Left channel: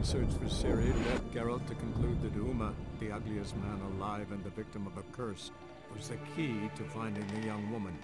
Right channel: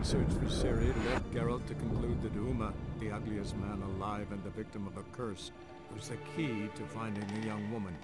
in search for Ciri led Geralt to conclude that Uma, the ugliest man alive and the victim of a curse, was the key to finding the young woman.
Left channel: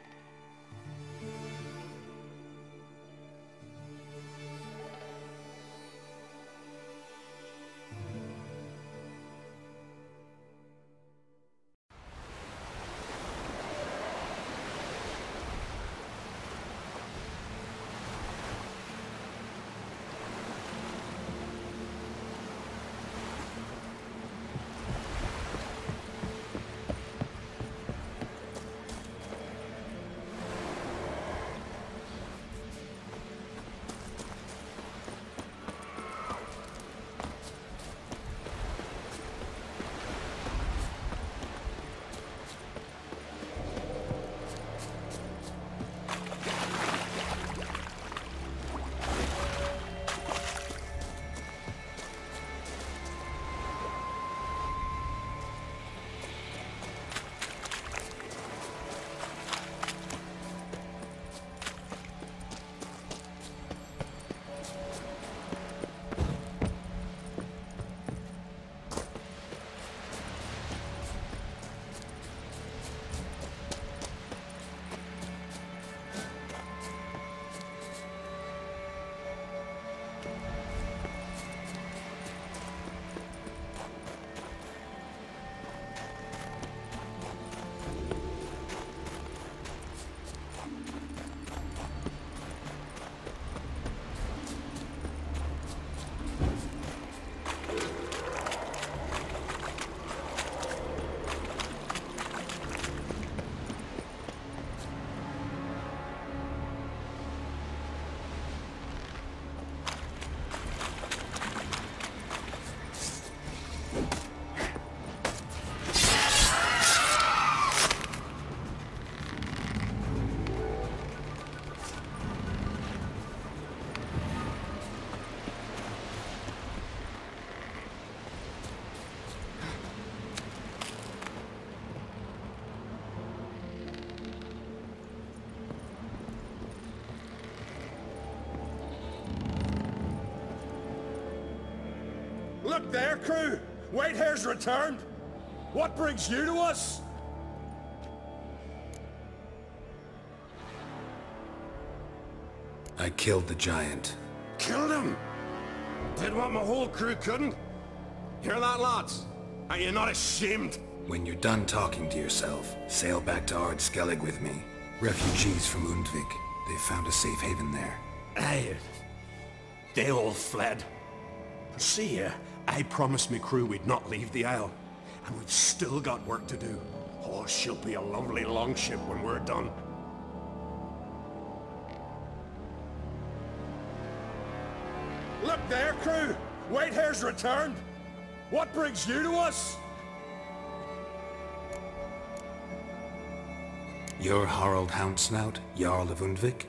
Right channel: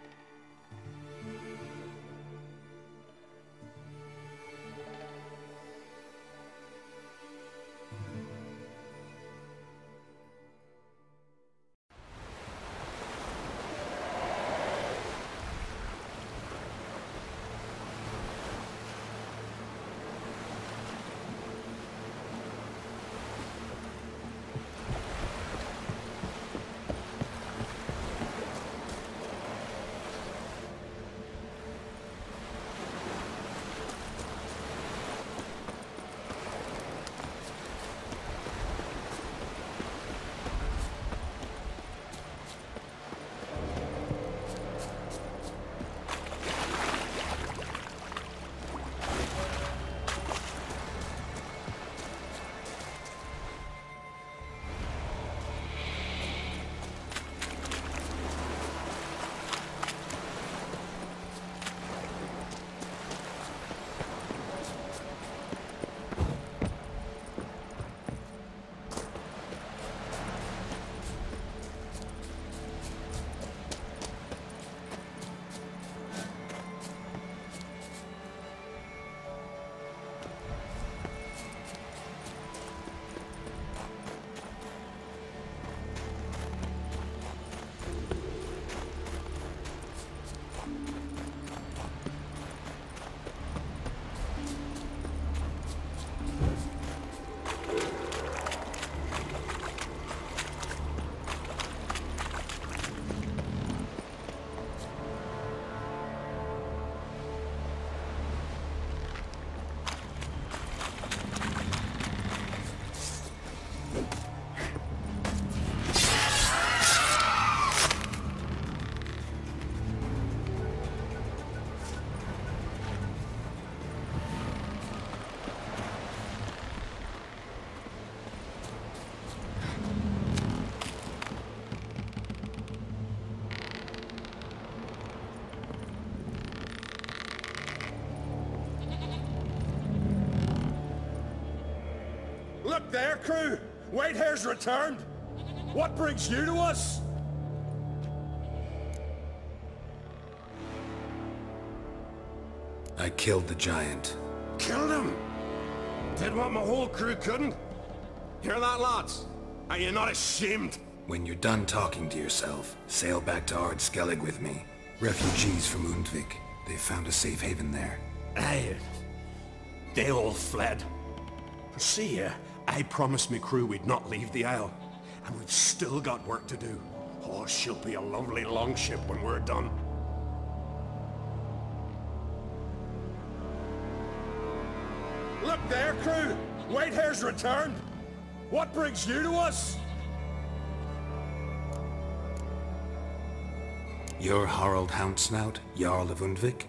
Look there, crew! Whitehair's returned! What brings you to us? I killed the giant. Killed him? Did what my whole crew couldn't? Hear that, lads? Are you not ashamed? When you're done talking to yourself, sail back to Ardskellig with me. Refugees from Undvik. They found a safe haven there. Aye. They all fled. See here, I promised me crew we'd not leave the Isle. And we've still got work to do. Oh, she'll be a lovely longship when we're done. Look there, crew! Whitehair's returned! What brings you to us? You're Harald Houndsnout, Jarl of Undvik?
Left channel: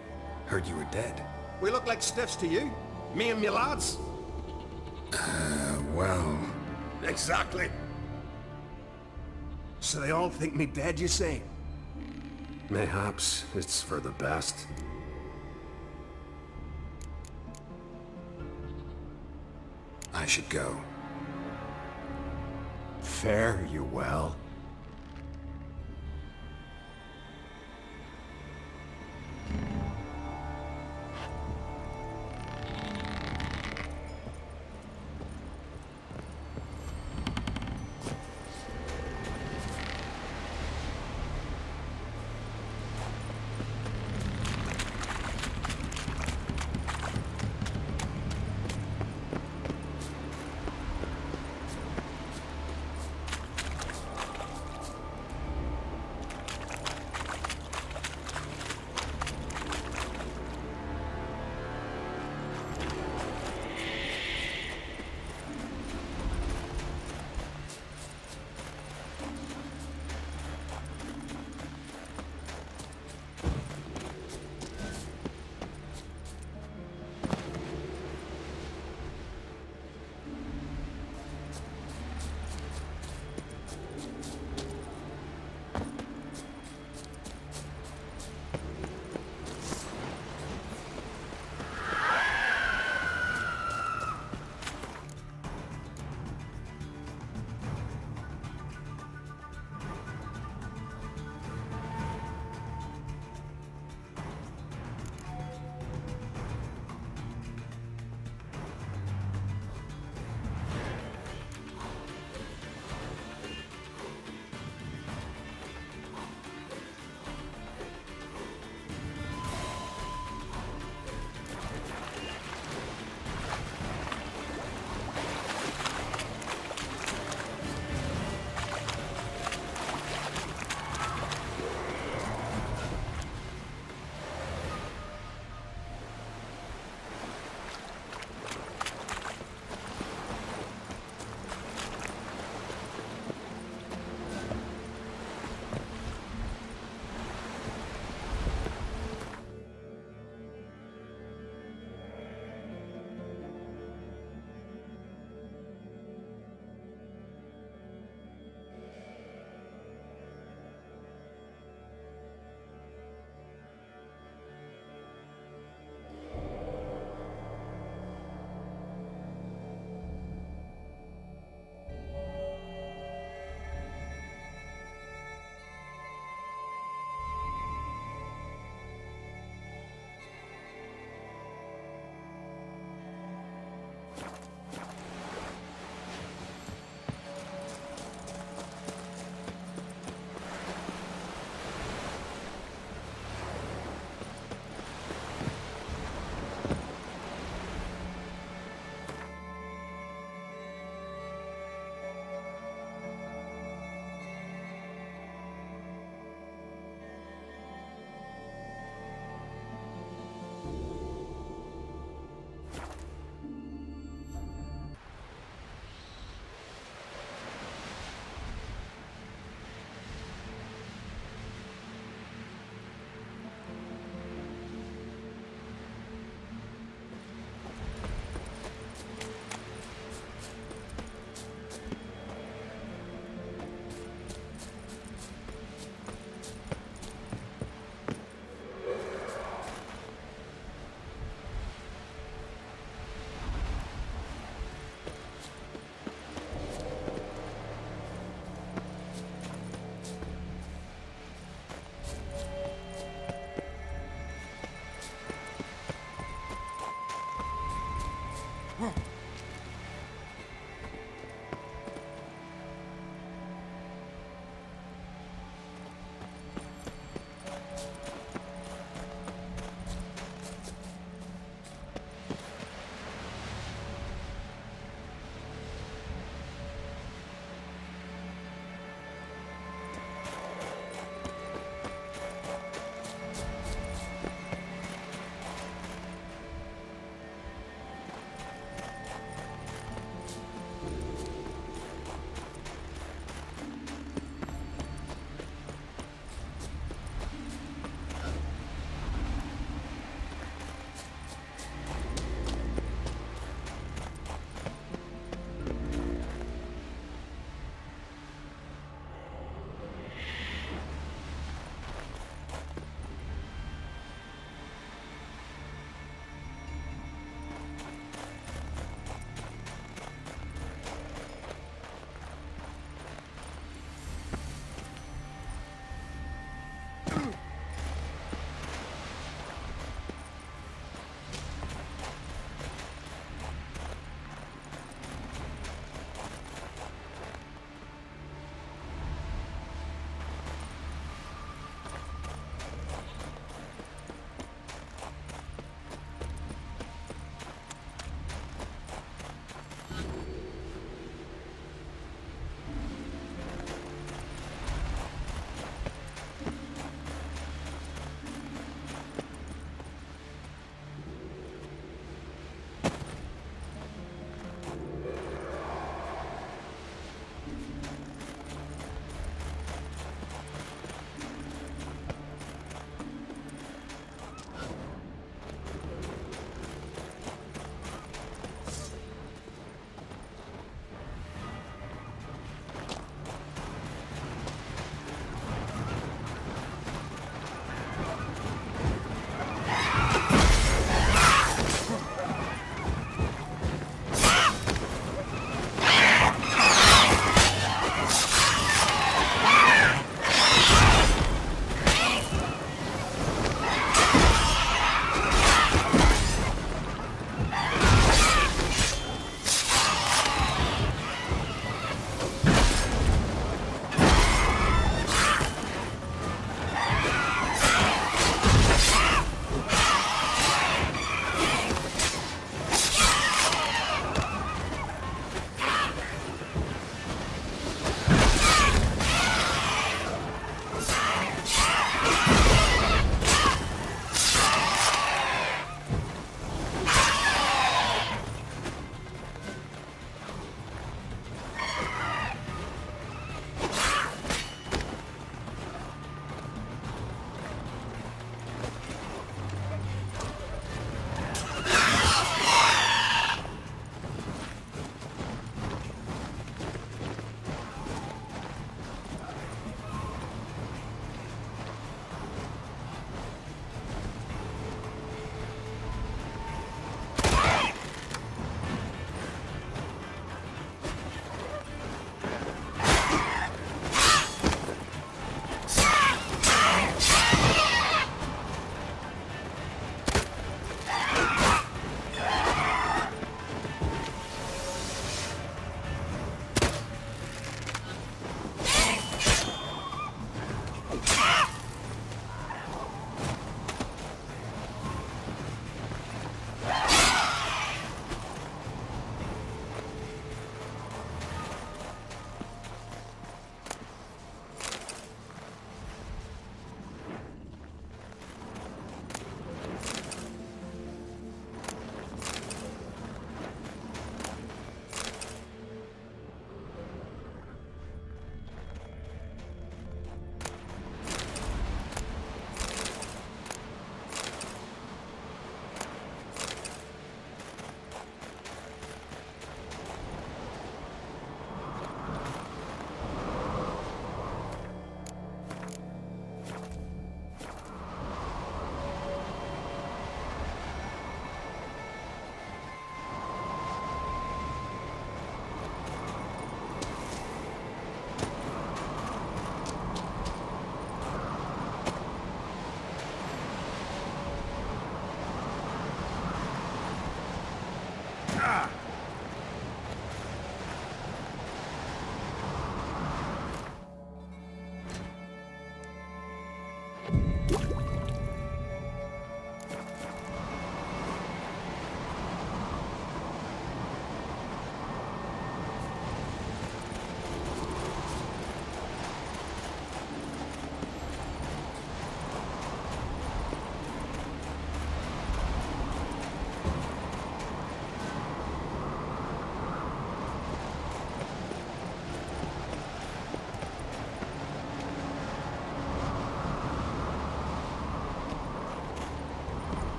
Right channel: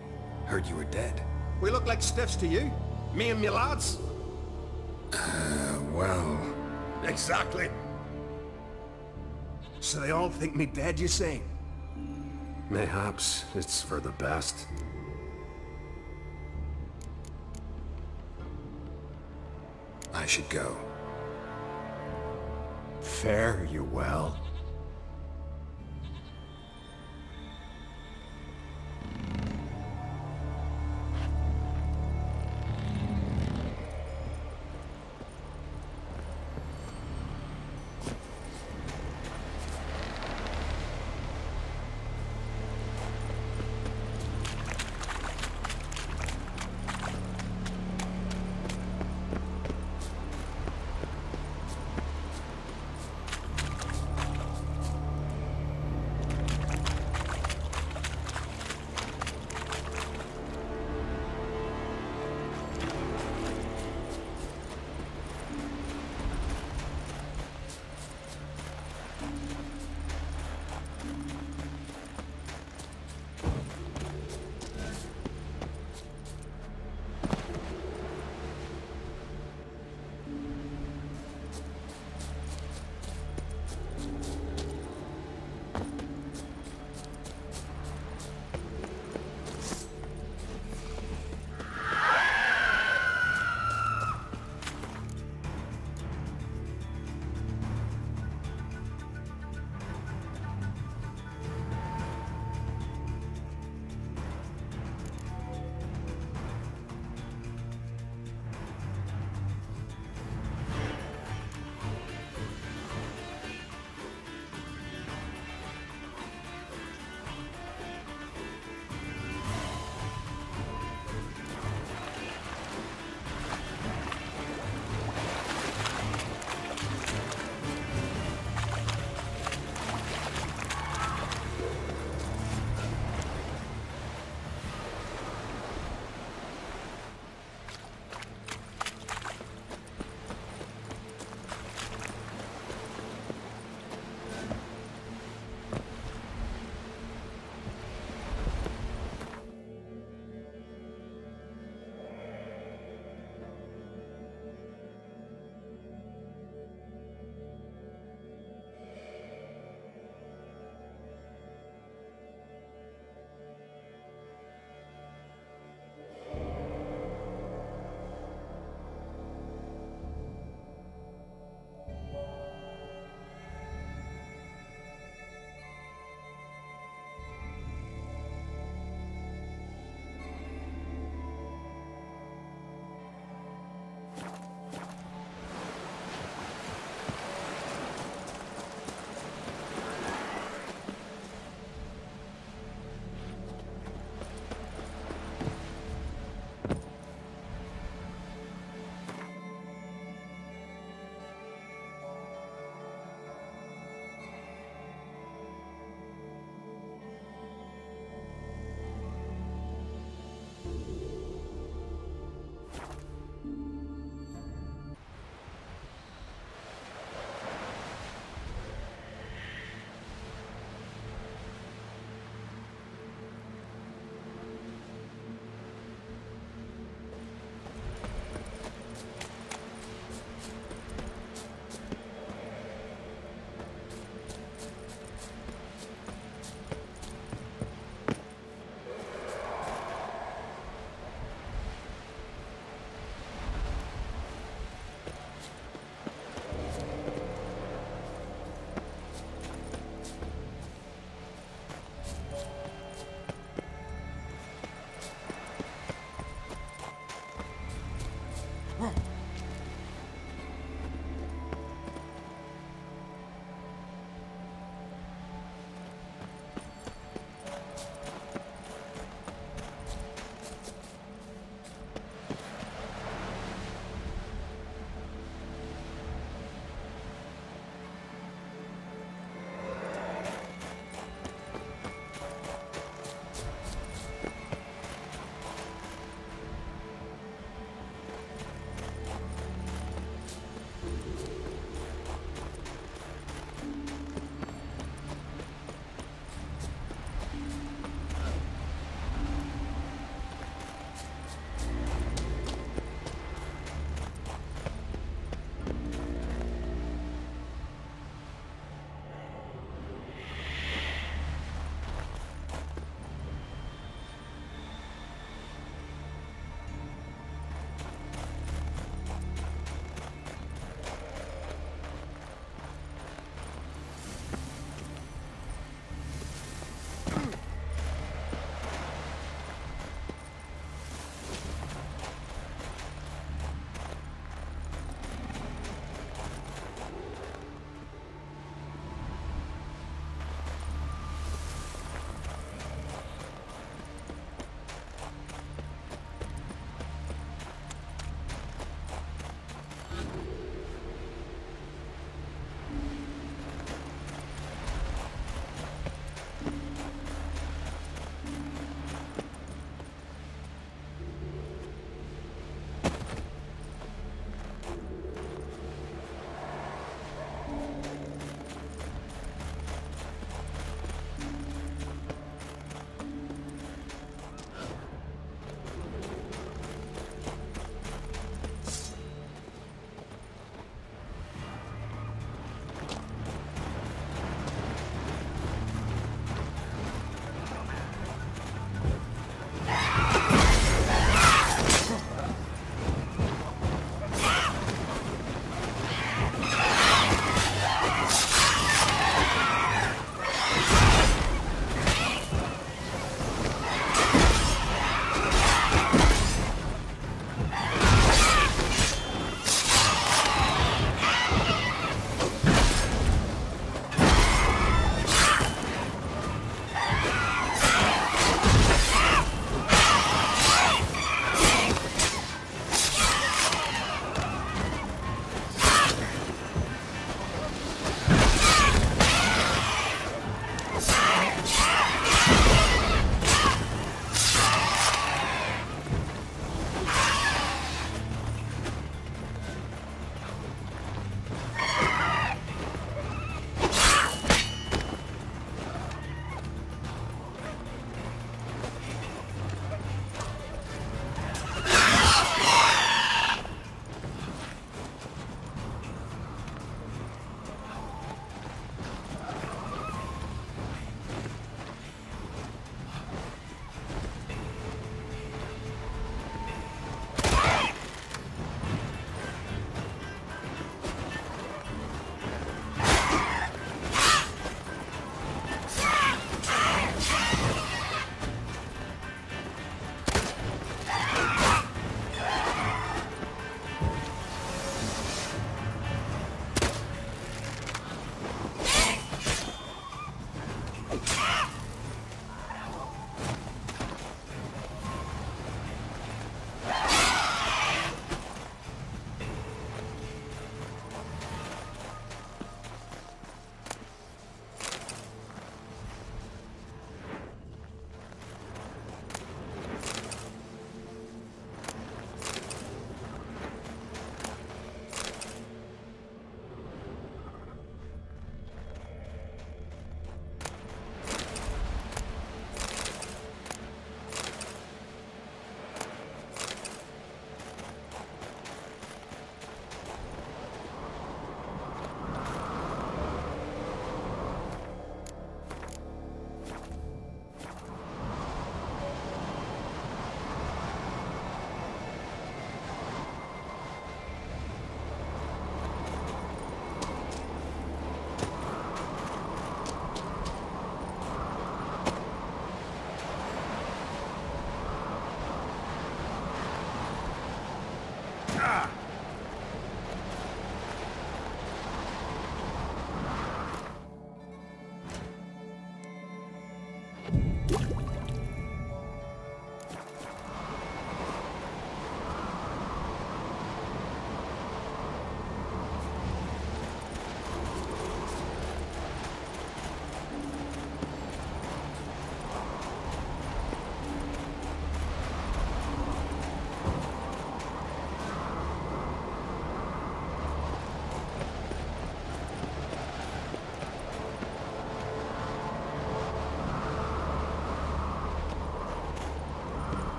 Heard you were dead. We look like stiffs to you. Me and me lads. Well... Exactly. So they all think me dead, you say? Mayhaps it's for the best. I should go. Fare you well.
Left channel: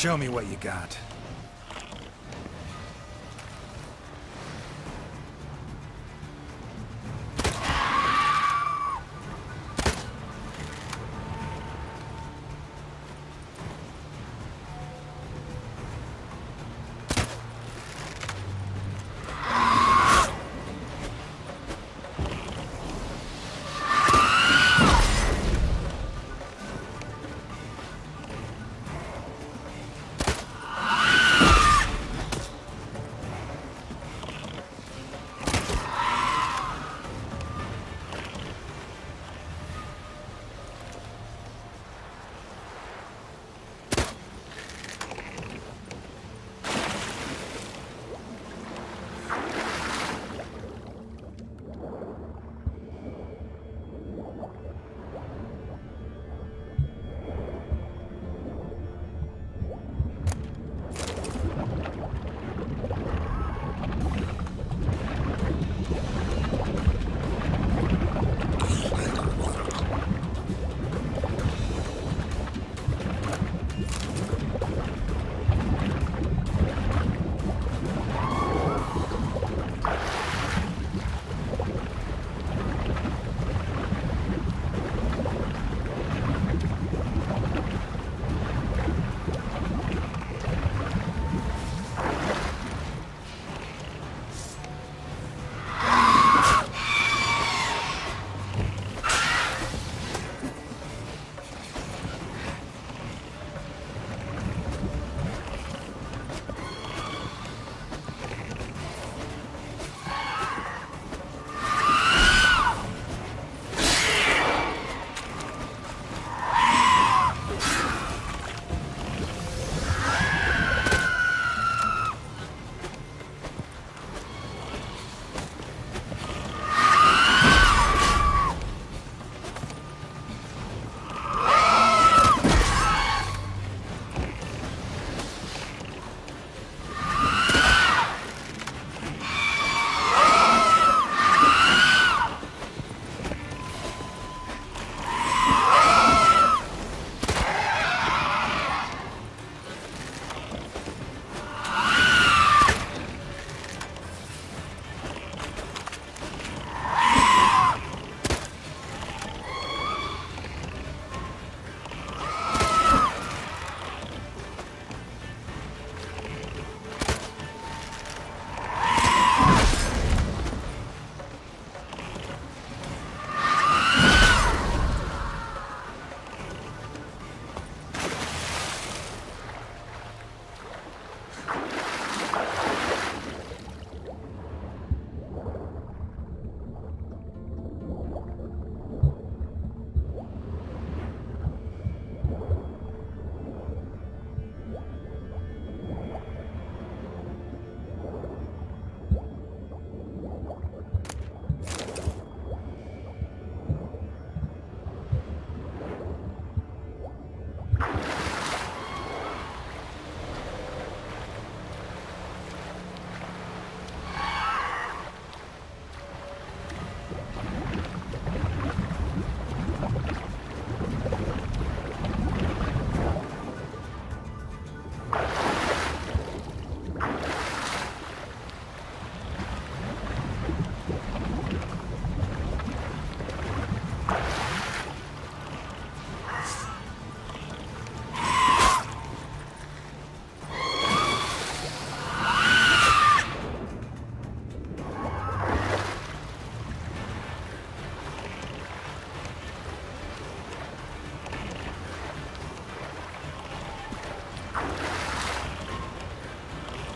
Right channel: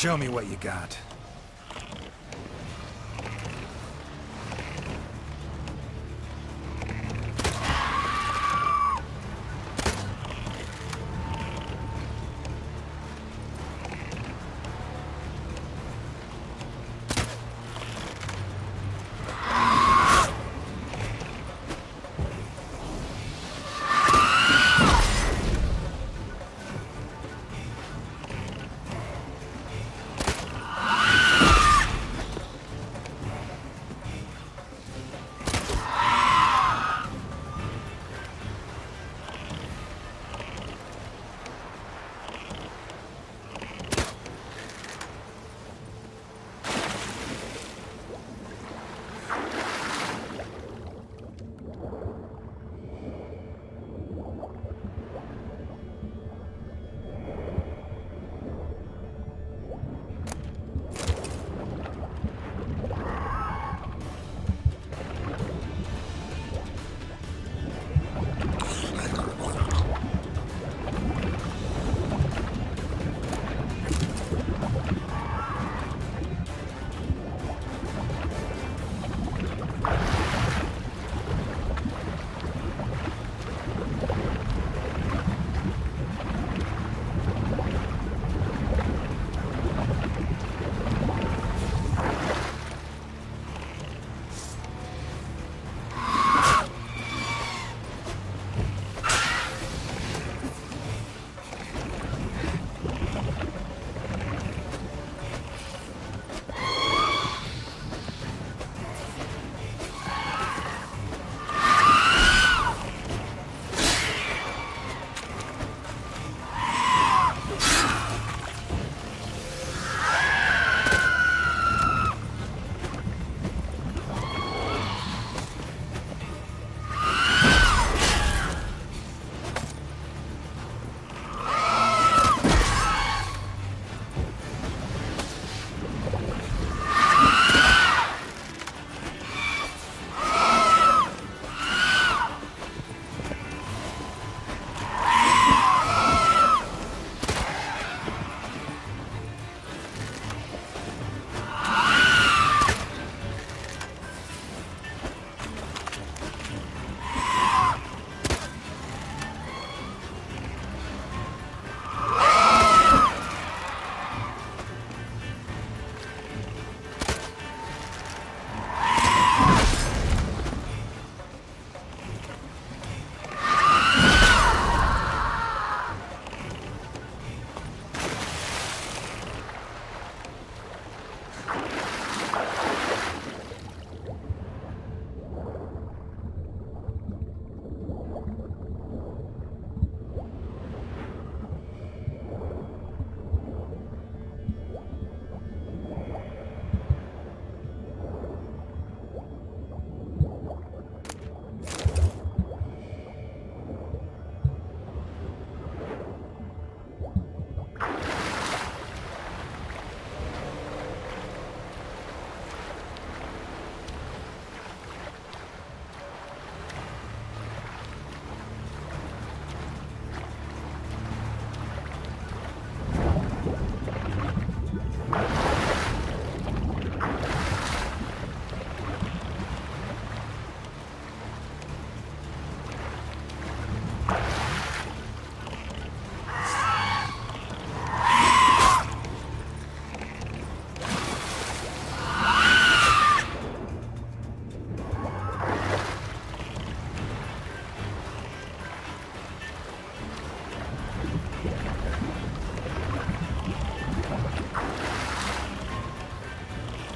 Show me what you got.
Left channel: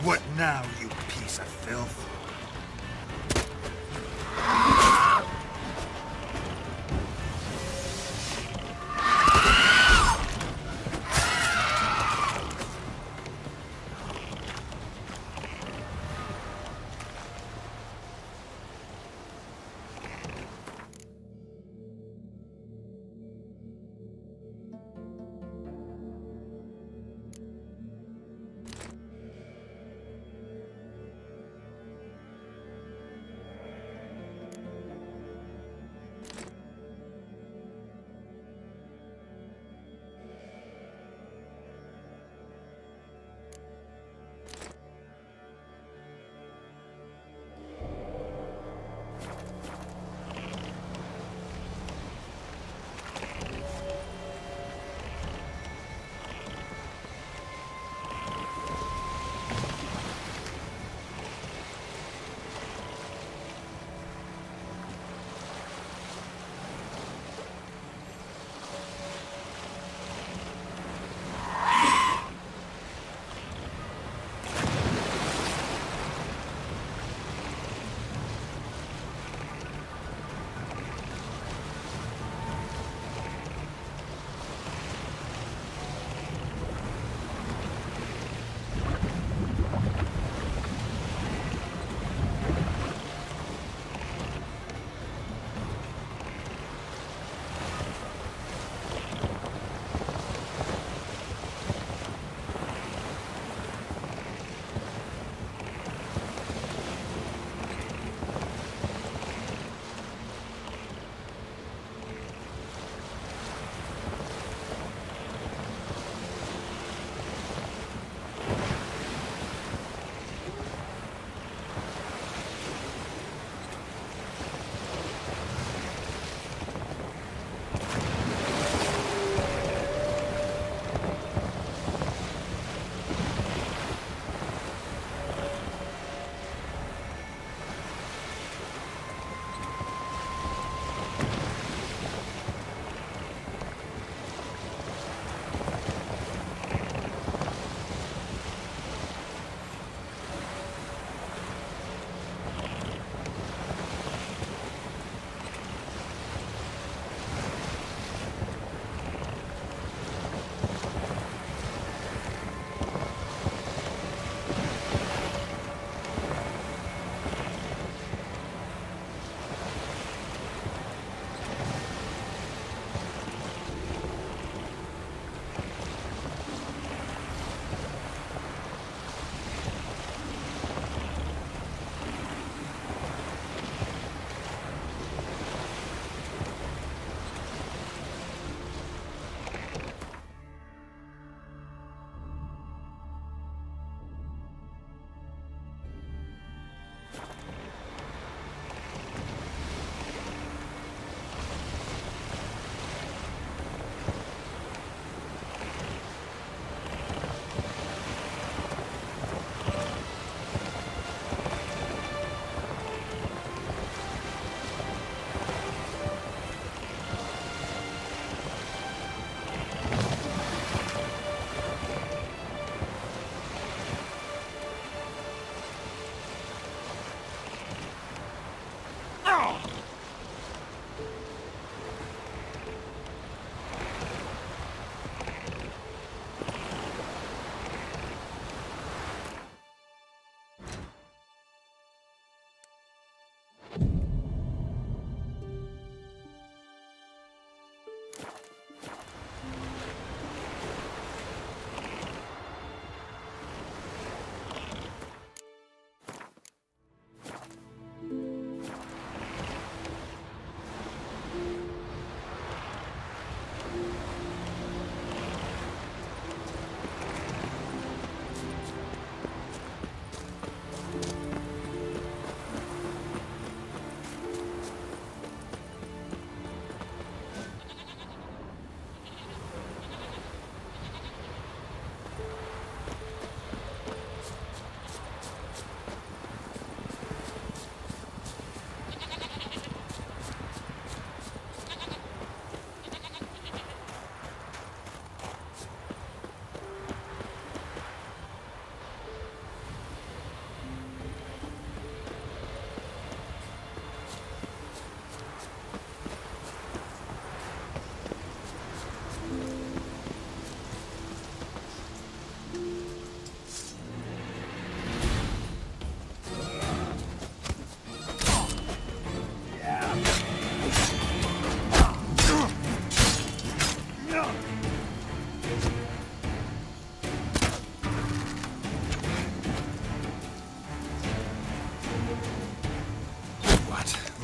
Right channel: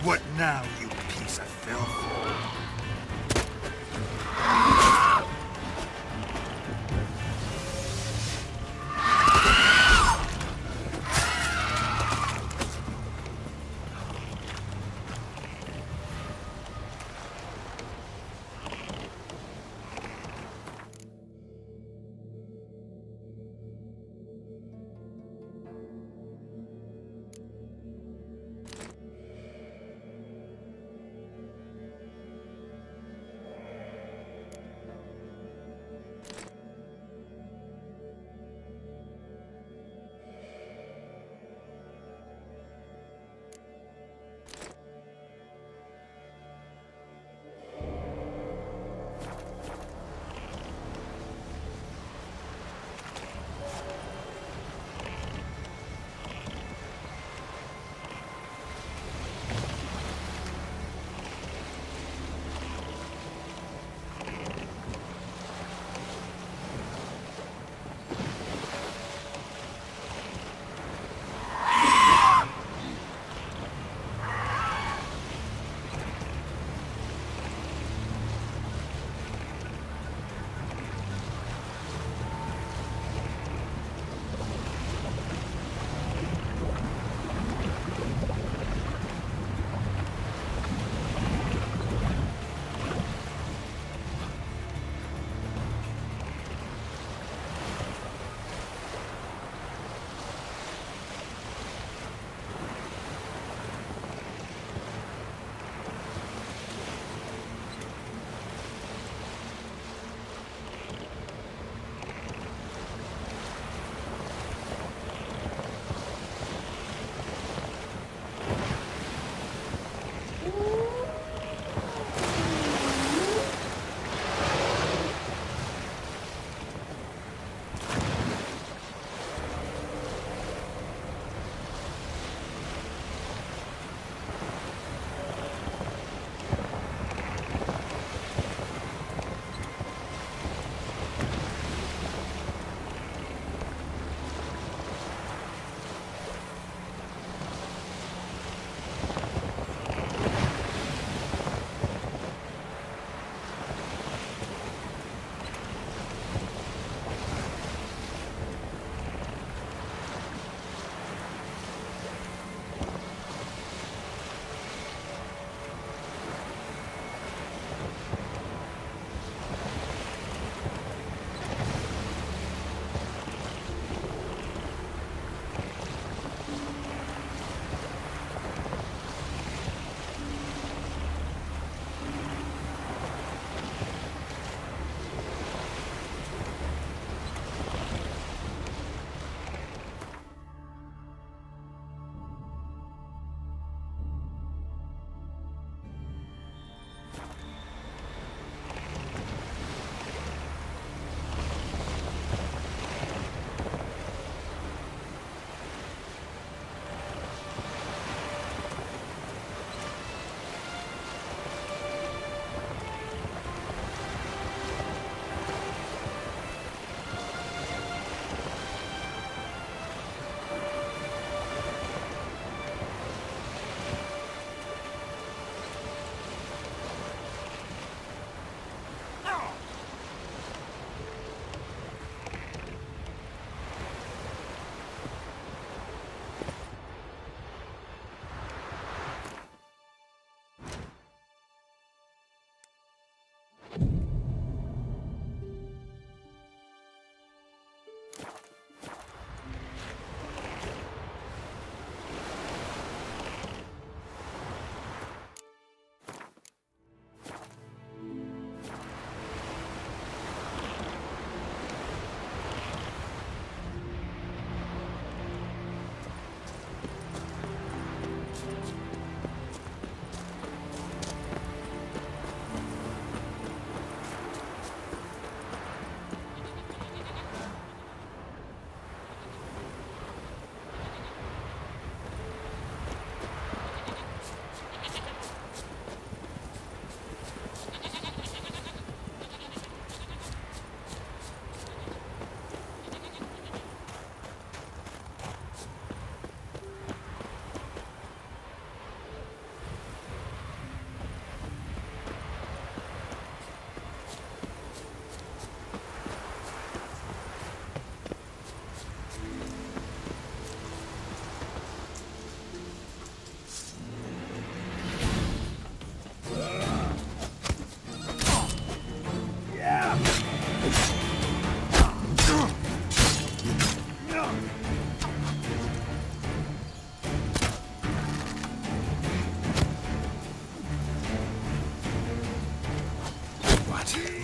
What now, you piece of filth?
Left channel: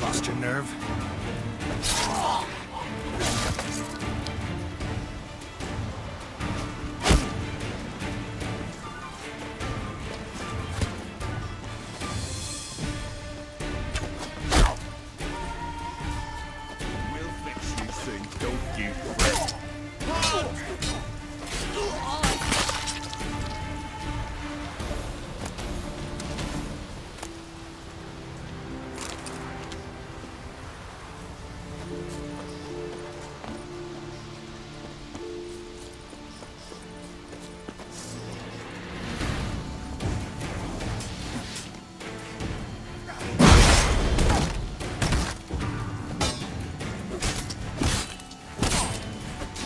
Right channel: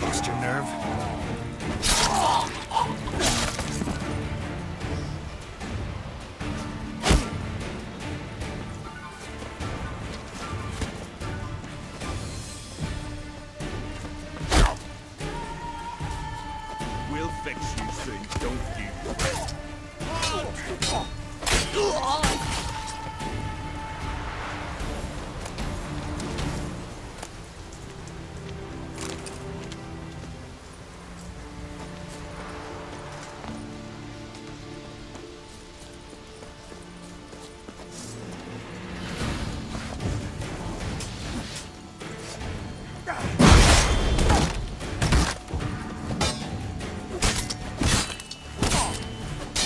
Lost your nerve? We'll fix you soon, don't you fret.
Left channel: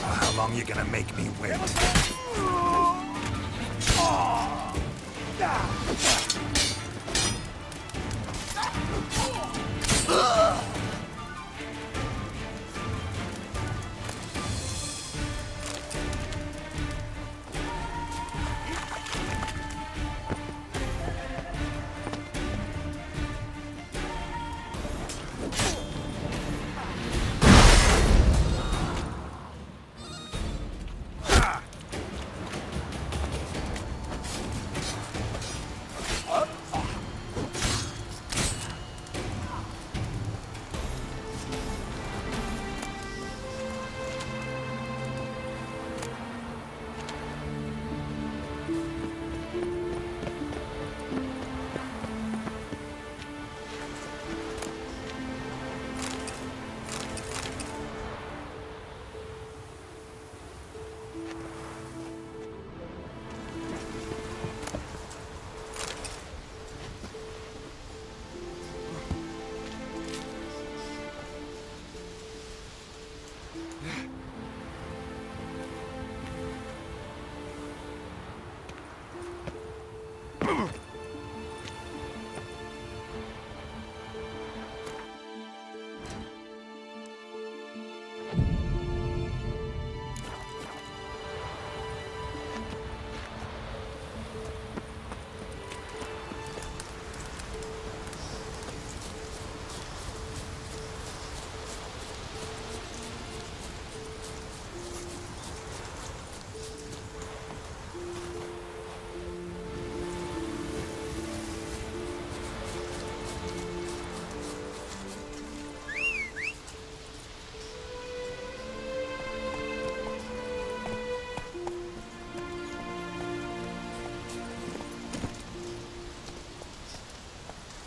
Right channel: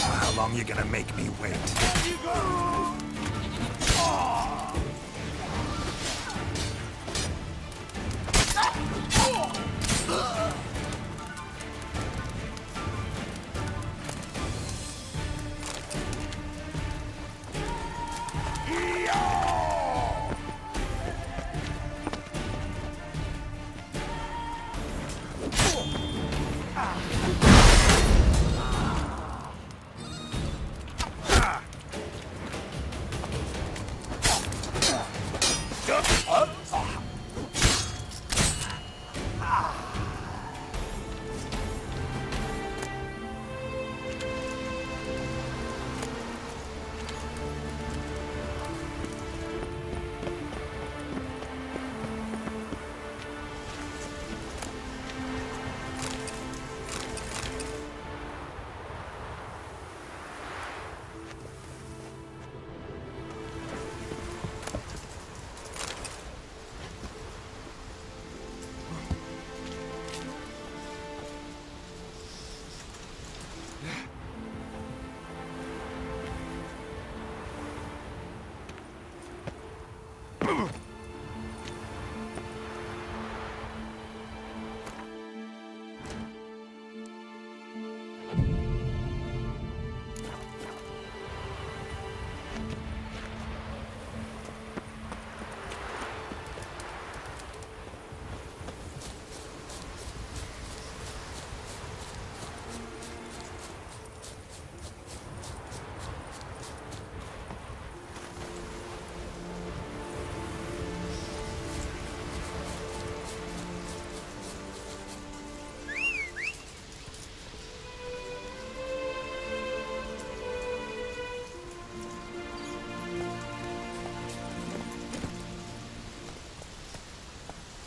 How long you gonna make me wait?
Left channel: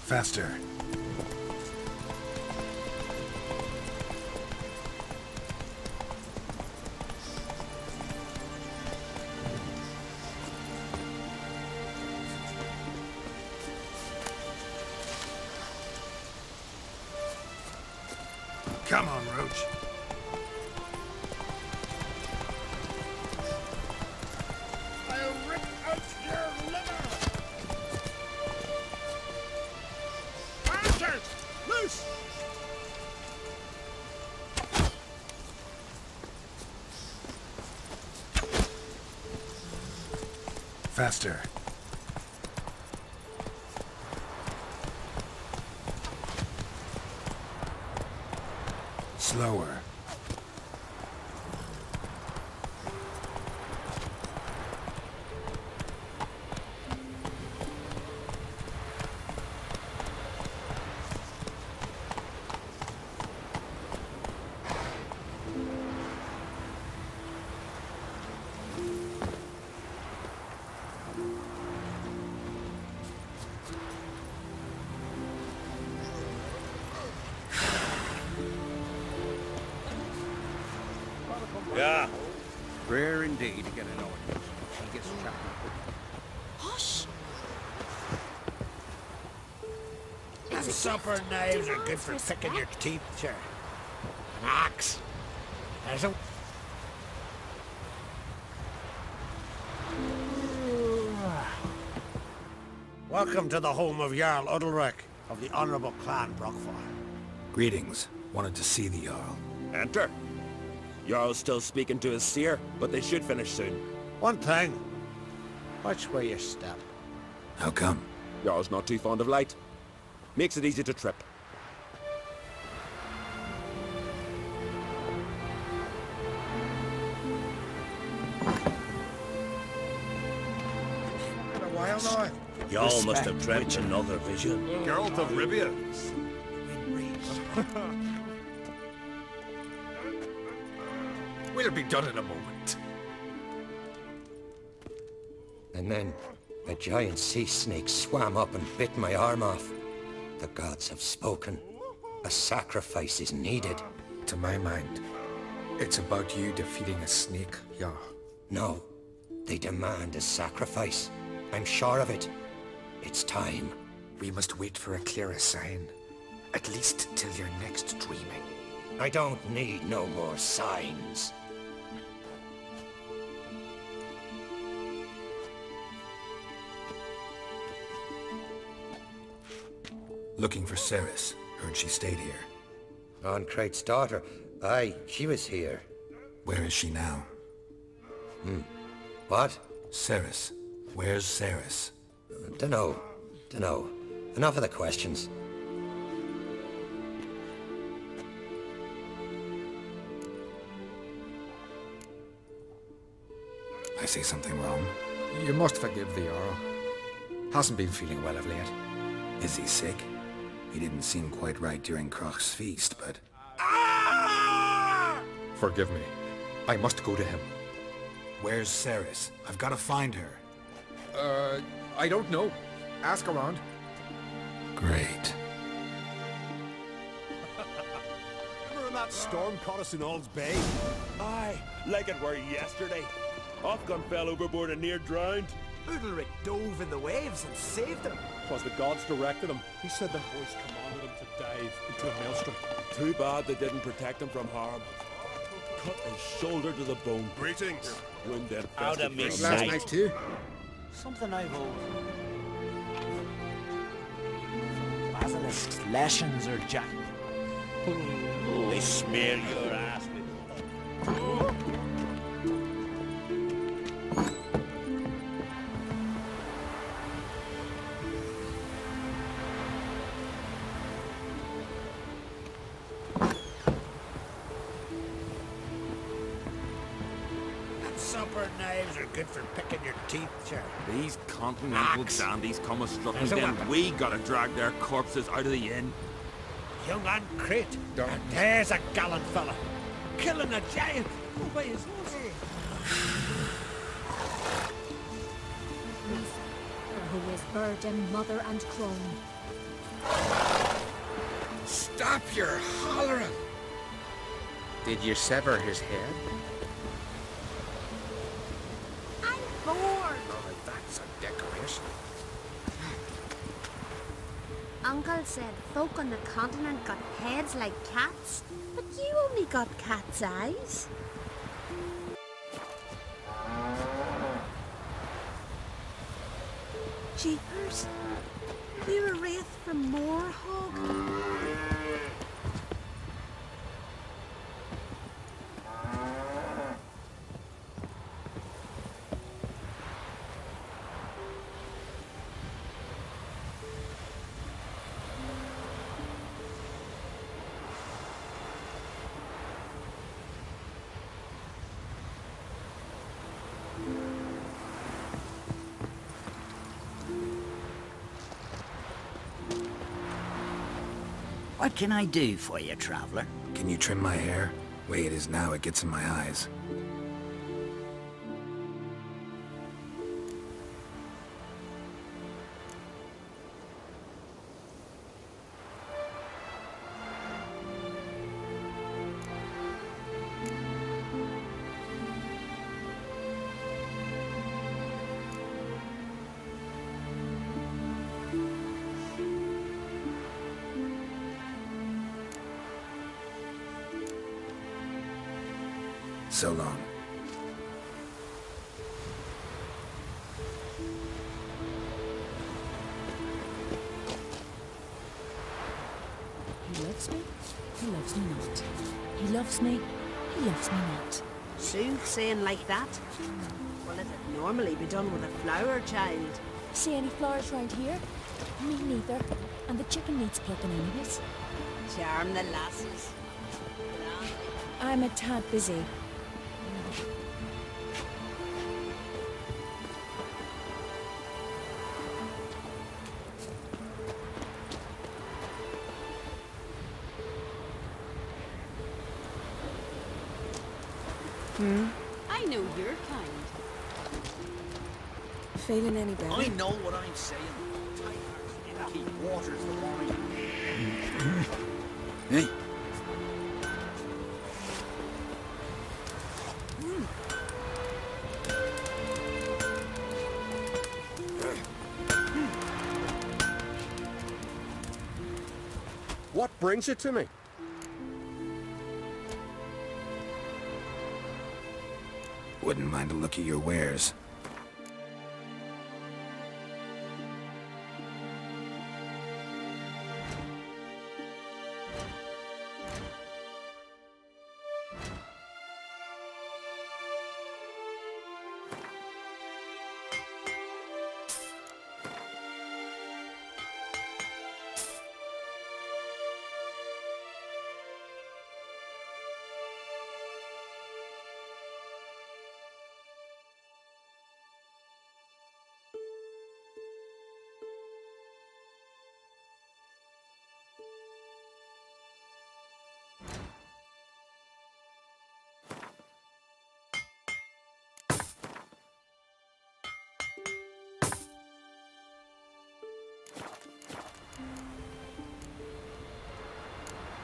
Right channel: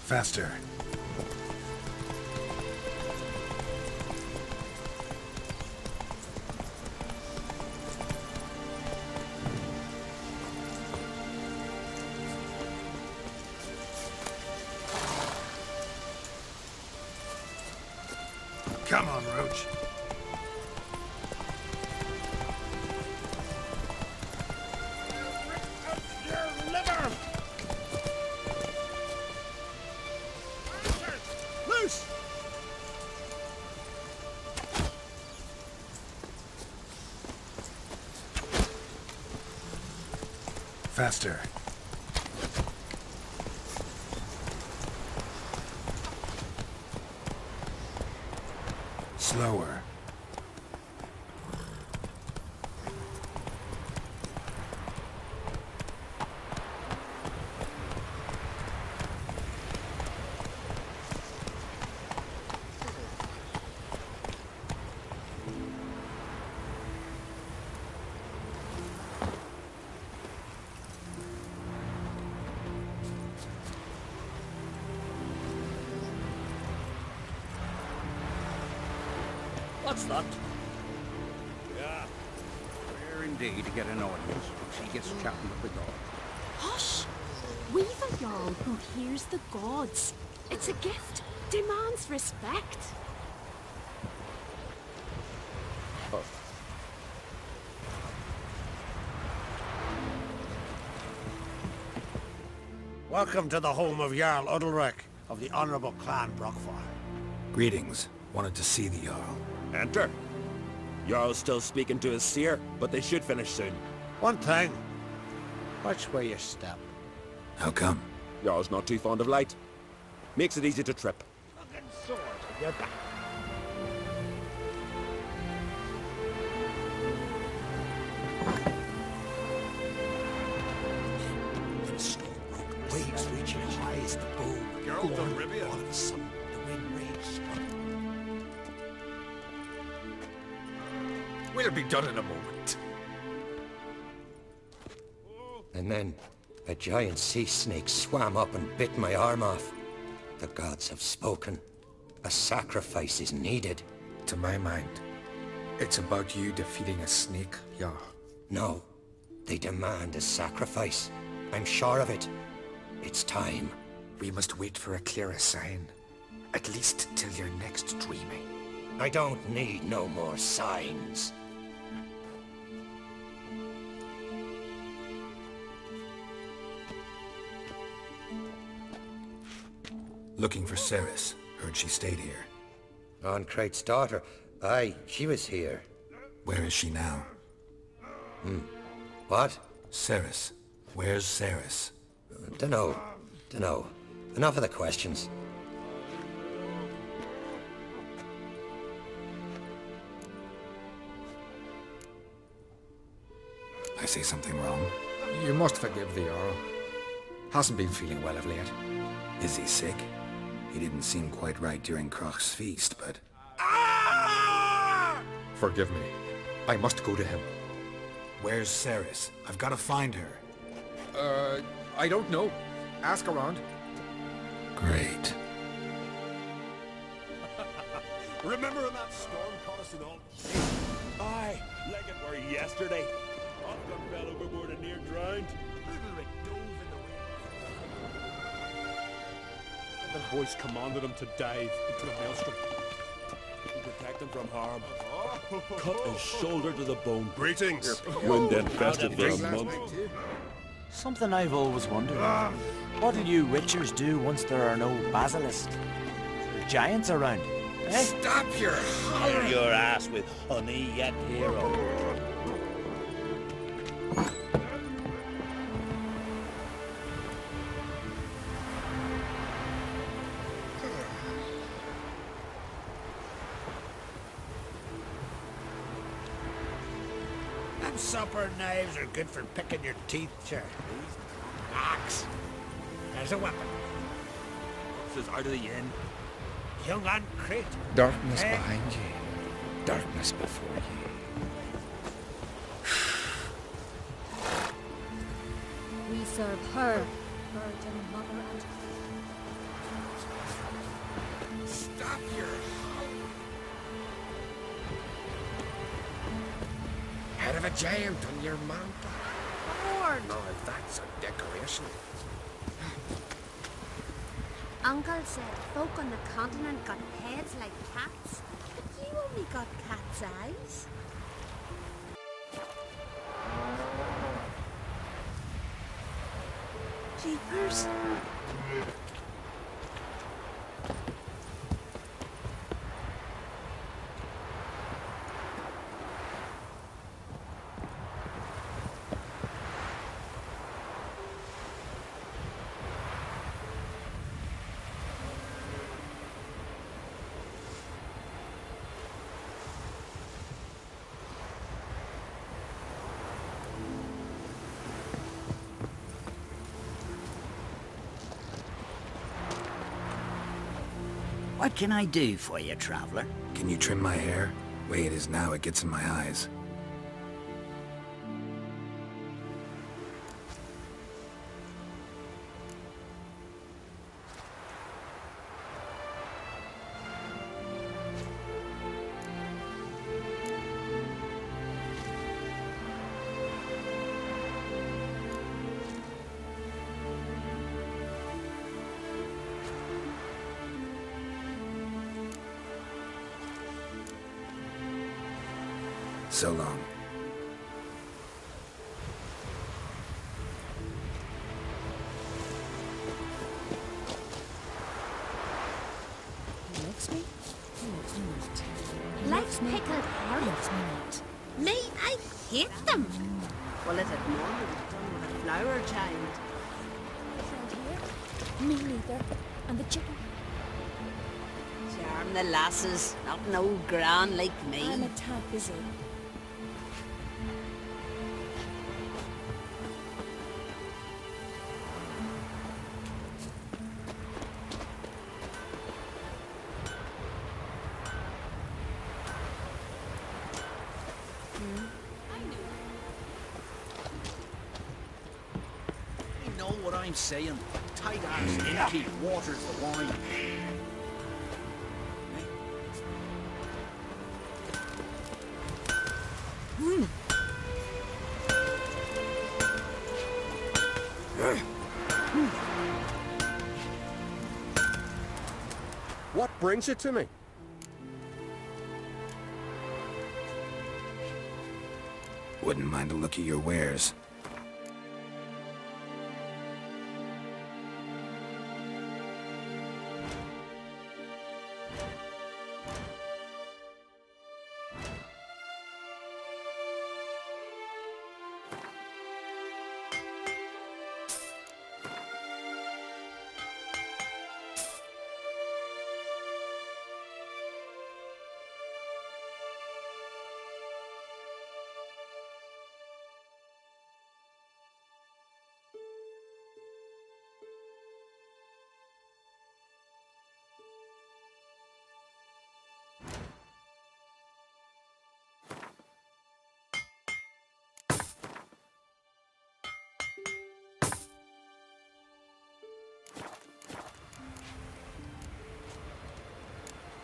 Faster. Come on, Roach. I'll rip out your liver! Faster! Loose! Faster. Slower. What's that? Yeah. Rare indeed to get an audience. She gets chatting at the door. Hush! We've a Jarl who hears the gods. It's a Supper gift. knives are good Demands for picking your respect. teeth, sir. Axe. As it was. Welcome to the home of Jarl Udalric of the Honourable Clan Brockfire. Greetings. Wanted to see the Jarl. Enter. Jarl's still speaking to his seer, but they should finish soon. One thing. Watch where you step. How come? Jarl's not too fond of light. Makes it easy to trip. Y'all must have dreamt another vision. Geralt of Rivia. We'll be done in a moment. And then a giant sea snake swam up and bit my arm off. The gods have spoken. A sacrifice is needed. To my mind, it's about you defeating a snake, yeah. No, they demand a sacrifice. I'm sure of it. It's time. We must wait for a clearer sign. At least till your next dreaming. I don't need no more signs. Looking for Ceres. Heard she stayed here. On Crate's daughter. Aye, she was here. Where is she now? What? Ceres. Where's Ceres? Dunno. Enough of the questions. I say something wrong? You must forgive the Earl. Hasn't been feeling well of late. Is he sick? He didn't seem quite right during Kroch's feast, but... Forgive me. I must go to him. Where's Ceres? I've got to find her. I don't know. Ask around. Great. Remember when that storm caught us in Ald's Bay? Aye, like it were yesterday. Ofcom fell overboard and near drowned. Udalric dove in the waves and saved them. Because the gods directed him. He said their voice commanded him to dive into a maelstrom. Too bad they didn't protect him from harm. Cut his shoulder to the bone. Greetings. Wind infested for a Last month. night too. Something I've always wondered. What do you witchers do once there are no basilisks, leshens, or giants around? Stop your Smear your ass with honey and hero. Supper knives are good for picking your teeth, sir. These continental dandies come a struggling, then we gotta drag their corpses out of the inn. Young on Crete. Darkness. There's a gallant fella. Darkness. Killing a giant by his We serve her who is virgin, mother, and crone. Stop your hollering! Did you sever his head? Head of a giant in your mouth. I'm bored. No, that's a decoration. Uncle said folk on the continent got heads like cats, but you only got cat's eyes. Jeepers, you're a wraith from Moorhog. What can I do for you, traveler? Can you trim my hair? Way it is now, it gets in my eyes. So long. He loves me, he loves me not. He loves me, he loves me not. Seems saying like that. Well, it'd normally be done with a flower, child. See any flowers round here? Me neither. And the chicken needs plucking anyways. Charm the lasses, not an old gran like me. I'm a tad busy. I know your kind. Feeling any better? I know what I'm saying. Tight ass innkeep waters the wine. Hey? What brings it to me? Wouldn't mind a look at your wares.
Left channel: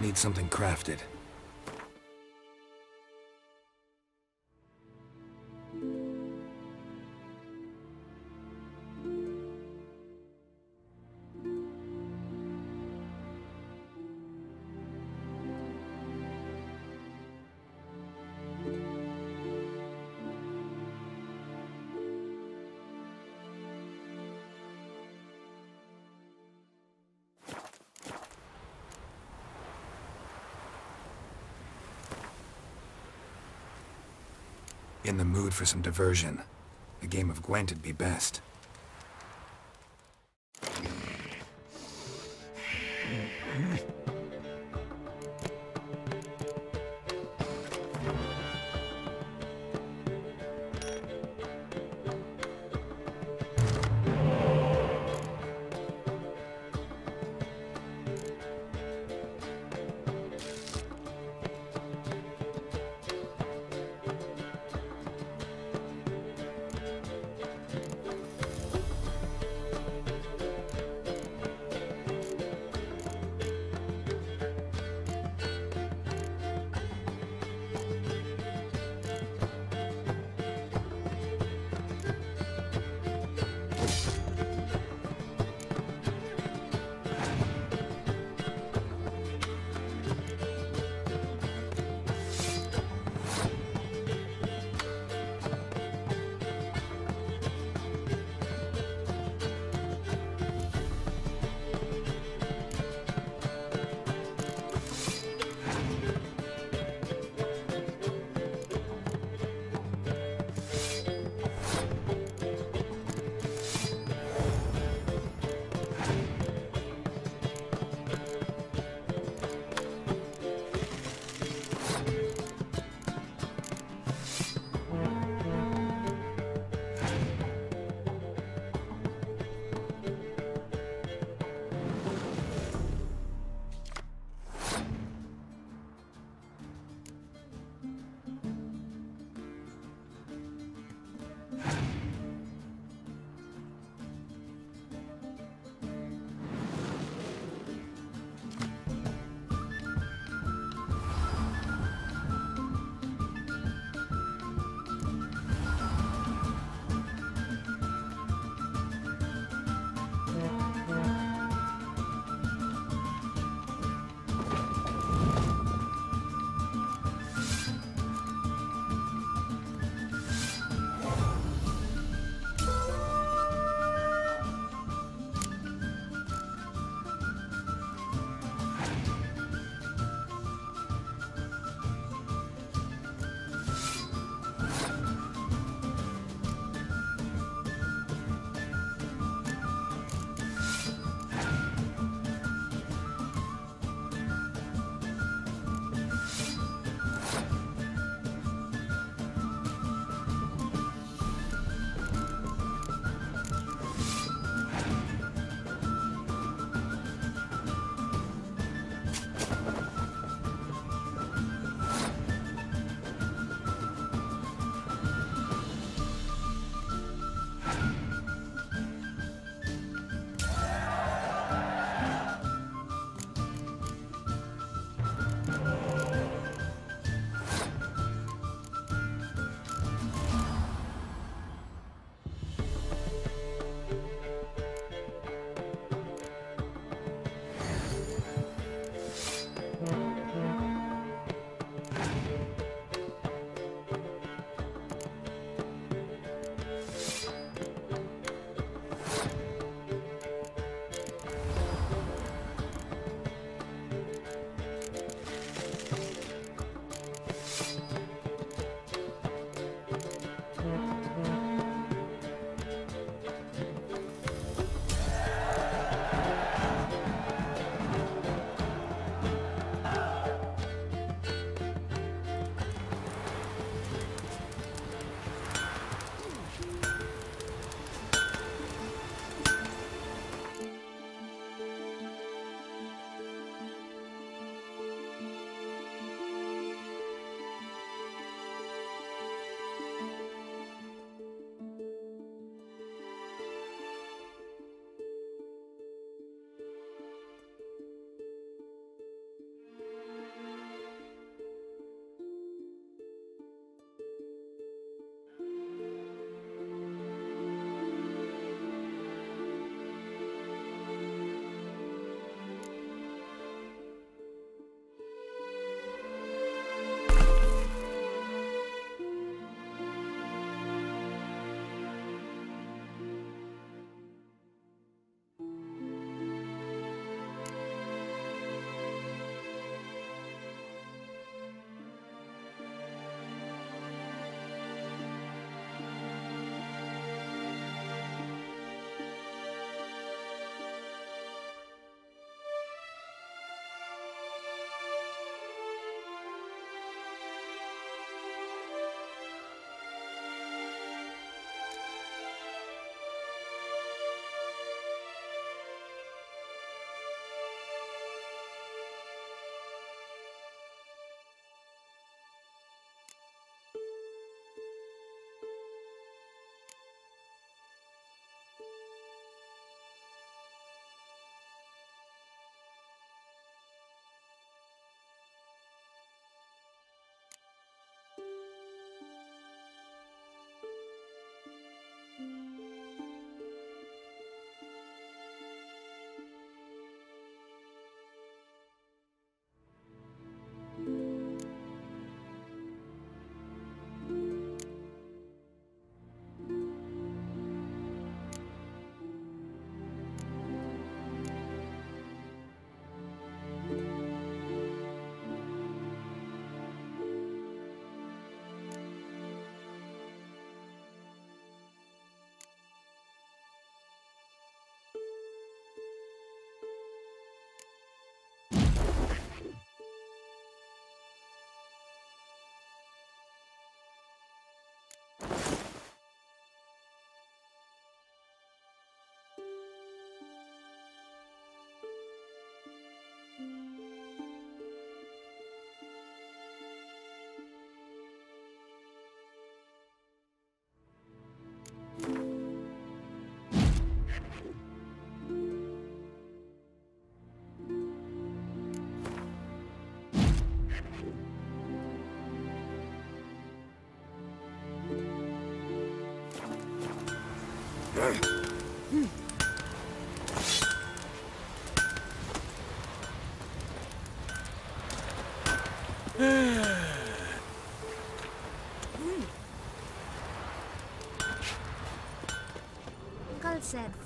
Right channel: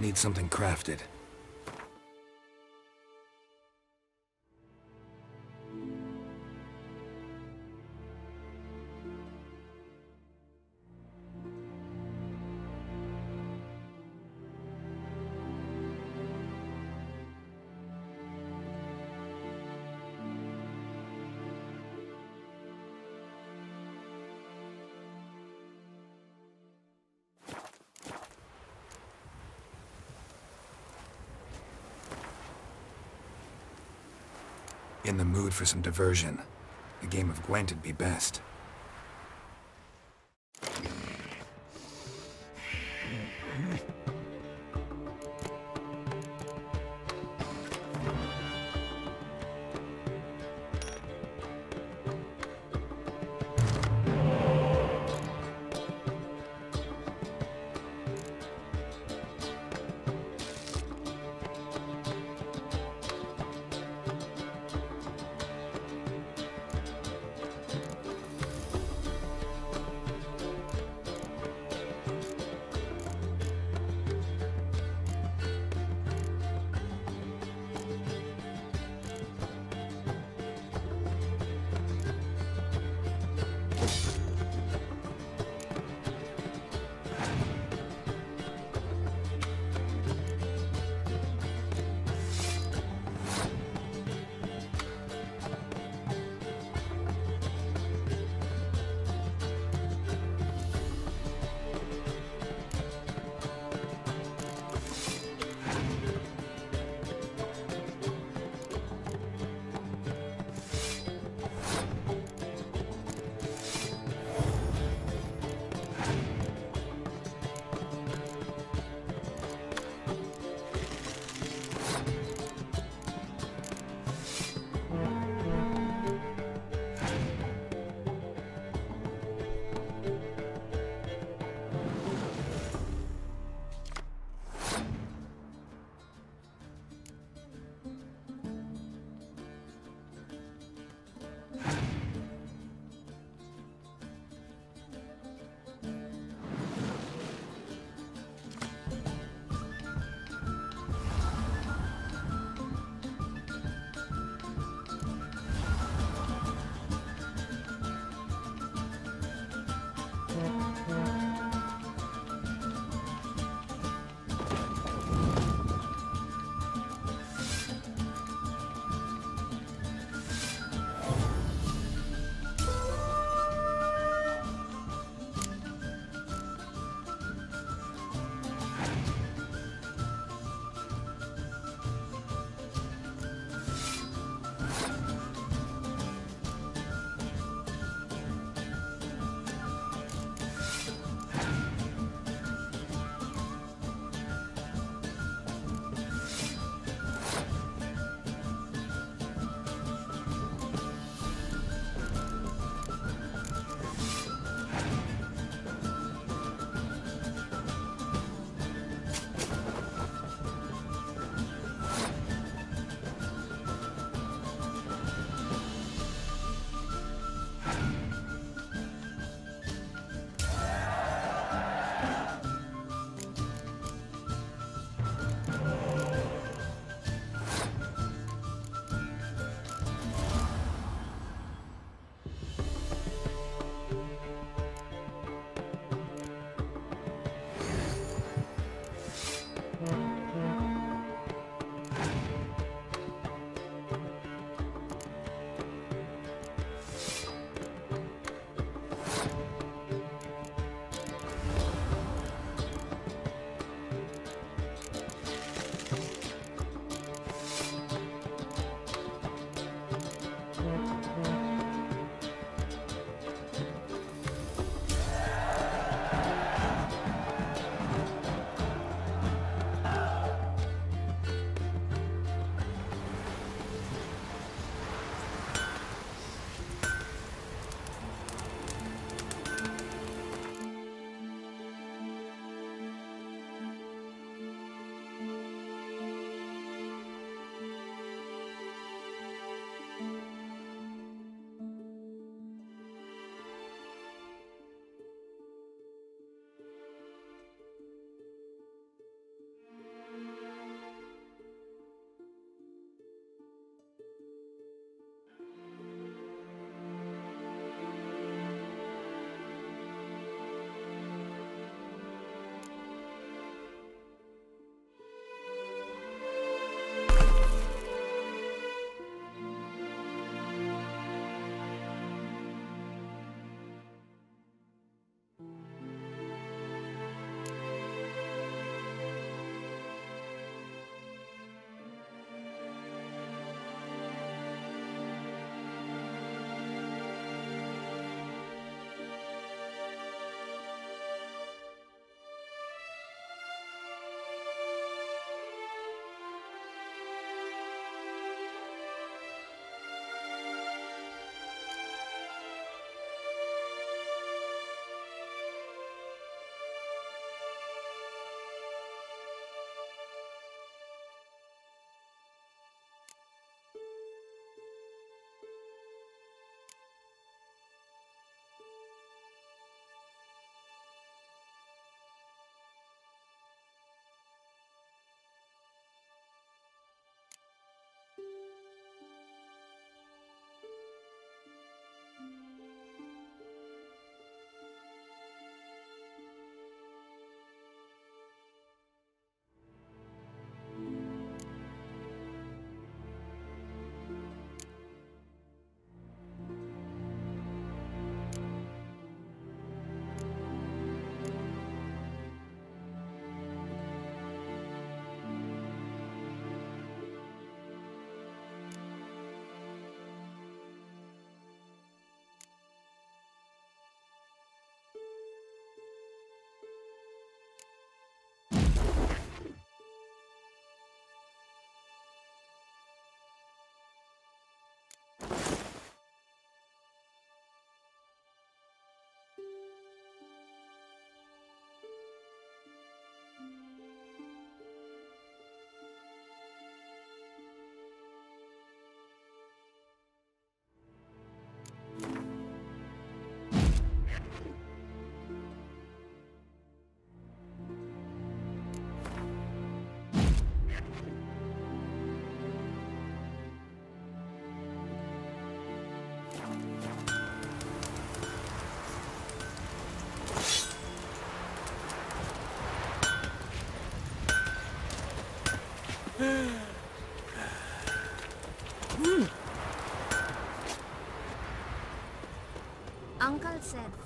Need something crafted. In the mood for some diversion. A game of Gwent'd be best.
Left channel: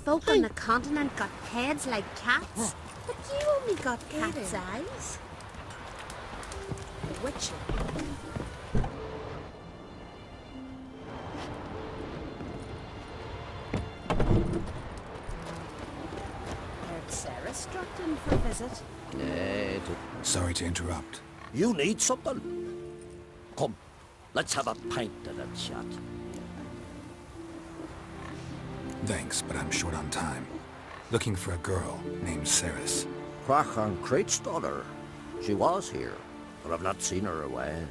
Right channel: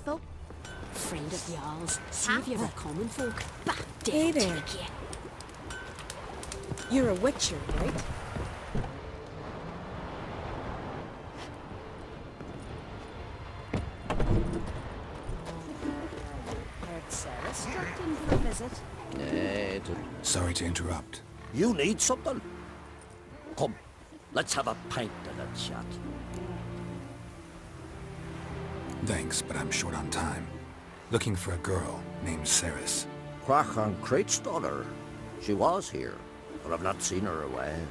folk on the continent got heads like cats. You only got Hey cat's there. eyes. You're a witcher, right? Heard Sarah dropped in for a visit. Nay, Sorry to interrupt. you need something. Come, let's have a pint and a chat. Thanks, but I'm short on time. Looking for a girl named Ceres. Crach an Crate's daughter. She was here, but I've not seen her a while.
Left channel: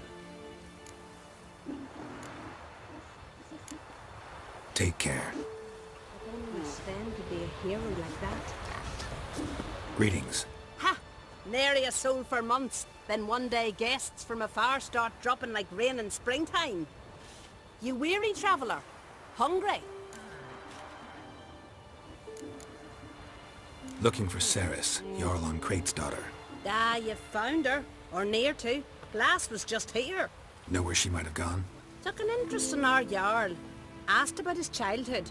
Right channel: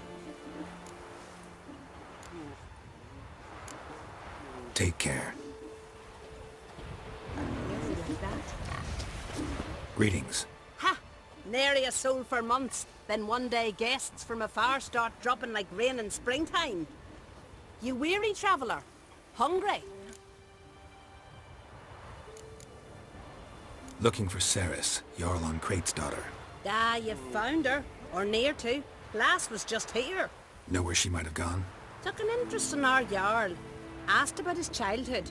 Take care. Sven could be a hero like that. Greetings. Ha! Nary a soul for months. Then one day guests from afar start dropping like rain in springtime. You weary traveller? Hungry? Looking for Ceres, Jarl on Crate's daughter. Ah, you found her. Or near to. Lass was just here. Know where she might have gone? Took an interest in our Jarl. Asked about his childhood.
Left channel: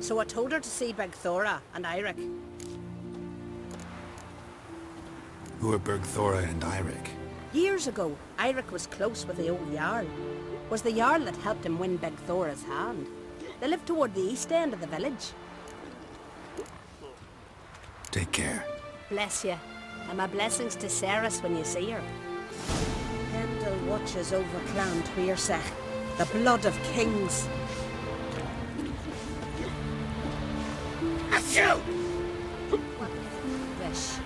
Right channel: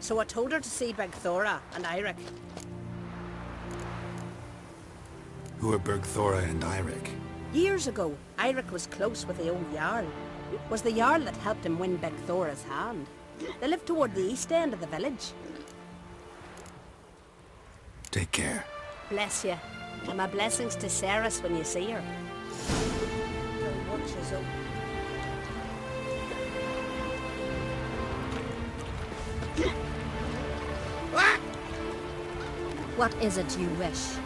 So I told her to see Bergthora and Eirik. Who are Bergthora and Eirik? Years ago, Eirik was close with the old Jarl. Was the Jarl that helped him win Bergthora's hand. They lived toward the east end of the village. Take care. Bless you. And my blessings to Ceres when you see her. Pendle watches over Clan Twirsech, the blood of kings. What is it you wish?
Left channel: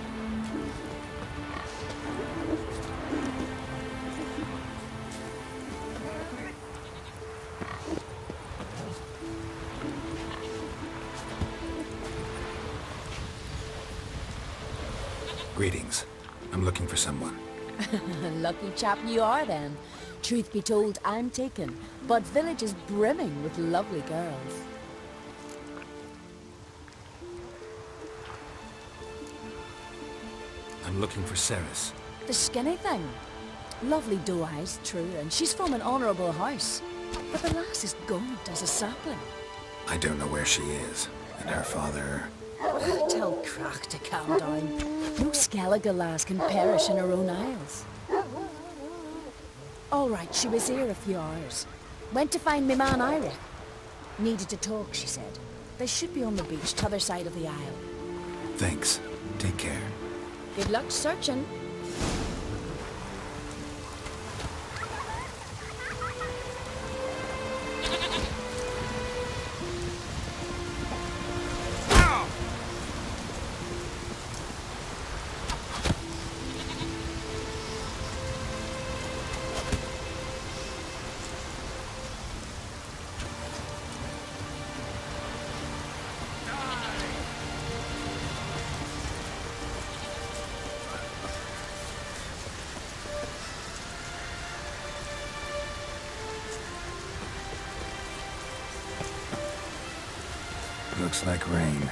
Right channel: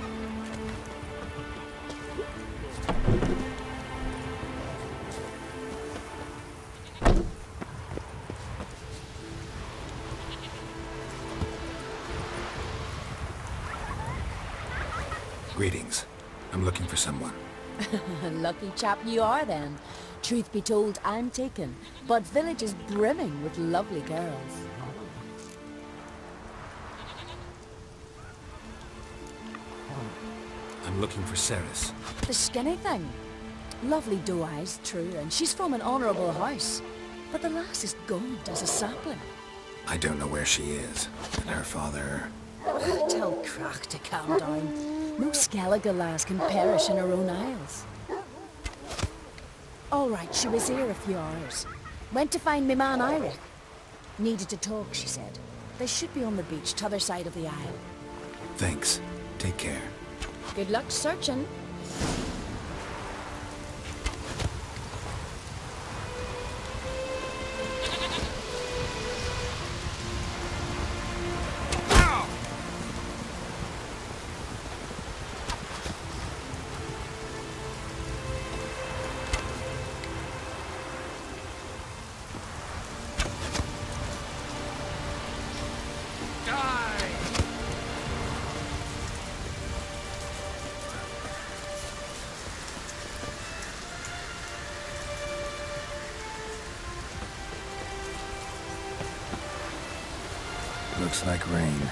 Greetings. I'm looking for someone. Lucky chap you are then. Truth be told, I'm taken, but village is brimming with lovely girls. I'm looking for Ceres. The skinny thing. Lovely doe eyes, true, and she's from an honourable house. But the lass is gaunt as a sapling. I don't know where she is, and her father... Tell Crach to calm down. No Skellige lass can perish in her own isles. All right, she was here a few hours. Went to find me man Eirik. Needed to talk, she said. They should be on the beach, t'other side of the isle. Thanks. Take care. Good luck searching. Looks like rain.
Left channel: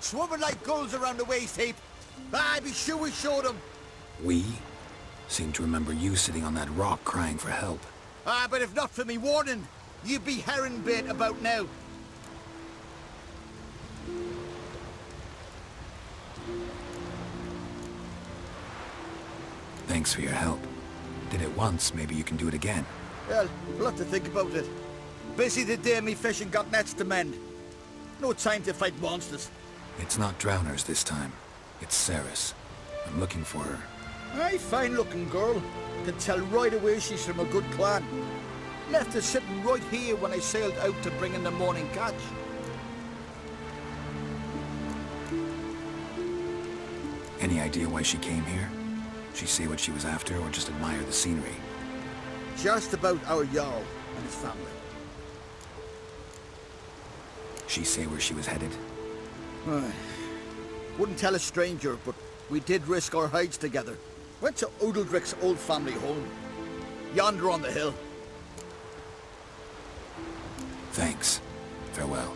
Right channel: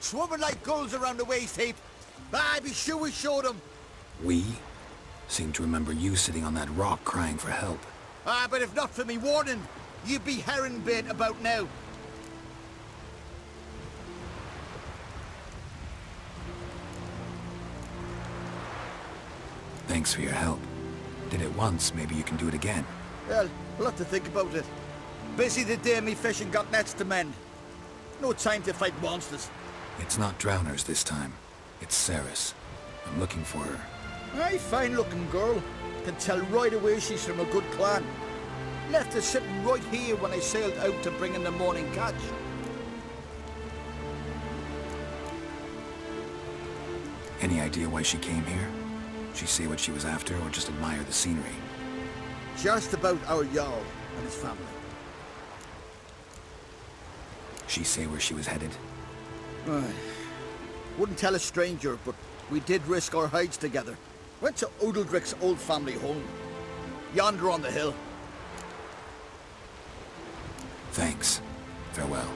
Swarming like gulls around the waist heap. I be sure we showed them. We? Seem to remember you sitting on that rock crying for help. But if not for me warning, you'd be herring bait about now. Thanks for your help. Did it once, maybe you can do it again. Well, we'll have to think about it. Busy the day me fishing got nets to mend. No time to fight monsters. It's not drowners this time. It's Ceres. I'm looking for her. Aye, fine-looking girl. Can tell right away she's from a good clan. Left her sitting right here when I sailed out to bring in the morning catch. Any idea why she came here? She say what she was after or just admire the scenery? Just about our Jarl and his family. She say where she was headed? Wouldn't tell a stranger, but we did risk our hides together. Went to Udaldric's old family home. Yonder on the hill. Thanks. Farewell.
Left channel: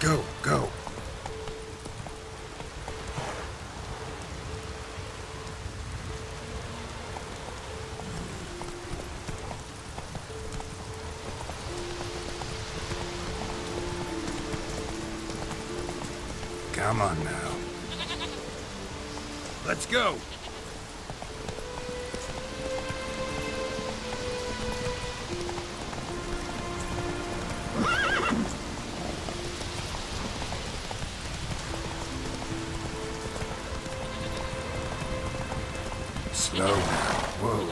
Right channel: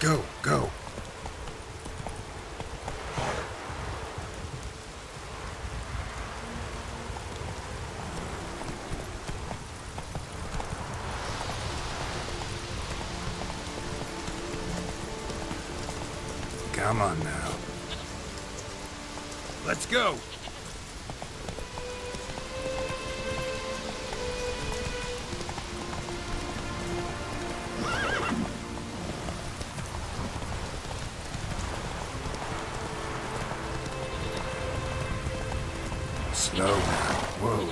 Go, go. Come on now. Let's go. Slow now. Whoa.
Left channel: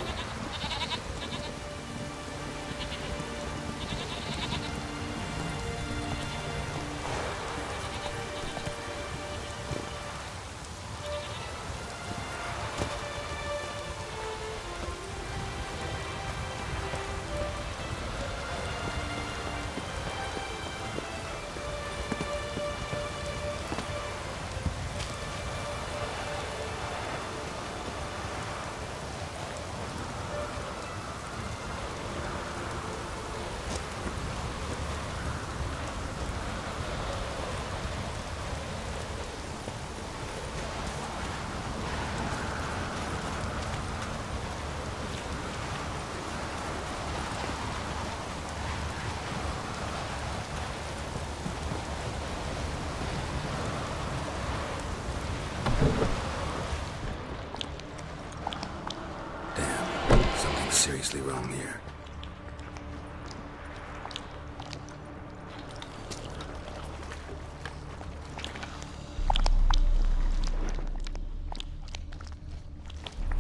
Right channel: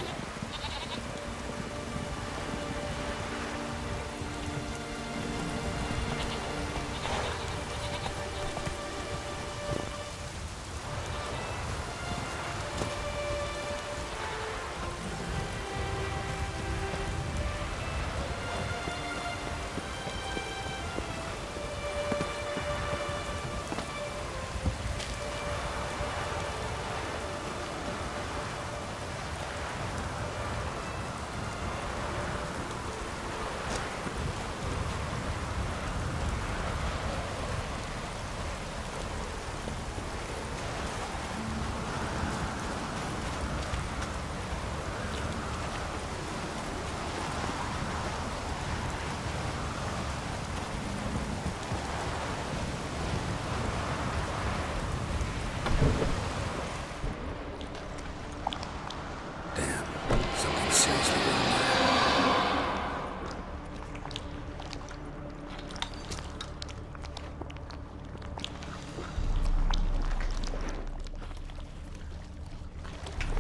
Seriously wrong there.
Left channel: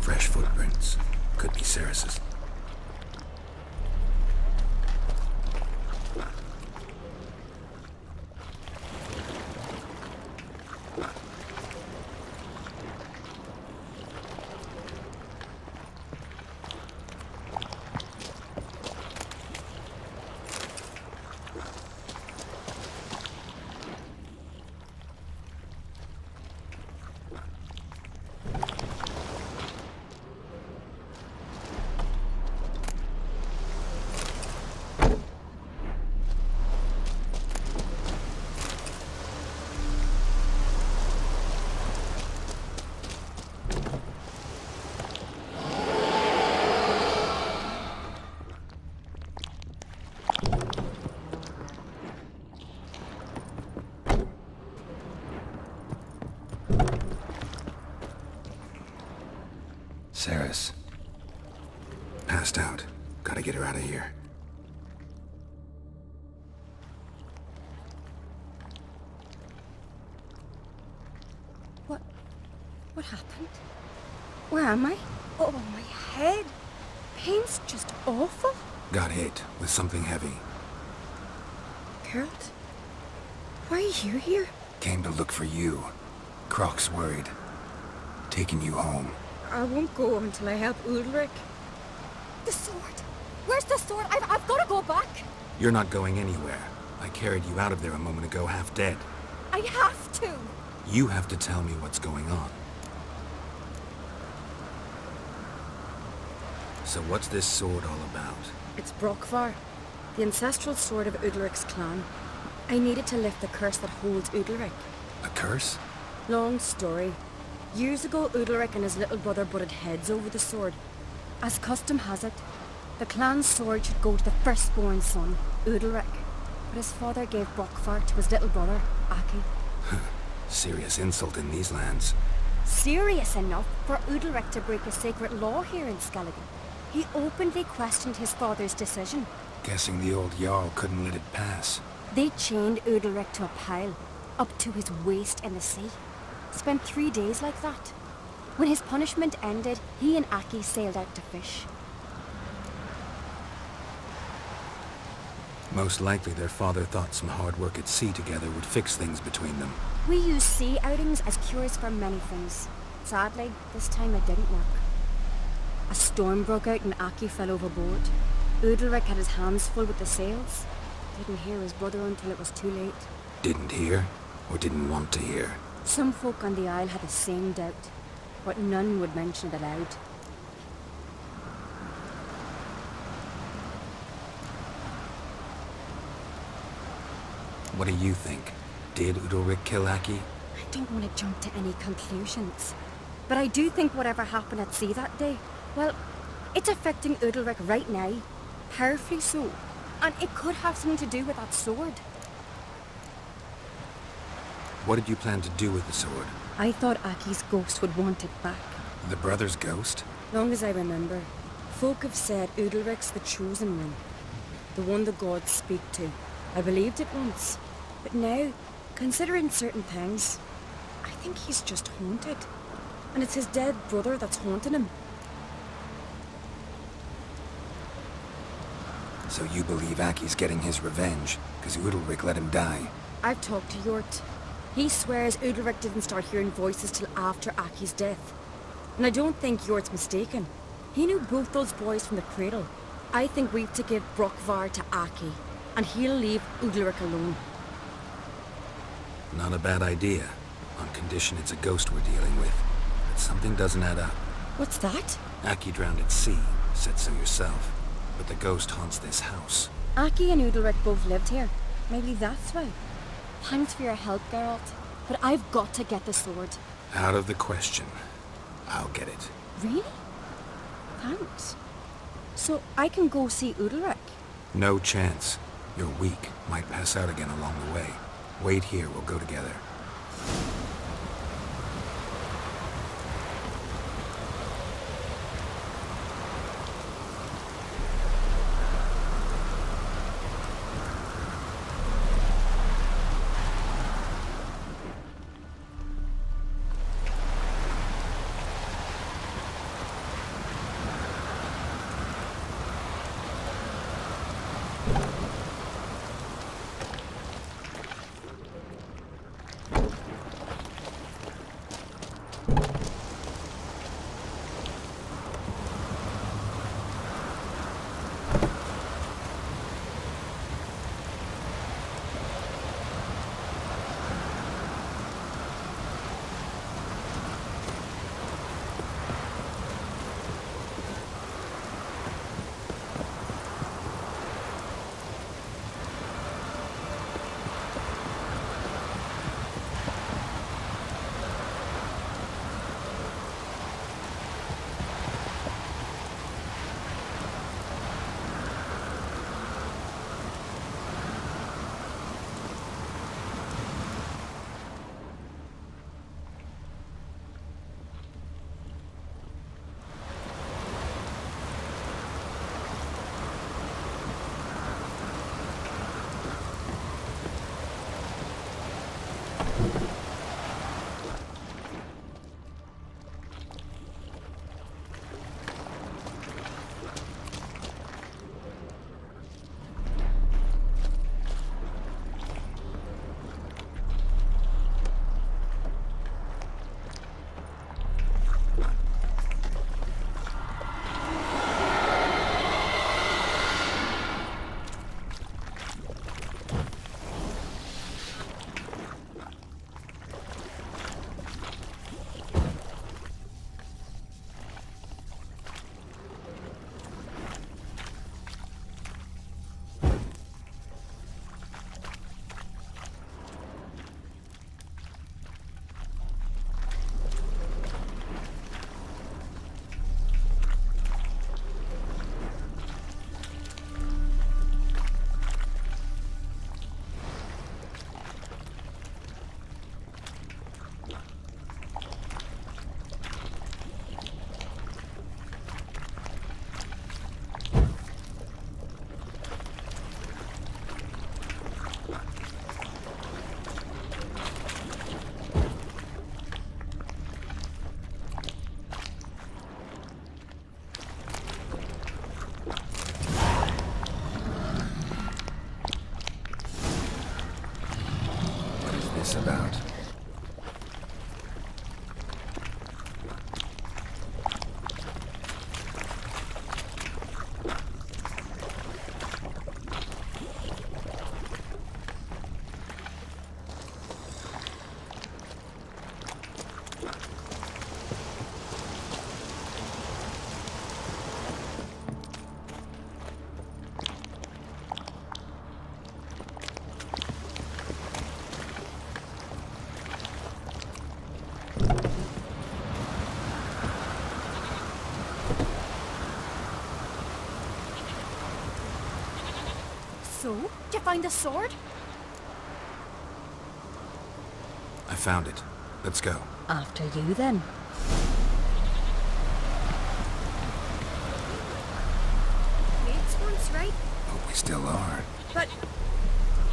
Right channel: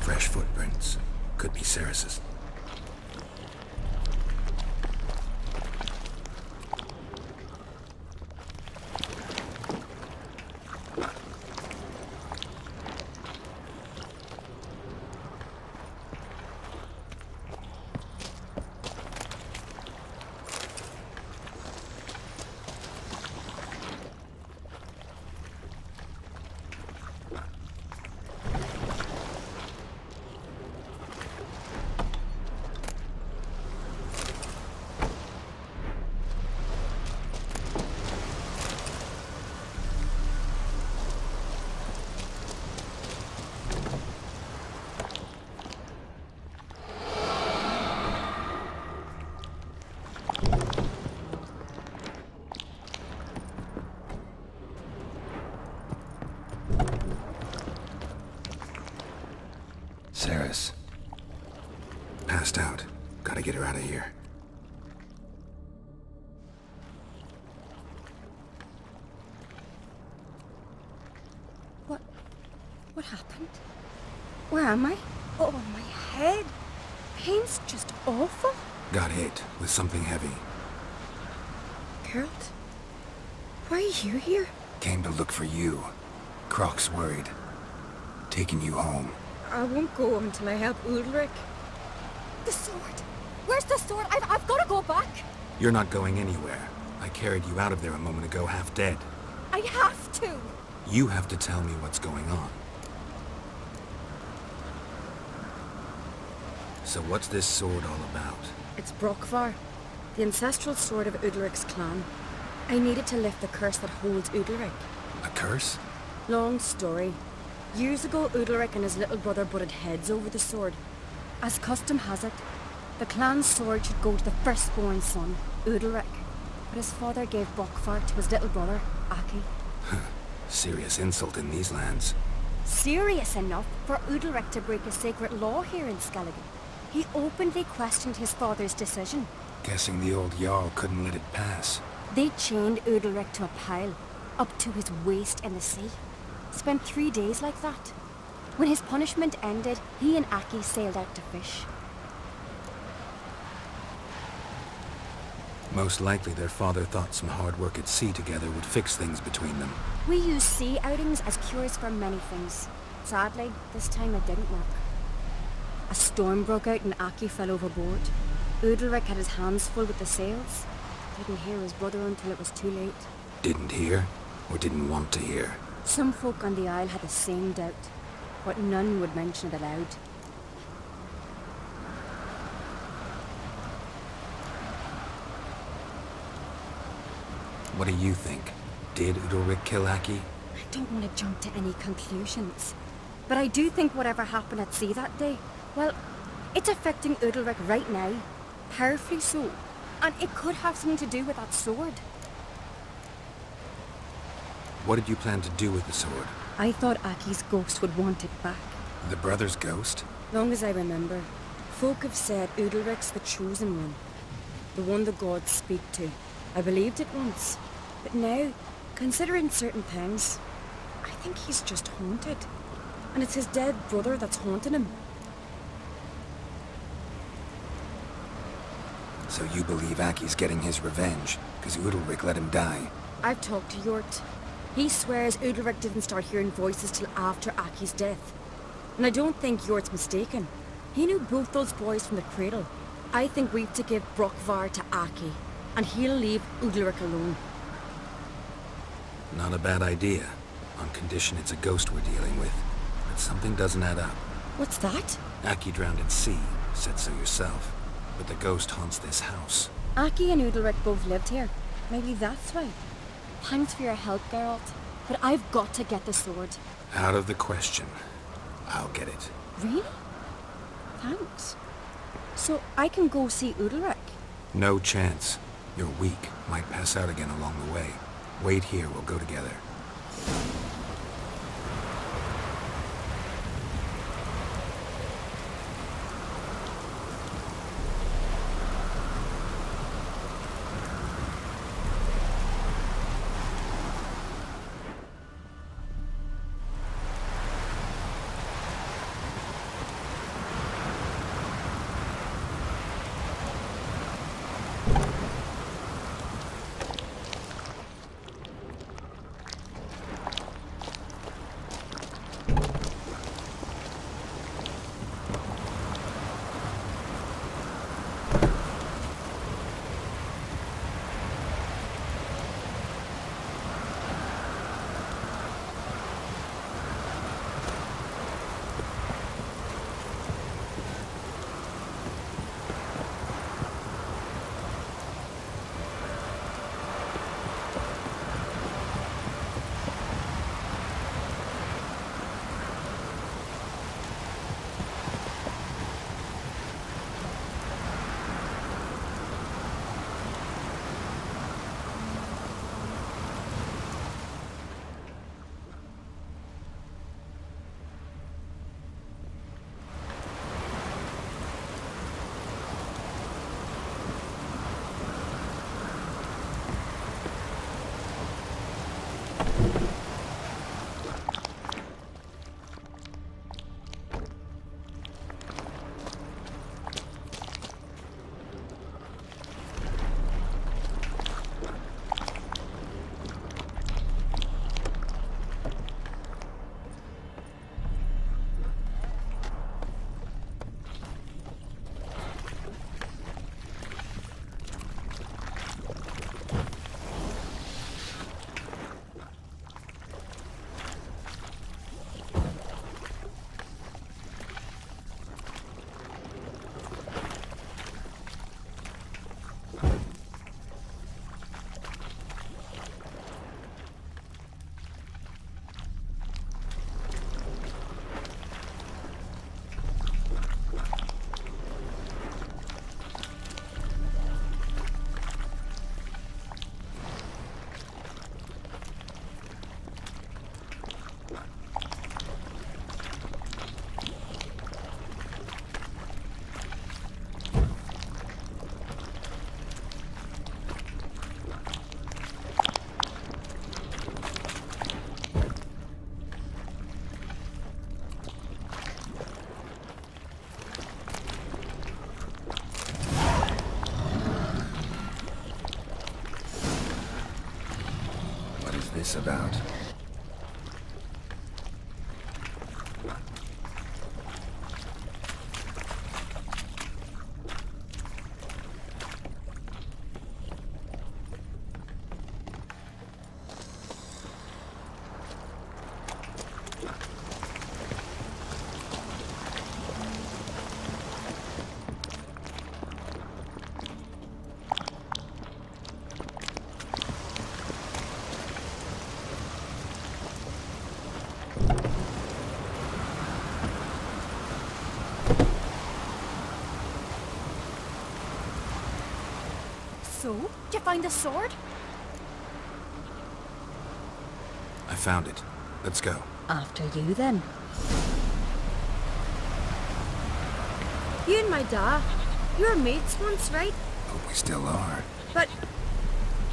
Fresh footprints. Could be Ceres's. Ceres. Passed out. Gotta get her out of here. What happened? Where am I? Oh, my head. Pain's just awful. Got hit with something heavy. Geralt? Why are you here? Came to look for you. Croc's worried. Taking you home. I won't go until I help Udalric. The sword! Where's the sword? I've got to go back! You're not going anywhere. I carried you out of there a moment ago, half dead. I have to! You have to tell me what's going on. So what's this sword all about? It's Brokvar, the ancestral sword of Udalric's clan. I needed to lift the curse that holds Udalric. A curse? Long story. Years ago, Udalric and his little brother butted heads over the sword. As custom has it, the clan's sword should go to the firstborn son, Udalric. But his father gave Brockvar to his little brother, Aki. Serious insult in these lands. Serious enough for Udalric to break a sacred law here in Skellige. He openly questioned his father's decision. Guessing the old Jarl couldn't let it pass. They chained Udalric to a pile, up to his waist in the sea. Spent 3 days like that. When his punishment ended, he and Aki sailed out to fish. Most likely their father thought some hard work at sea together would fix things between them. We use sea outings as cures for many things. Sadly, this time it didn't work. A storm broke out and Aki fell overboard. Udalric had his hands full with the sails. Didn't hear his brother until it was too late. Didn't hear, or didn't want to hear? Some folk on the Isle had the same doubt, but none would mention it aloud. What do you think? Did Udalric kill Aki? I don't want to jump to any conclusions, but I do think whatever happened at sea that day, well, it's affecting Udalric right now, powerfully so, and it could have something to do with that sword. What did you plan to do with the sword? I thought Aki's ghost would want it back. The brother's ghost? Long as I remember, folk have said Udalric's the chosen one, the one the gods speak to. I believed it once, but now, considering certain things, I think he's just haunted. And it's his dead brother that's haunting him. So you believe Aki's getting his revenge, because Udalric let him die? I've talked to Yort. He swears Udalric didn't start hearing voices till after Aki's death. And I don't think Yort's mistaken. He knew both those boys from the cradle. I think we've to give Brockvar to Aki, and he'll leave Udalric alone. Not a bad idea, on condition it's a ghost we're dealing with. But something doesn't add up. What's that? Aki drowned at sea, said so yourself. But the ghost haunts this house. Aki and Udalric both lived here. Maybe that's why. Thanks for your help, Geralt. But I've got to get the sword. Out of the question. I'll get it. Really? Thanks. So I can go see Udalric? No chance. You're weak. Might pass out again along the way. Wait here, we'll go together. this about? So, did you find the sword? I found it. Let's go. After you, then. You and my dad, you were mates once, right? Hope we still are. But,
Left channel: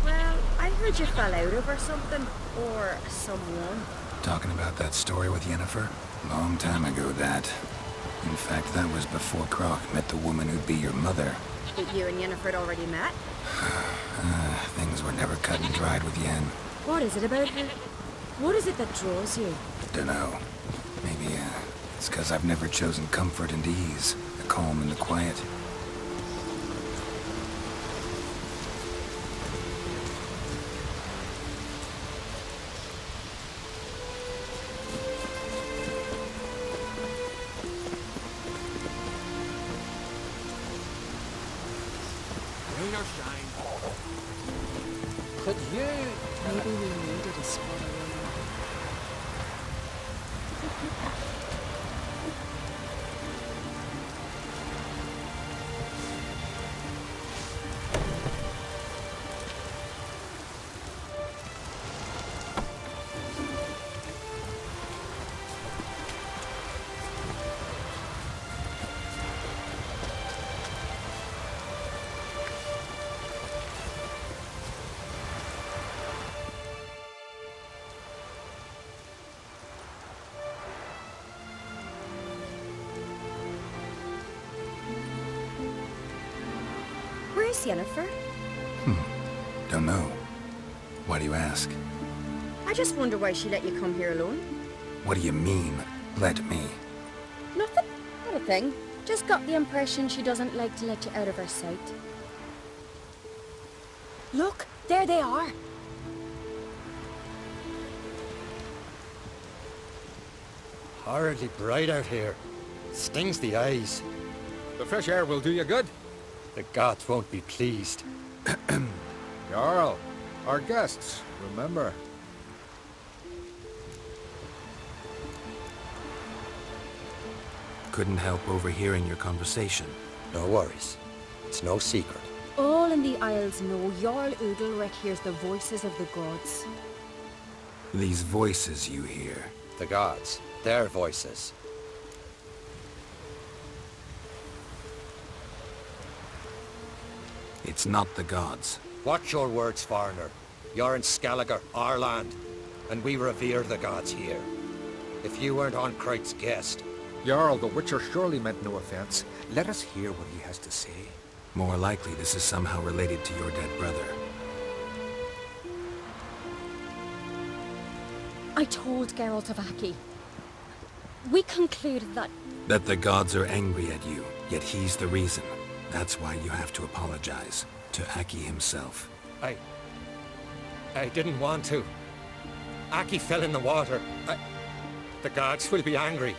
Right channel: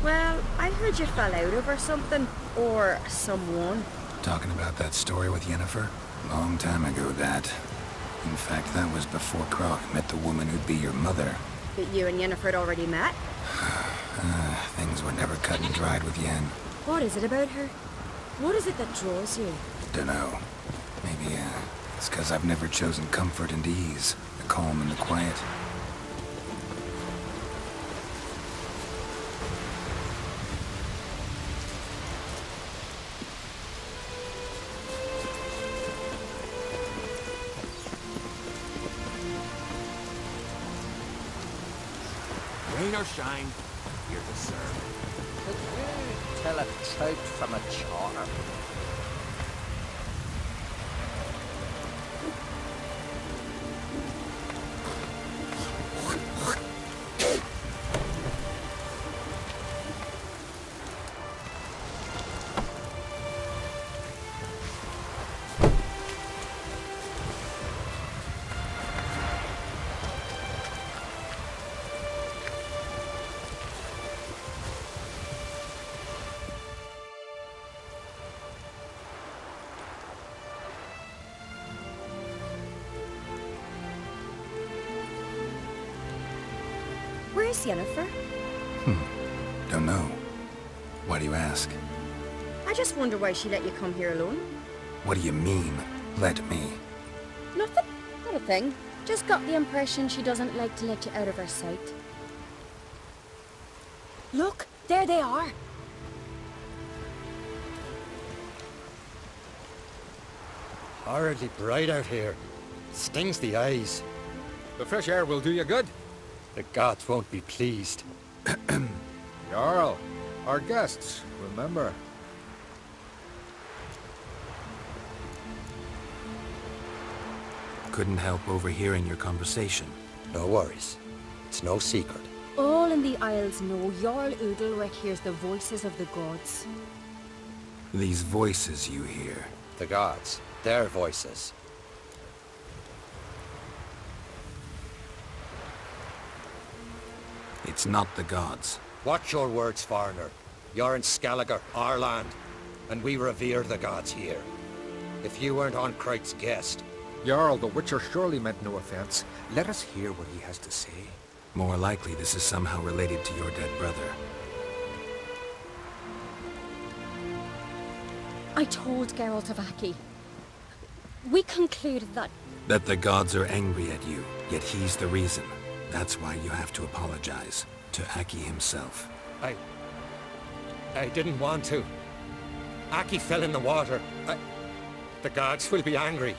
well, I heard you fell out over something. Or someone. Talking about that story with Yennefer? Long time ago, that. In fact, that was before Croc met the woman who'd be your mother. But you and Yennefer had already met? Things were never cut and dried with Yen. What is it about her? What is it that draws you? Dunno. Maybe, it's 'cause I've never chosen comfort and ease. The calm and the quiet. Rain or shine, you're the servant. Could you tell a tale from a charmer? Where's Yennefer? Don't know. Why do you ask? I just wonder why she let you come here alone. What do you mean, let me? Nothing. Not a thing. Just got the impression she doesn't like to let you out of her sight. Look, there they are. Horridly bright out here. Stings the eyes. The fresh air will do you good. The gods won't be pleased. Jarl, our guests, remember. Couldn't help overhearing your conversation. No worries. It's no secret. All in the Isles know Jarl Udalric hears the voices of the gods. These voices you hear. The gods. Their voices. It's not the gods. Watch your words, foreigner. You're in Skellige, our land, and we revere the gods here. If you weren't on Kright's guest... Jarl, the Witcher surely meant no offense. Let us hear what he has to say. More likely this is somehow related to your dead brother. I told Geralt of Aki. We concluded that... That the gods are angry at you, yet he's the reason. That's why you have to apologize. To Aki himself. I didn't want to. Aki fell in the water. The gods will be angry.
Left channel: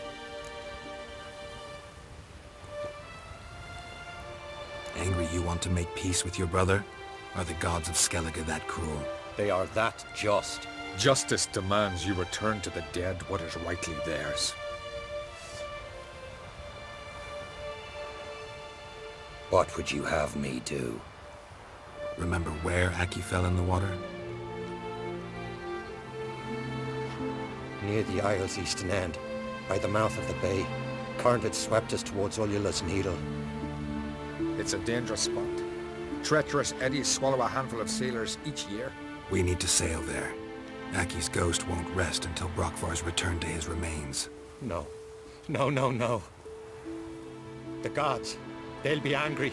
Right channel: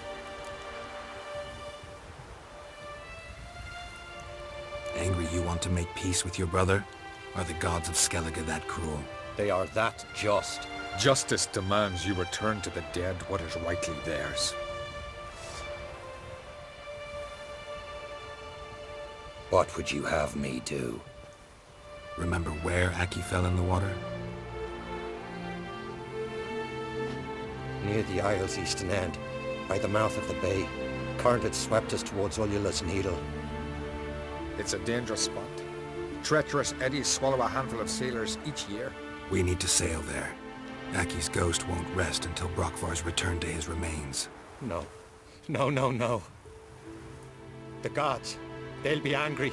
Angry you want to make peace with your brother? Are the gods of Skellige that cruel? They are that just. Justice demands you return to the dead what is rightly theirs. What would you have me do? Remember where Aki fell in the water? Near the Isle's eastern end, by the mouth of the bay. Current had swept us towards Ullula's Needle. It's a dangerous spot. Treacherous eddies swallow a handful of sailors each year. We need to sail there. Aki's ghost won't rest until Brokvar's returned to his remains. No. No, no, no. The gods. They'll be angry.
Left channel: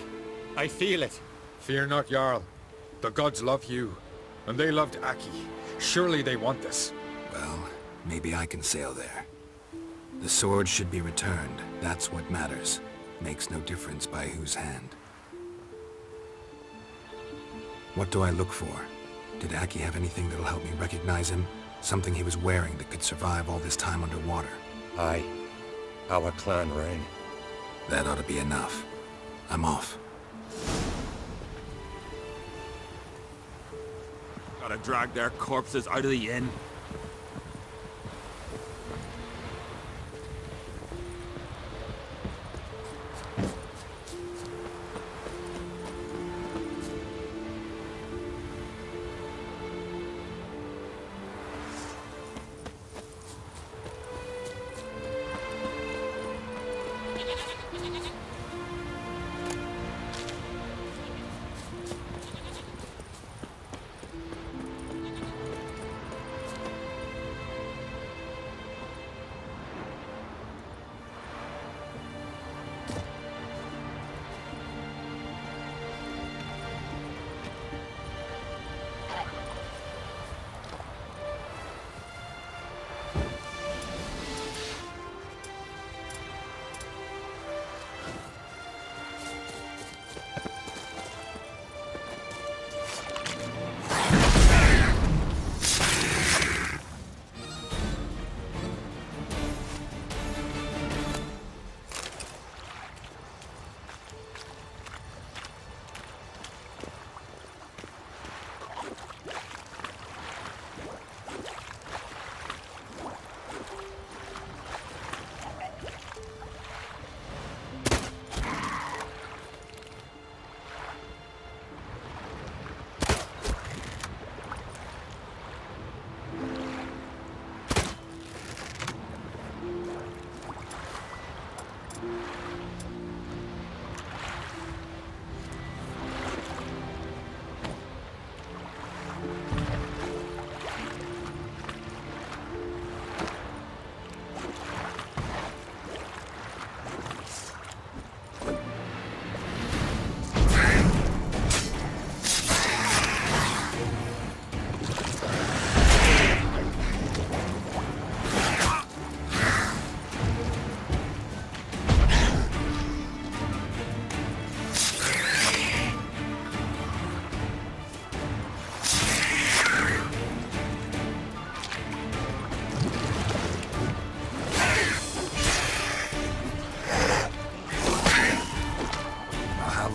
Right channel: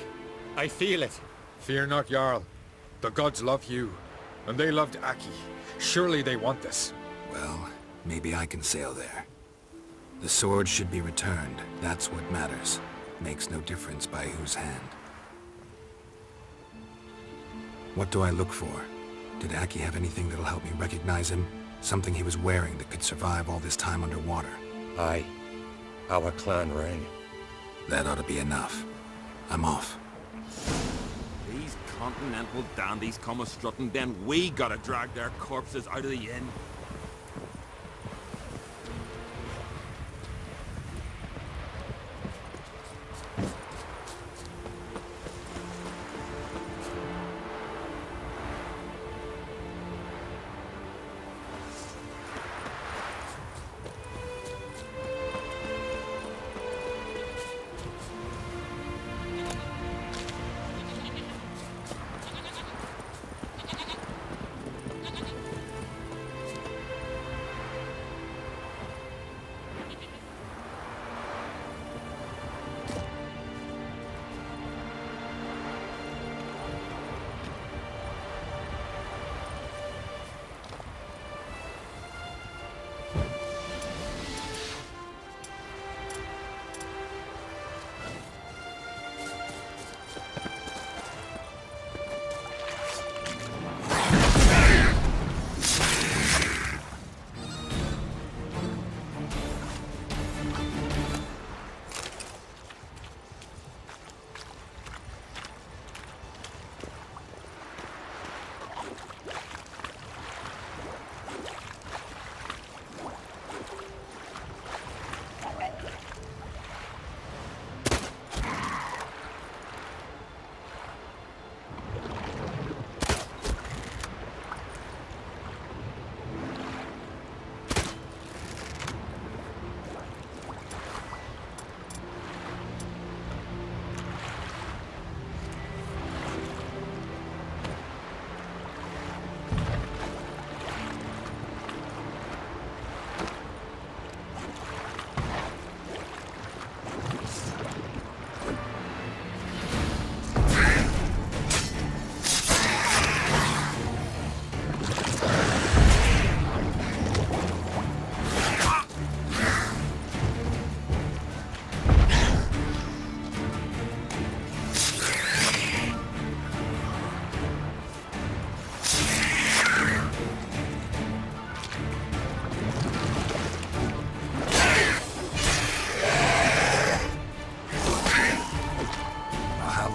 I feel it. Fear not, Jarl. The gods love you. And they loved Aki. Surely they want this. Well, maybe I can sail there. The sword should be returned. That's what matters. Makes no difference by whose hand. What do I look for? Did Aki have anything that'll help me recognize him? Something he was wearing that could survive all this time underwater? Aye. Our clan ring. That ought to be enough. I'm off. These continental dandies come a-strutting, then we gotta drag their corpses out of the inn.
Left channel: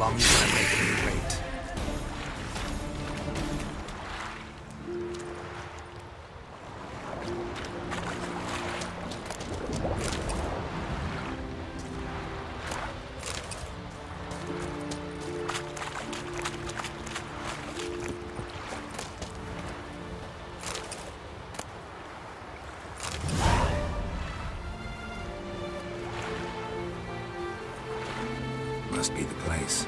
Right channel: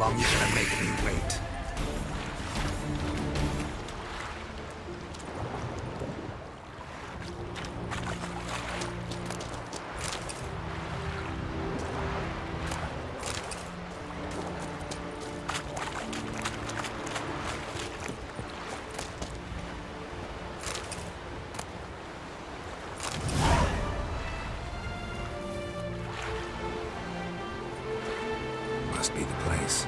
long you gonna make me wait? Must be the place.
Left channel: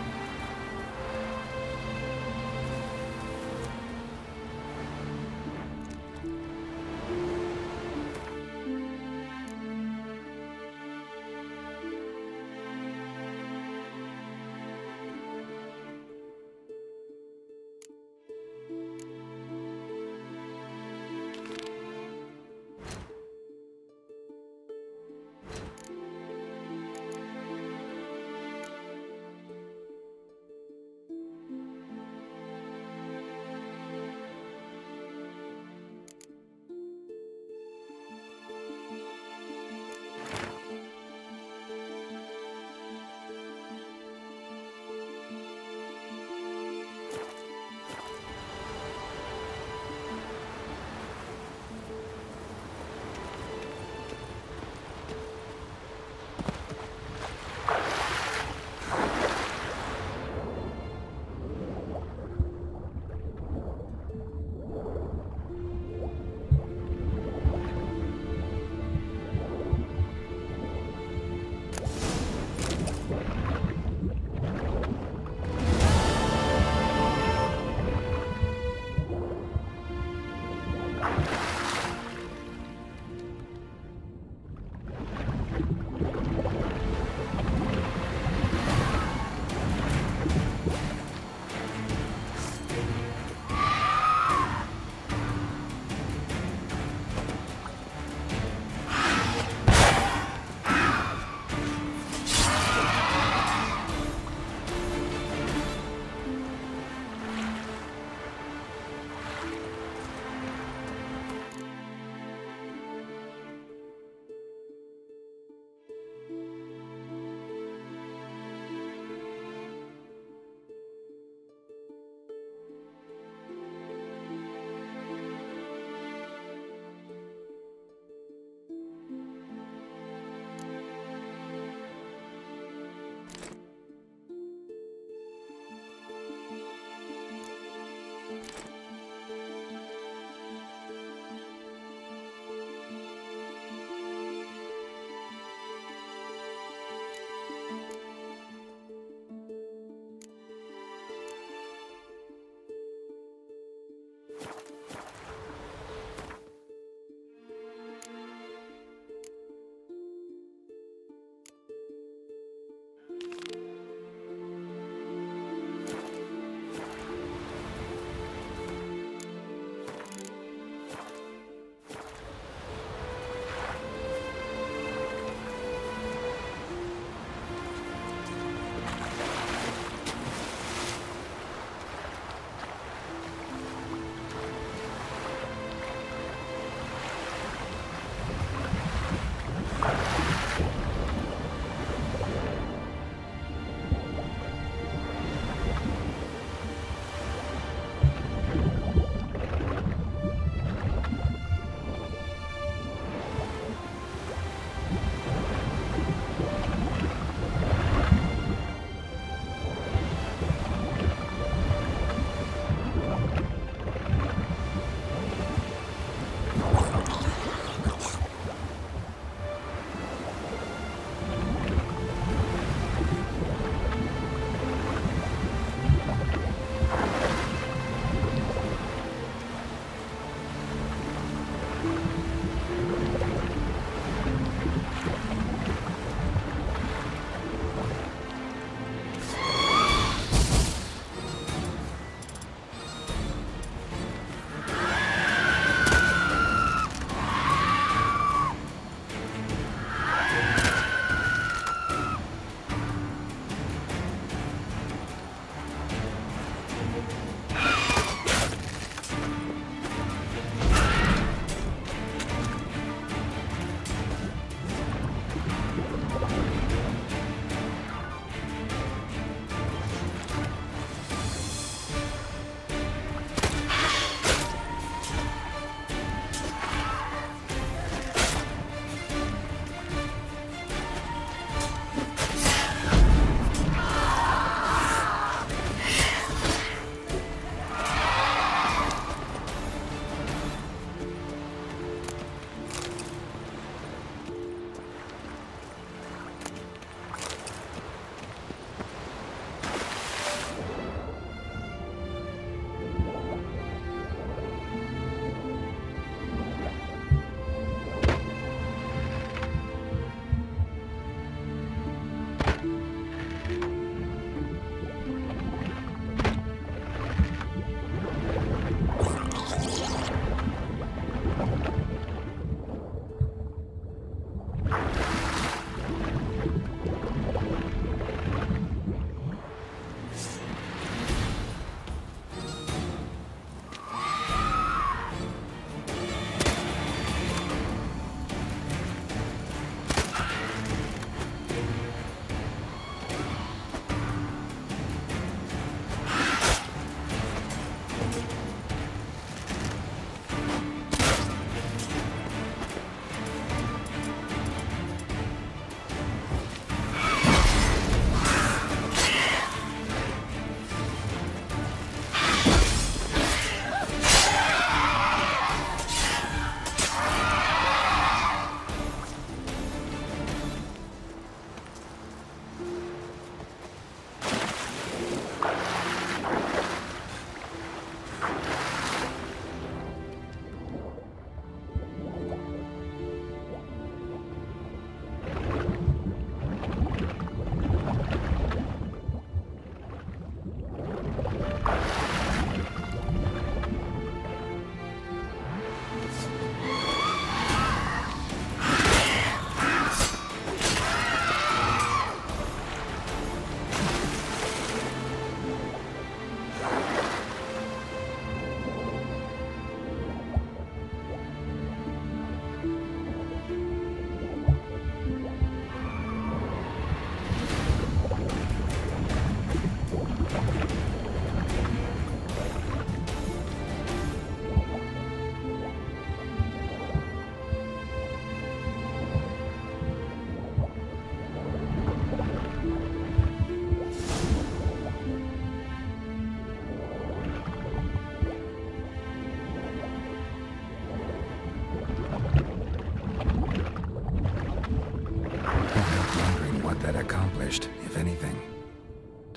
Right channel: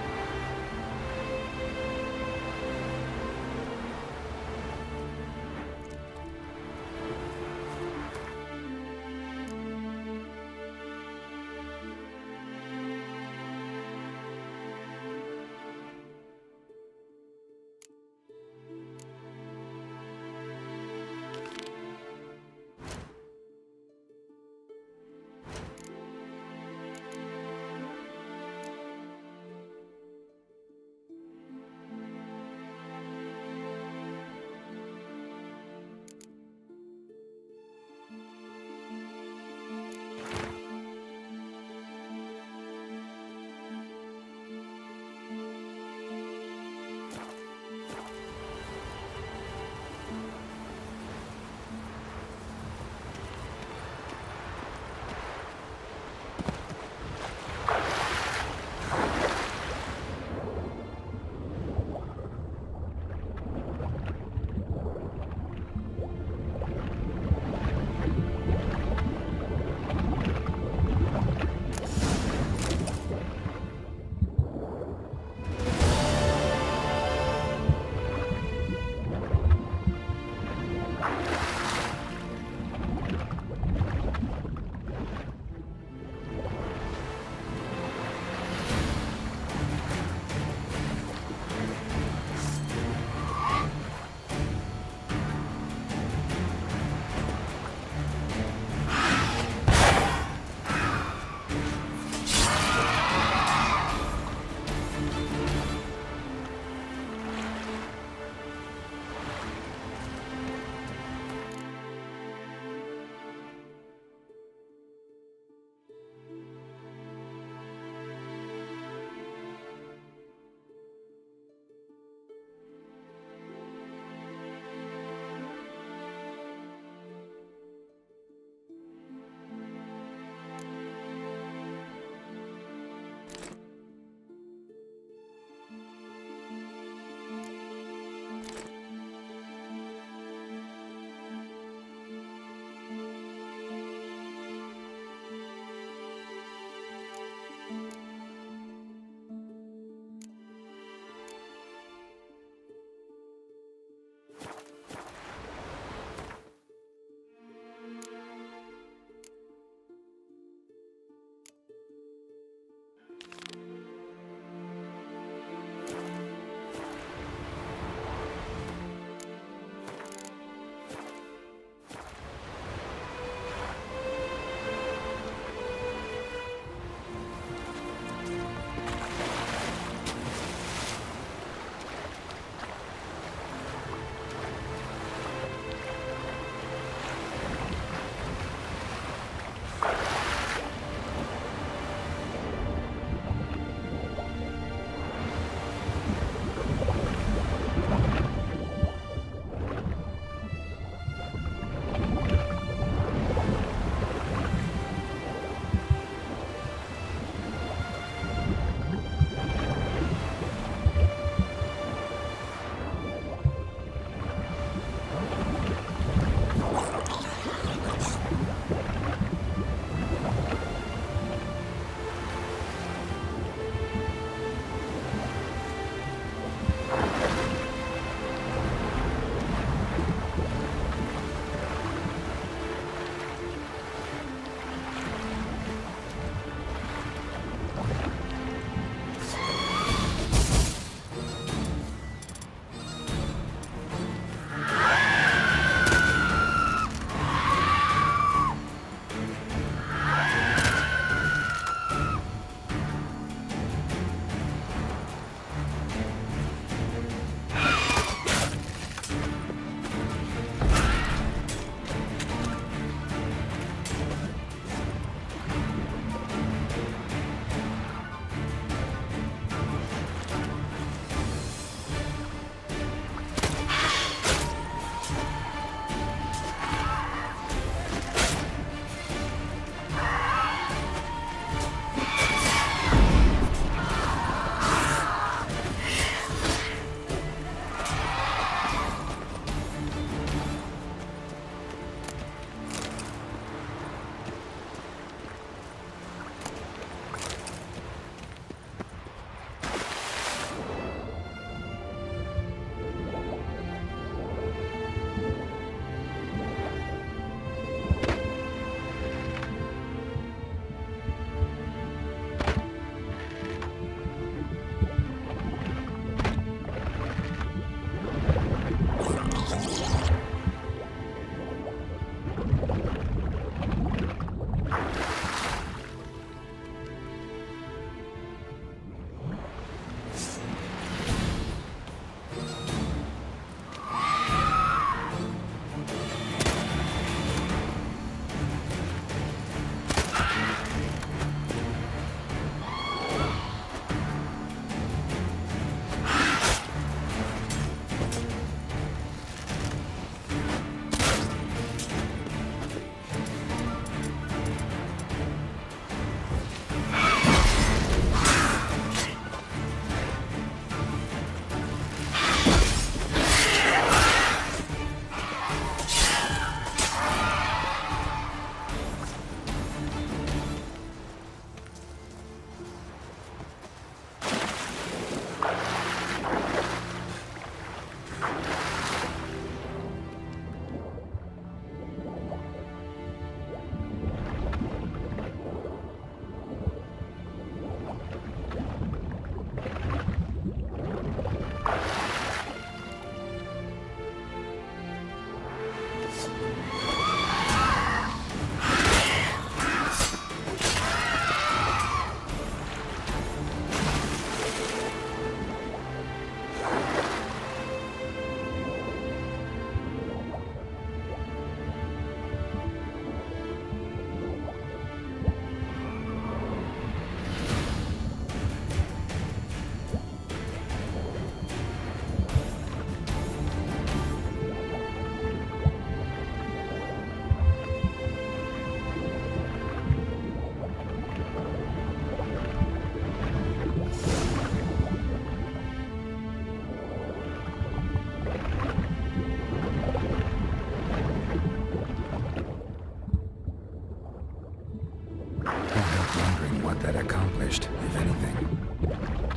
anything.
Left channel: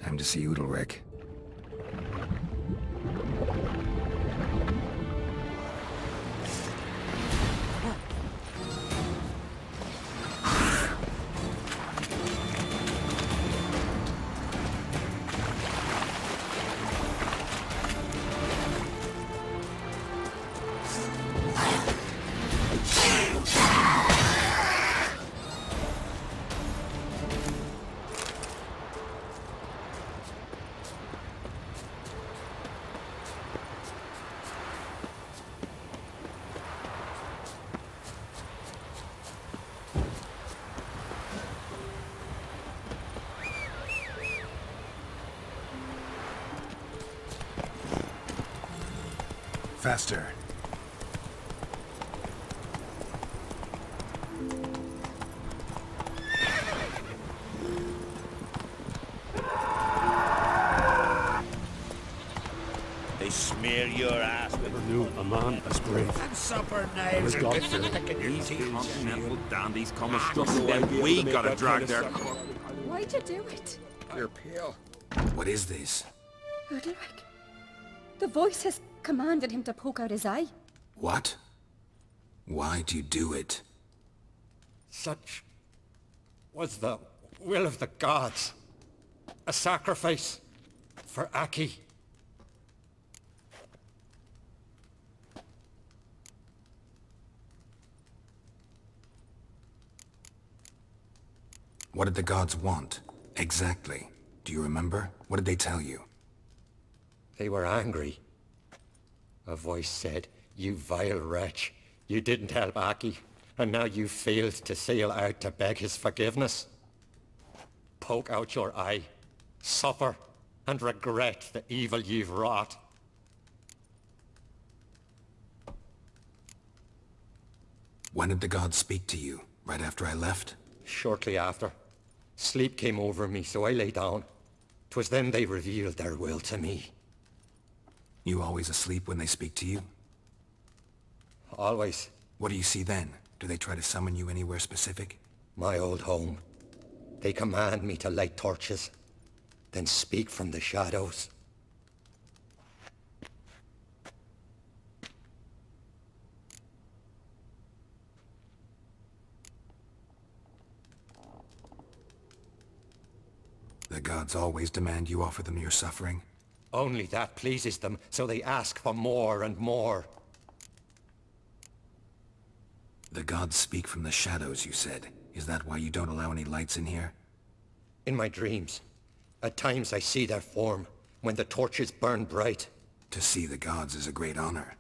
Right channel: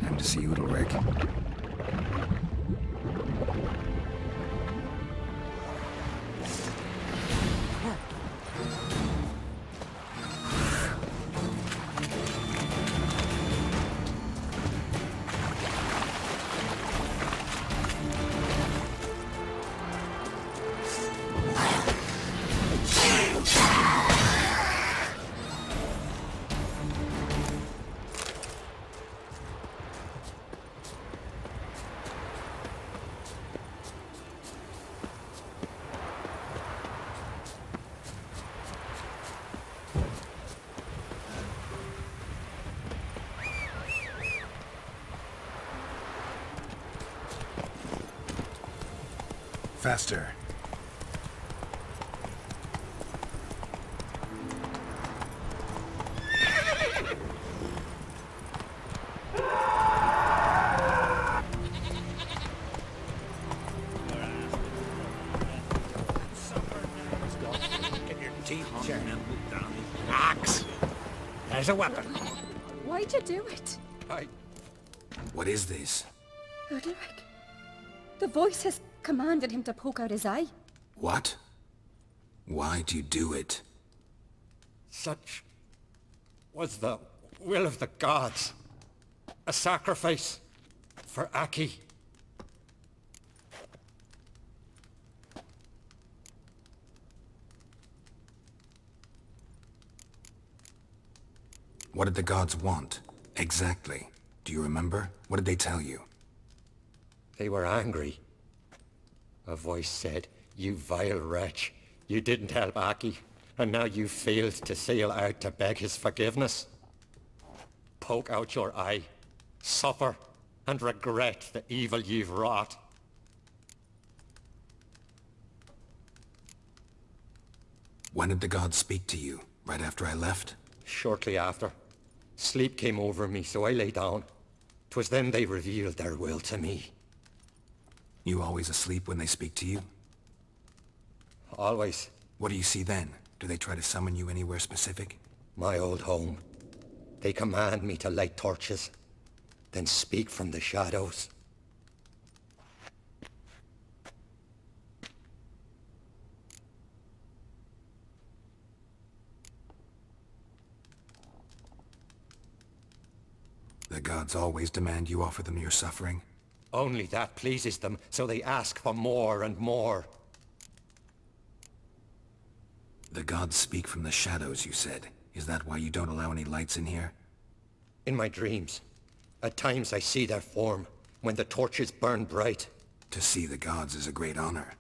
Time to see Udalric. Faster. They smear your ass with man, that's great. and supper knives and get your teeth Continental dandies come struggling, then we gotta drag their corpses. Why'd you do it? What is this? Udalric. The voice has commanded him to poke out his eye. What? Why'd you do it? Such was the will of the gods. A sacrifice for Aki. What did the gods want? Exactly. Do you remember? What did they tell you? They were angry. A voice said, "You vile wretch, you didn't help Aki, and now you failed to sail out to beg his forgiveness. Poke out your eye, suffer, and regret the evil you've wrought." When did the gods speak to you? Right after I left? Shortly after. Sleep came over me, so I lay down. 'Twas then they revealed their will to me. You always asleep when they speak to you? Always. What do you see then? Do they try to summon you anywhere specific? My old home. They command me to light torches, then speak from the shadows. The gods always demand you offer them your suffering? Only that pleases them, so they ask for more and more. The gods speak from the shadows, you said. Is that why you don't allow any lights in here? In my dreams. At times I see their form, when the torches burn bright. To see the gods is a great honor.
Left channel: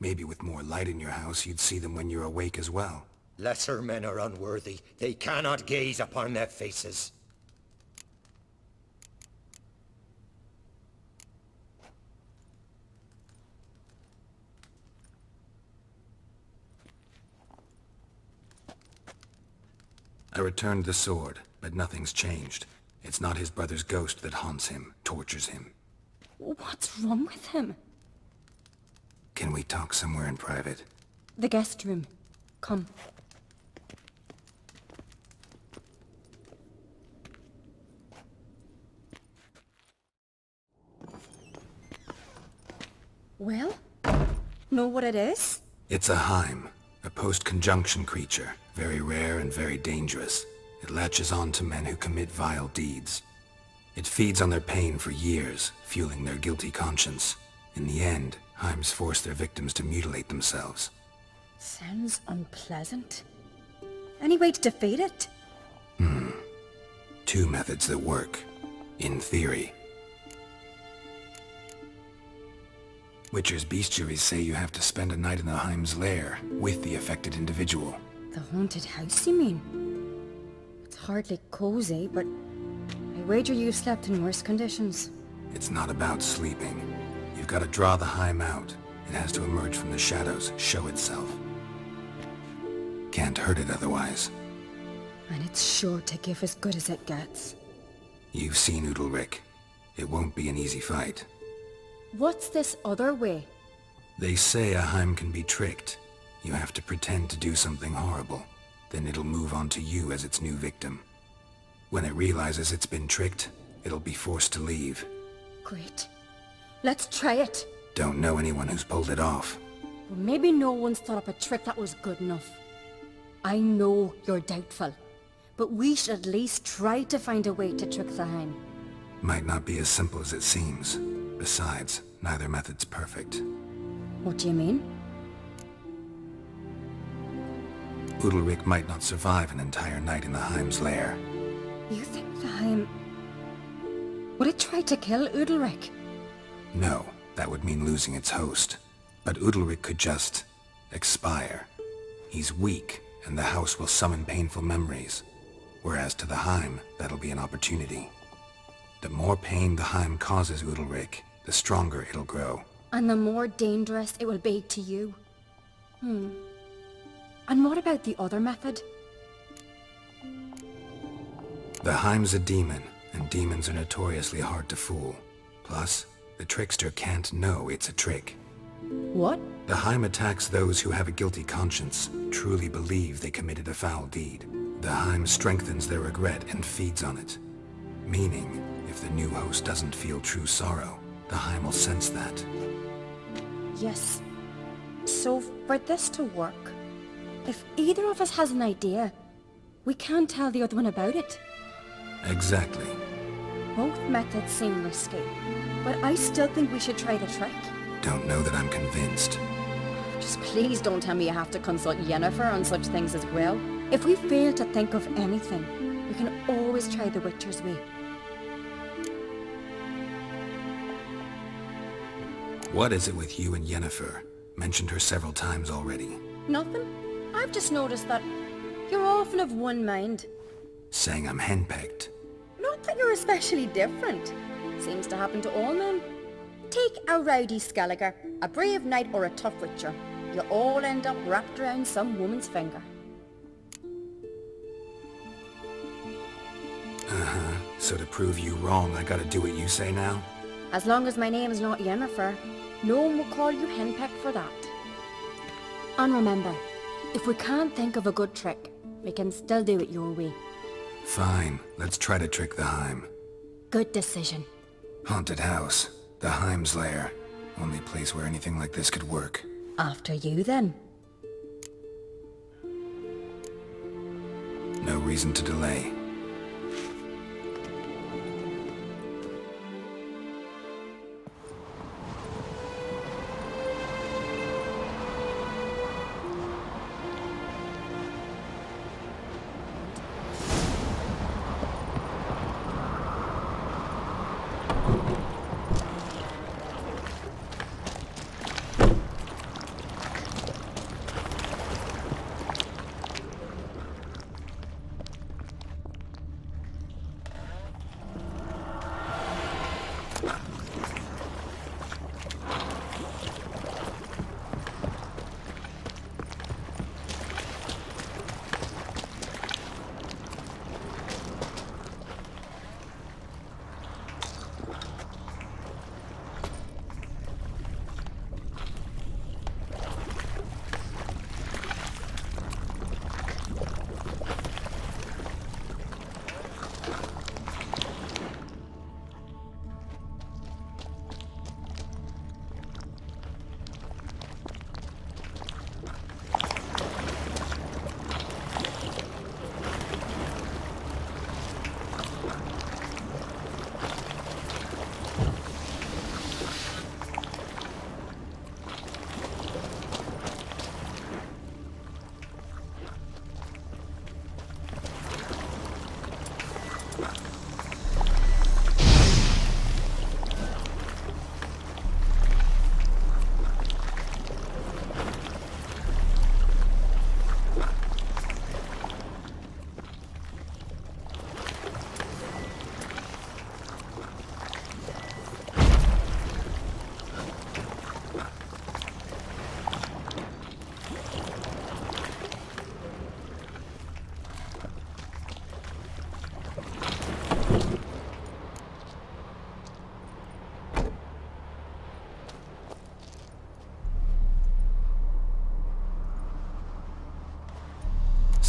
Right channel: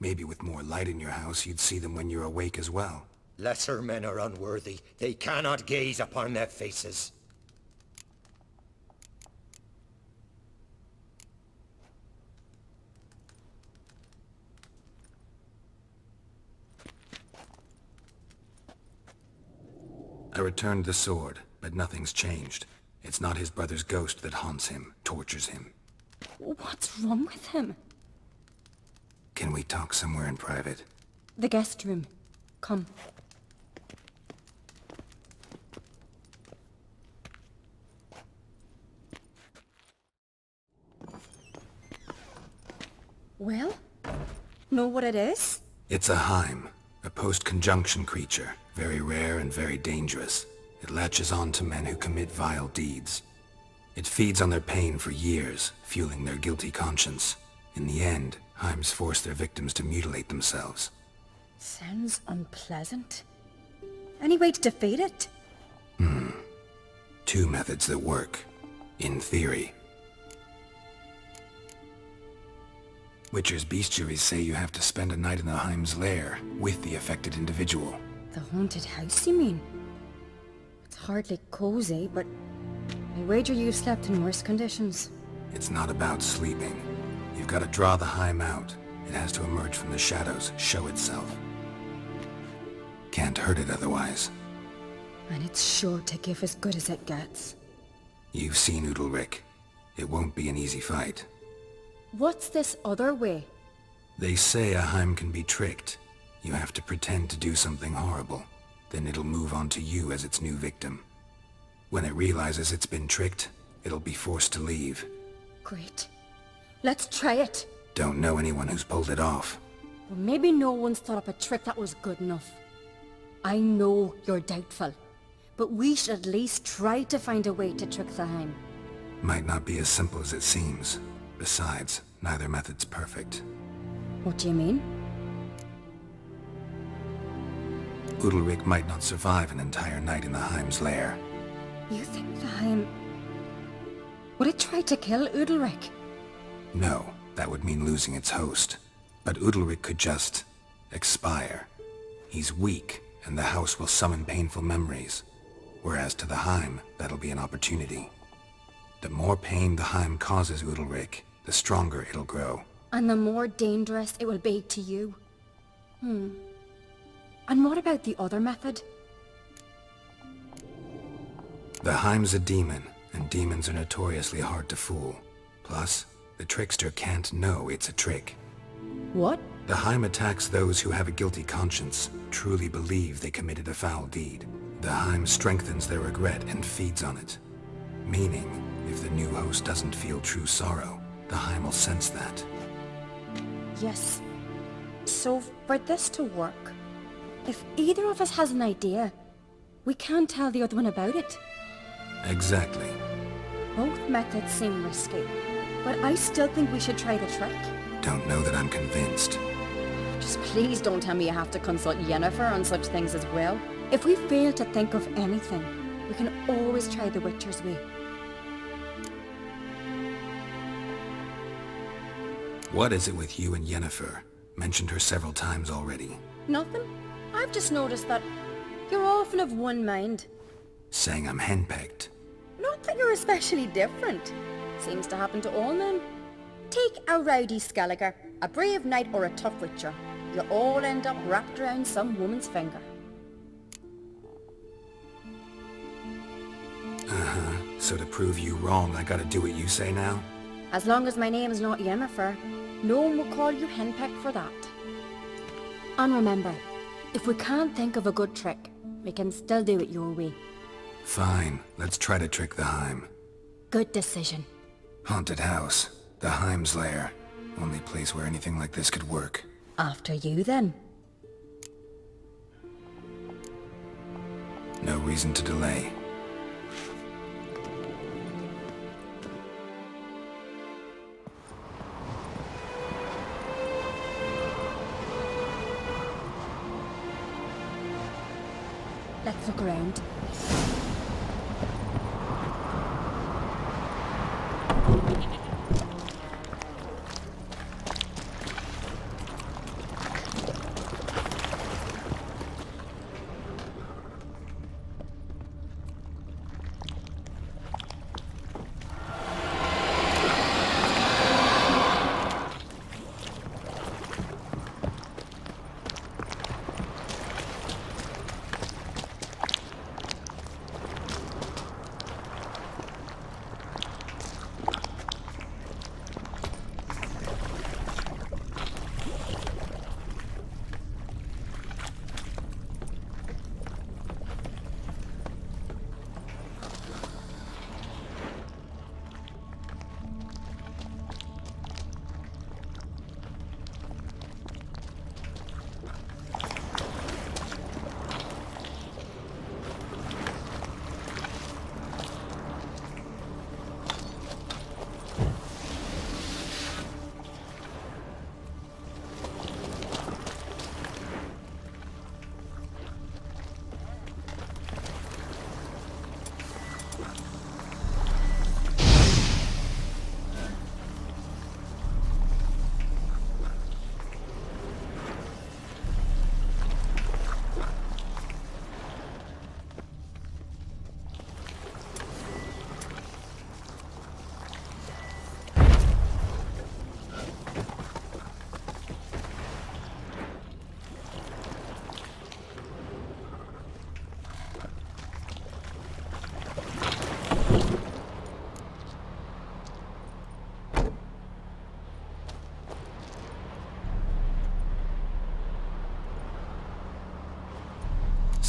Maybe with more light in your house, you'd see them when you're awake as well. Lesser men are unworthy. They cannot gaze upon their faces. I returned the sword, but nothing's changed. It's not his brother's ghost that haunts him, tortures him. What's wrong with him? Can we talk somewhere in private? The guest room. Come. Well? Know what it is? It's a Heim, a post-conjunction creature. Very rare and very dangerous. It latches on to men who commit vile deeds. It feeds on their pain for years, fueling their guilty conscience. In the end, Heims force their victims to mutilate themselves. Sounds unpleasant. Any way to defeat it? Two methods that work. In theory. Witcher's bestiaries say you have to spend a night in the Heim's lair with the affected individual. The haunted house, you mean? It's hardly cozy, but I wager you slept in worse conditions. It's not about sleeping. You've got to draw the Heim out. It has to emerge from the shadows, show itself. Can't hurt it otherwise. And it's sure to give as good as it gets. You've seen Udalric. It won't be an easy fight. What's this other way? They say a Heim can be tricked. You have to pretend to do something horrible. Then it'll move on to you as its new victim. When it realizes it's been tricked, it'll be forced to leave. Great. Let's try it. Don't know anyone who's pulled it off. Well, maybe no one's thought up a trick that was good enough. I know you're doubtful, but we should at least try to find a way to trick the Heim. Might not be as simple as it seems. Besides, neither method's perfect. What do you mean? Udalryk might not survive an entire night in the Heim's lair. You think the Heim... Would it try to kill Udalryk? No, that would mean losing its host. But Udalryk could just... expire. He's weak, and the house will summon painful memories. Whereas to the Heim, that'll be an opportunity. The more pain the Heim causes Udalryk, the stronger it'll grow. And the more dangerous it will be to you. And what about the other method? The Heim's a demon, and demons are notoriously hard to fool. Plus, the trickster can't know it's a trick. What? The Heim attacks those who have a guilty conscience, truly believe they committed a foul deed. The Heim strengthens their regret and feeds on it. Meaning, if the new host doesn't feel true sorrow, the Heim will sense that. Yes. So, for this to work, if either of us has an idea, we can't tell the other one about it. Exactly. Both methods seem risky, but I still think we should try the trick. Don't know that I'm convinced. Just please don't tell me you have to consult Yennefer on such things as well. If we fail to think of anything, we can always try the Witcher's way. What is it with you and Yennefer? Mentioned her several times already. Nothing. I've just noticed that you're often of one mind. Saying I'm henpecked. Not that you're especially different. Seems to happen to all men. Take a rowdy Skelliger, a brave knight or a tough witcher. You all end up wrapped around some woman's finger. Uh-huh. So to prove you wrong, I gotta do what you say now? As long as my name is not Yennefer, no one will call you henpecked for that. And remember, if we can't think of a good trick, we can still do it your way. Fine, let's try to trick the Heim. Good decision. Haunted house. The Heim's lair. Only place where anything like this could work. After you, then. No reason to delay. Let's look around.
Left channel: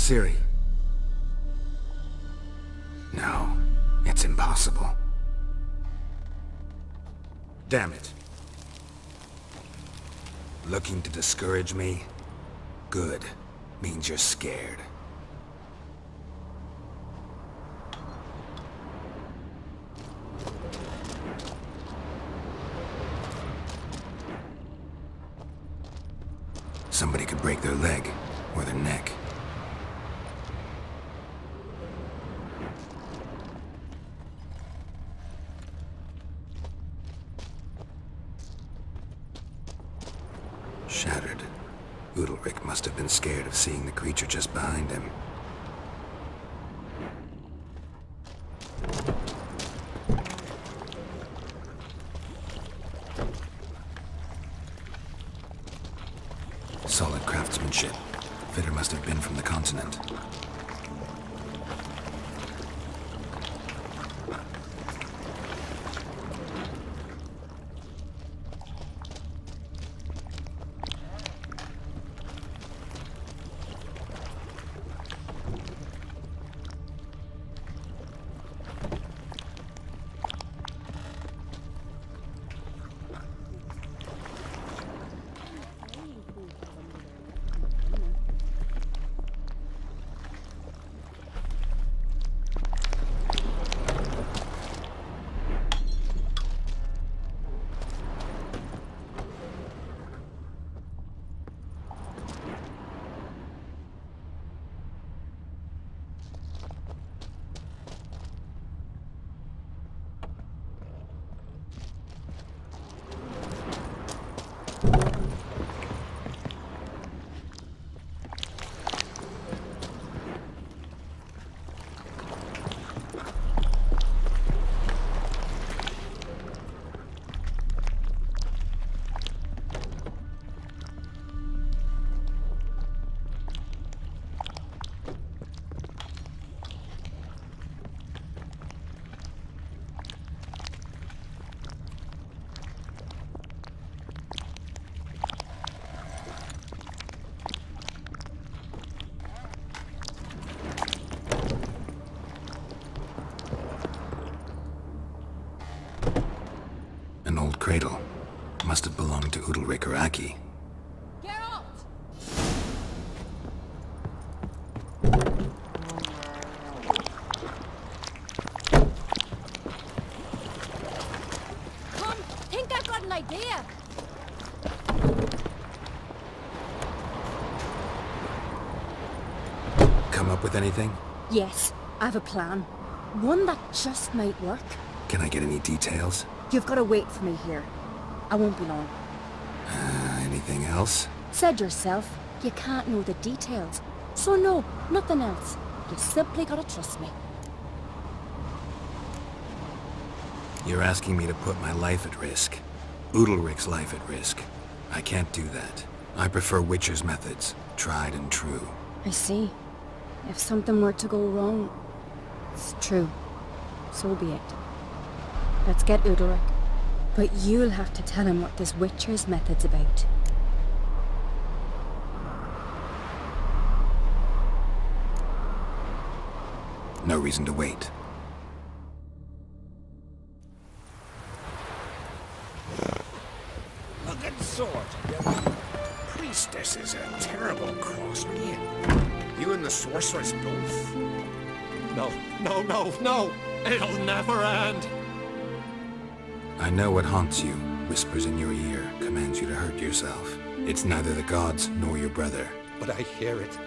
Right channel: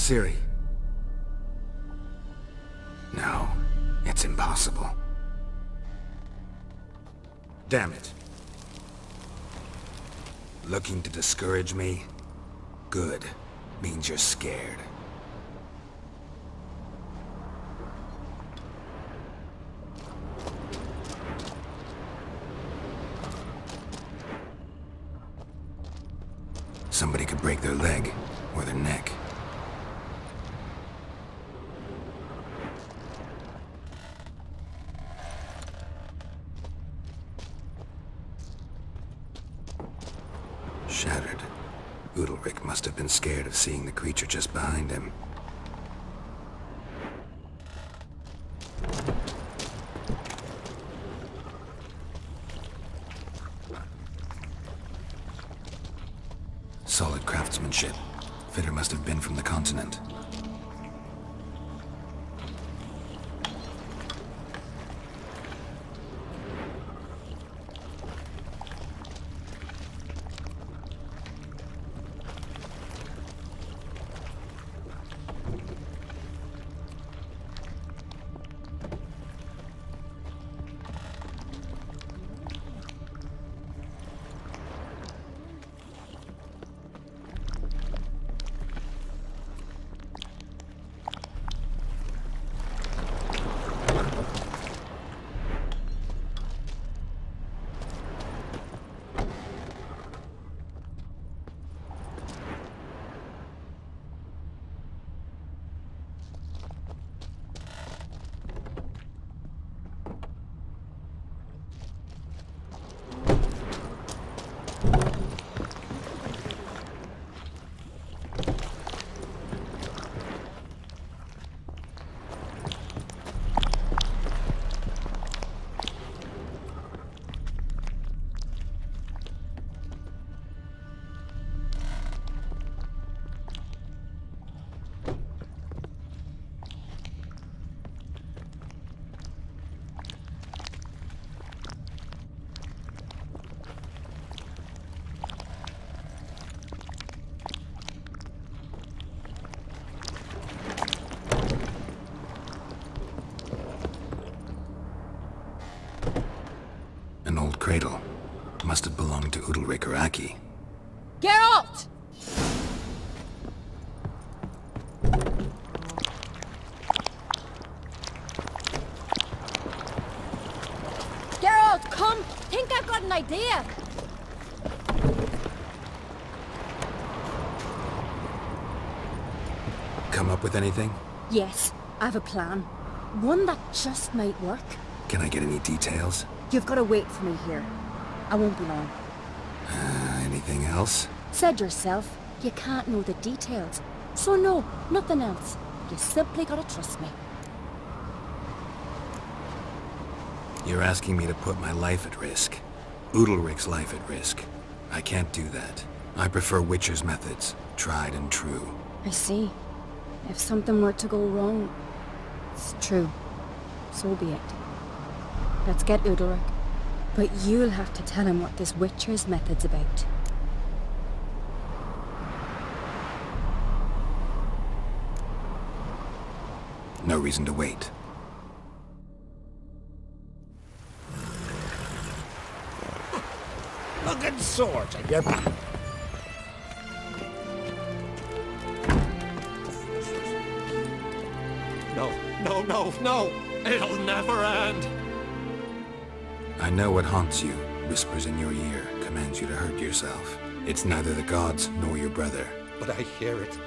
Ciri. No. possible. Damn it. Looking to discourage me? Good. Means you're scared. Somebody could break their leg, or their neck. Shattered. Udalric must have been scared of seeing the creature just behind him. Solid craftsmanship. Fitter must have been from the continent. An old cradle. Must have belonged to Udalric or Aki. Geralt! Geralt, come! Think I've got an idea! Come up with anything? Yes, I have a plan. One that just might work. Can I get any details? You've got to wait for me here. I won't be long. Anything else? Said yourself, you can't know the details. So no, nothing else. You simply gotta trust me. You're asking me to put my life at risk. Udalric's life at risk. I can't do that. I prefer Witcher's methods, tried and true. I see. If something were to go wrong, it's true. So be it. Let's get Udalric. But you'll have to tell him what this Witcher's method's about. No reason to wait. Looking swords, and your priestess is a terrible crossbeam. You and the sorceress both. No, no, no, no! It'll never end! I know what haunts you, whispers in your ear, commands you to hurt yourself. It's neither the gods nor your brother. But I hear it.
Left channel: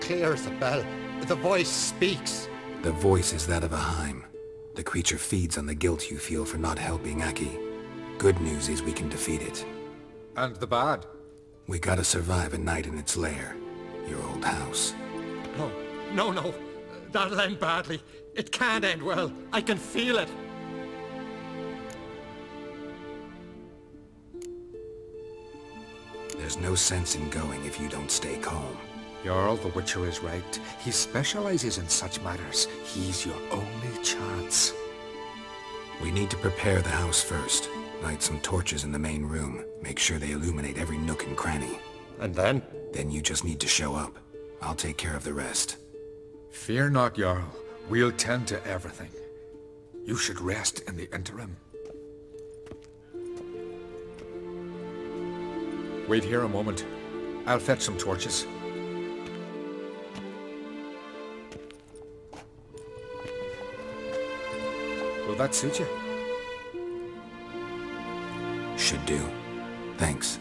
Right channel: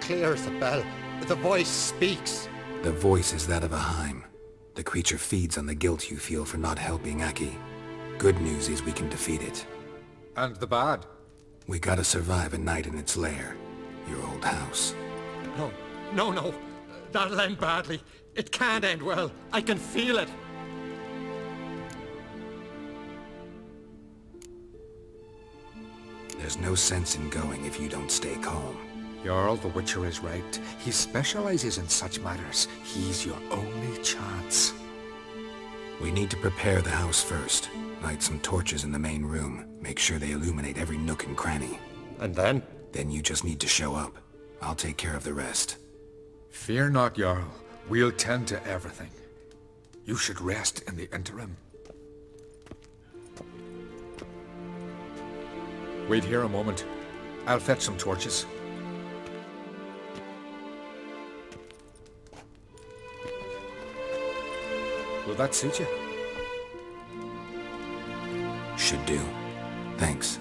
Clear as a bell. The voice speaks. The voice is that of a Heim. The creature feeds on the guilt you feel for not helping Aki. Good news is we can defeat it. And the bad? We gotta survive a night in its lair. Your old house. No, no, no. That'll end badly. It can't end well. I can feel it. There's no sense in going if you don't stay calm. Jarl, the Witcher is right. He specializes in such matters. He's your only chance. We need to prepare the house first. Light some torches in the main room. Make sure they illuminate every nook and cranny. And then? Then you just need to show up. I'll take care of the rest. Fear not, Jarl. We'll tend to everything. You should rest in the interim. Wait here a moment. I'll fetch some torches. Will that suit you? Should do. Thanks.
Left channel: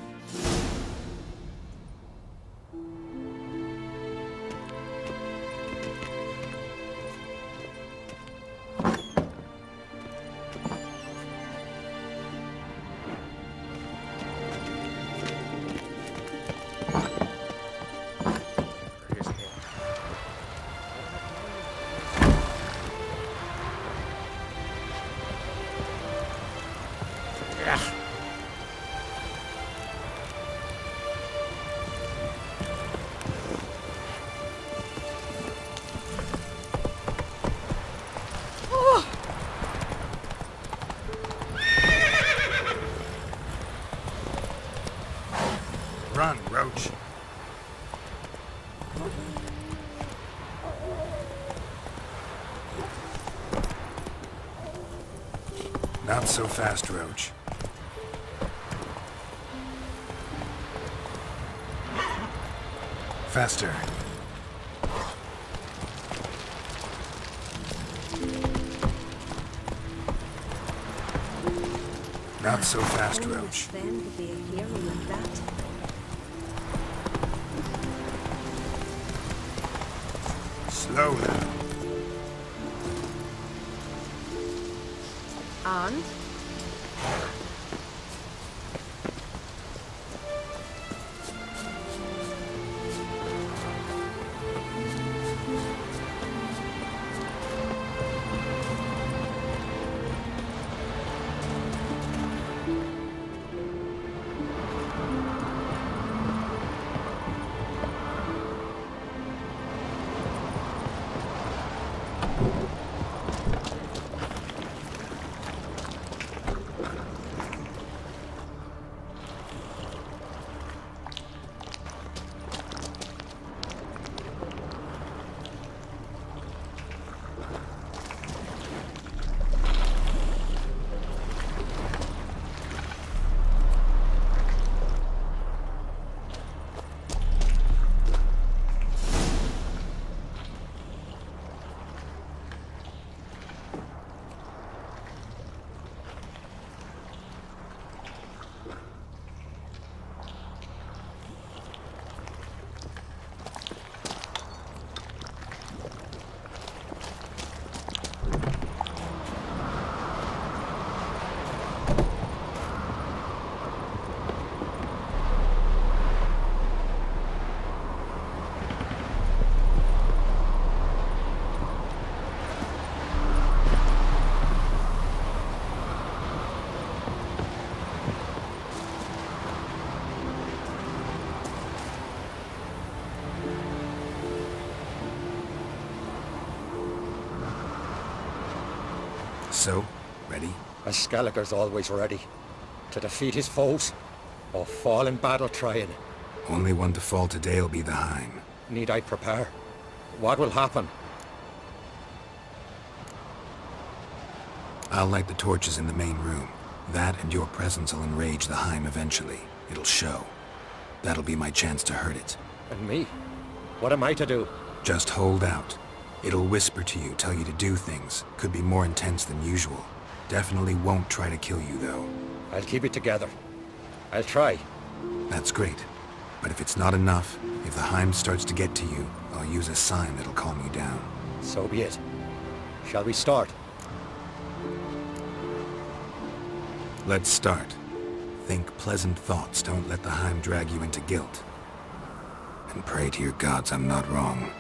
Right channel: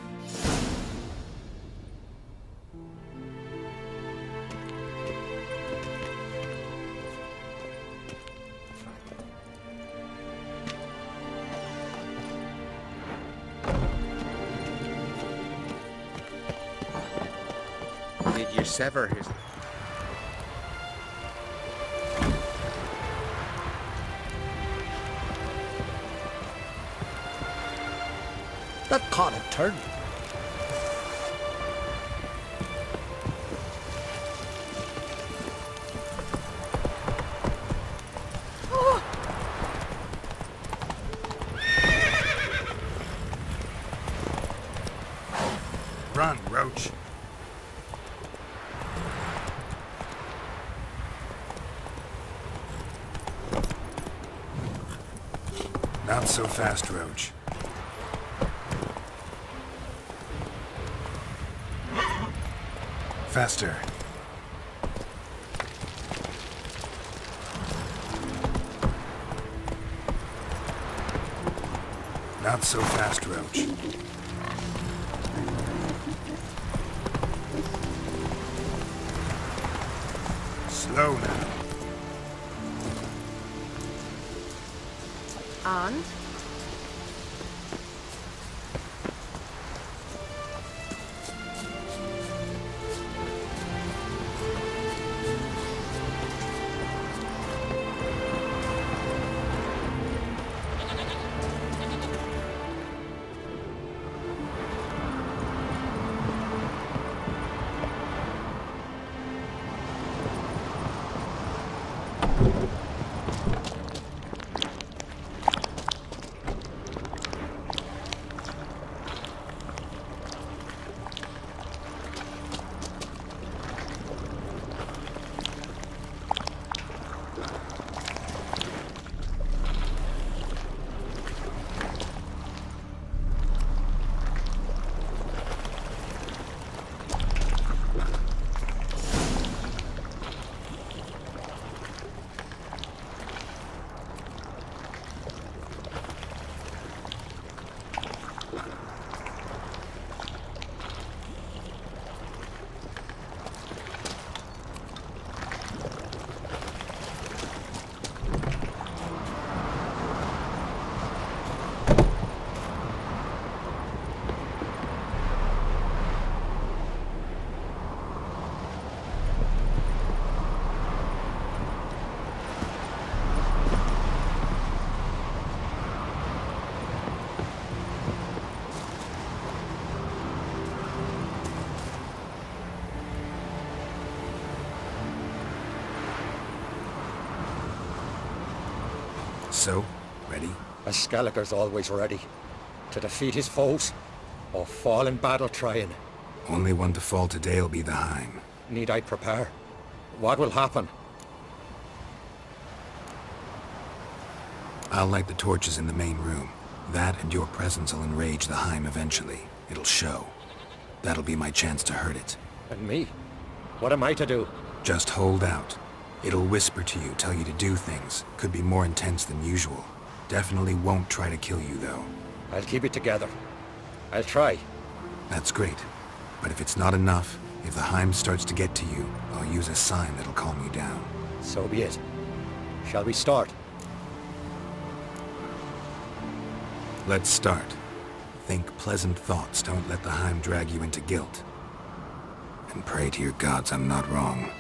Did you sever his head? That caught a turn. Oh! Run, Roach. Not so fast, Roach. Faster. Not so fast, Roach. Slow now. And? So, ready? A Skelliger's always ready. To defeat his foes, or fall in battle trying. Only one to fall today'll be the Heim. Need I prepare? What will happen? I'll light the torches in the main room. That and your presence will enrage the Heim eventually. It'll show. That'll be my chance to hurt it. And me? What am I to do? Just hold out. It'll whisper to you, tell you to do things. Could be more intense than usual. Definitely won't try to kill you, though. I'll keep it together. I'll try. That's great. But if it's not enough, if the Heim starts to get to you, I'll use a sign that'll calm you down. So be it. Shall we start? Let's start. Think pleasant thoughts. Don't let the Heim drag you into guilt. And pray to your gods I'm not wrong.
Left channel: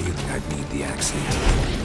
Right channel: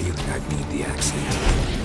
feeling I'd need the axe here.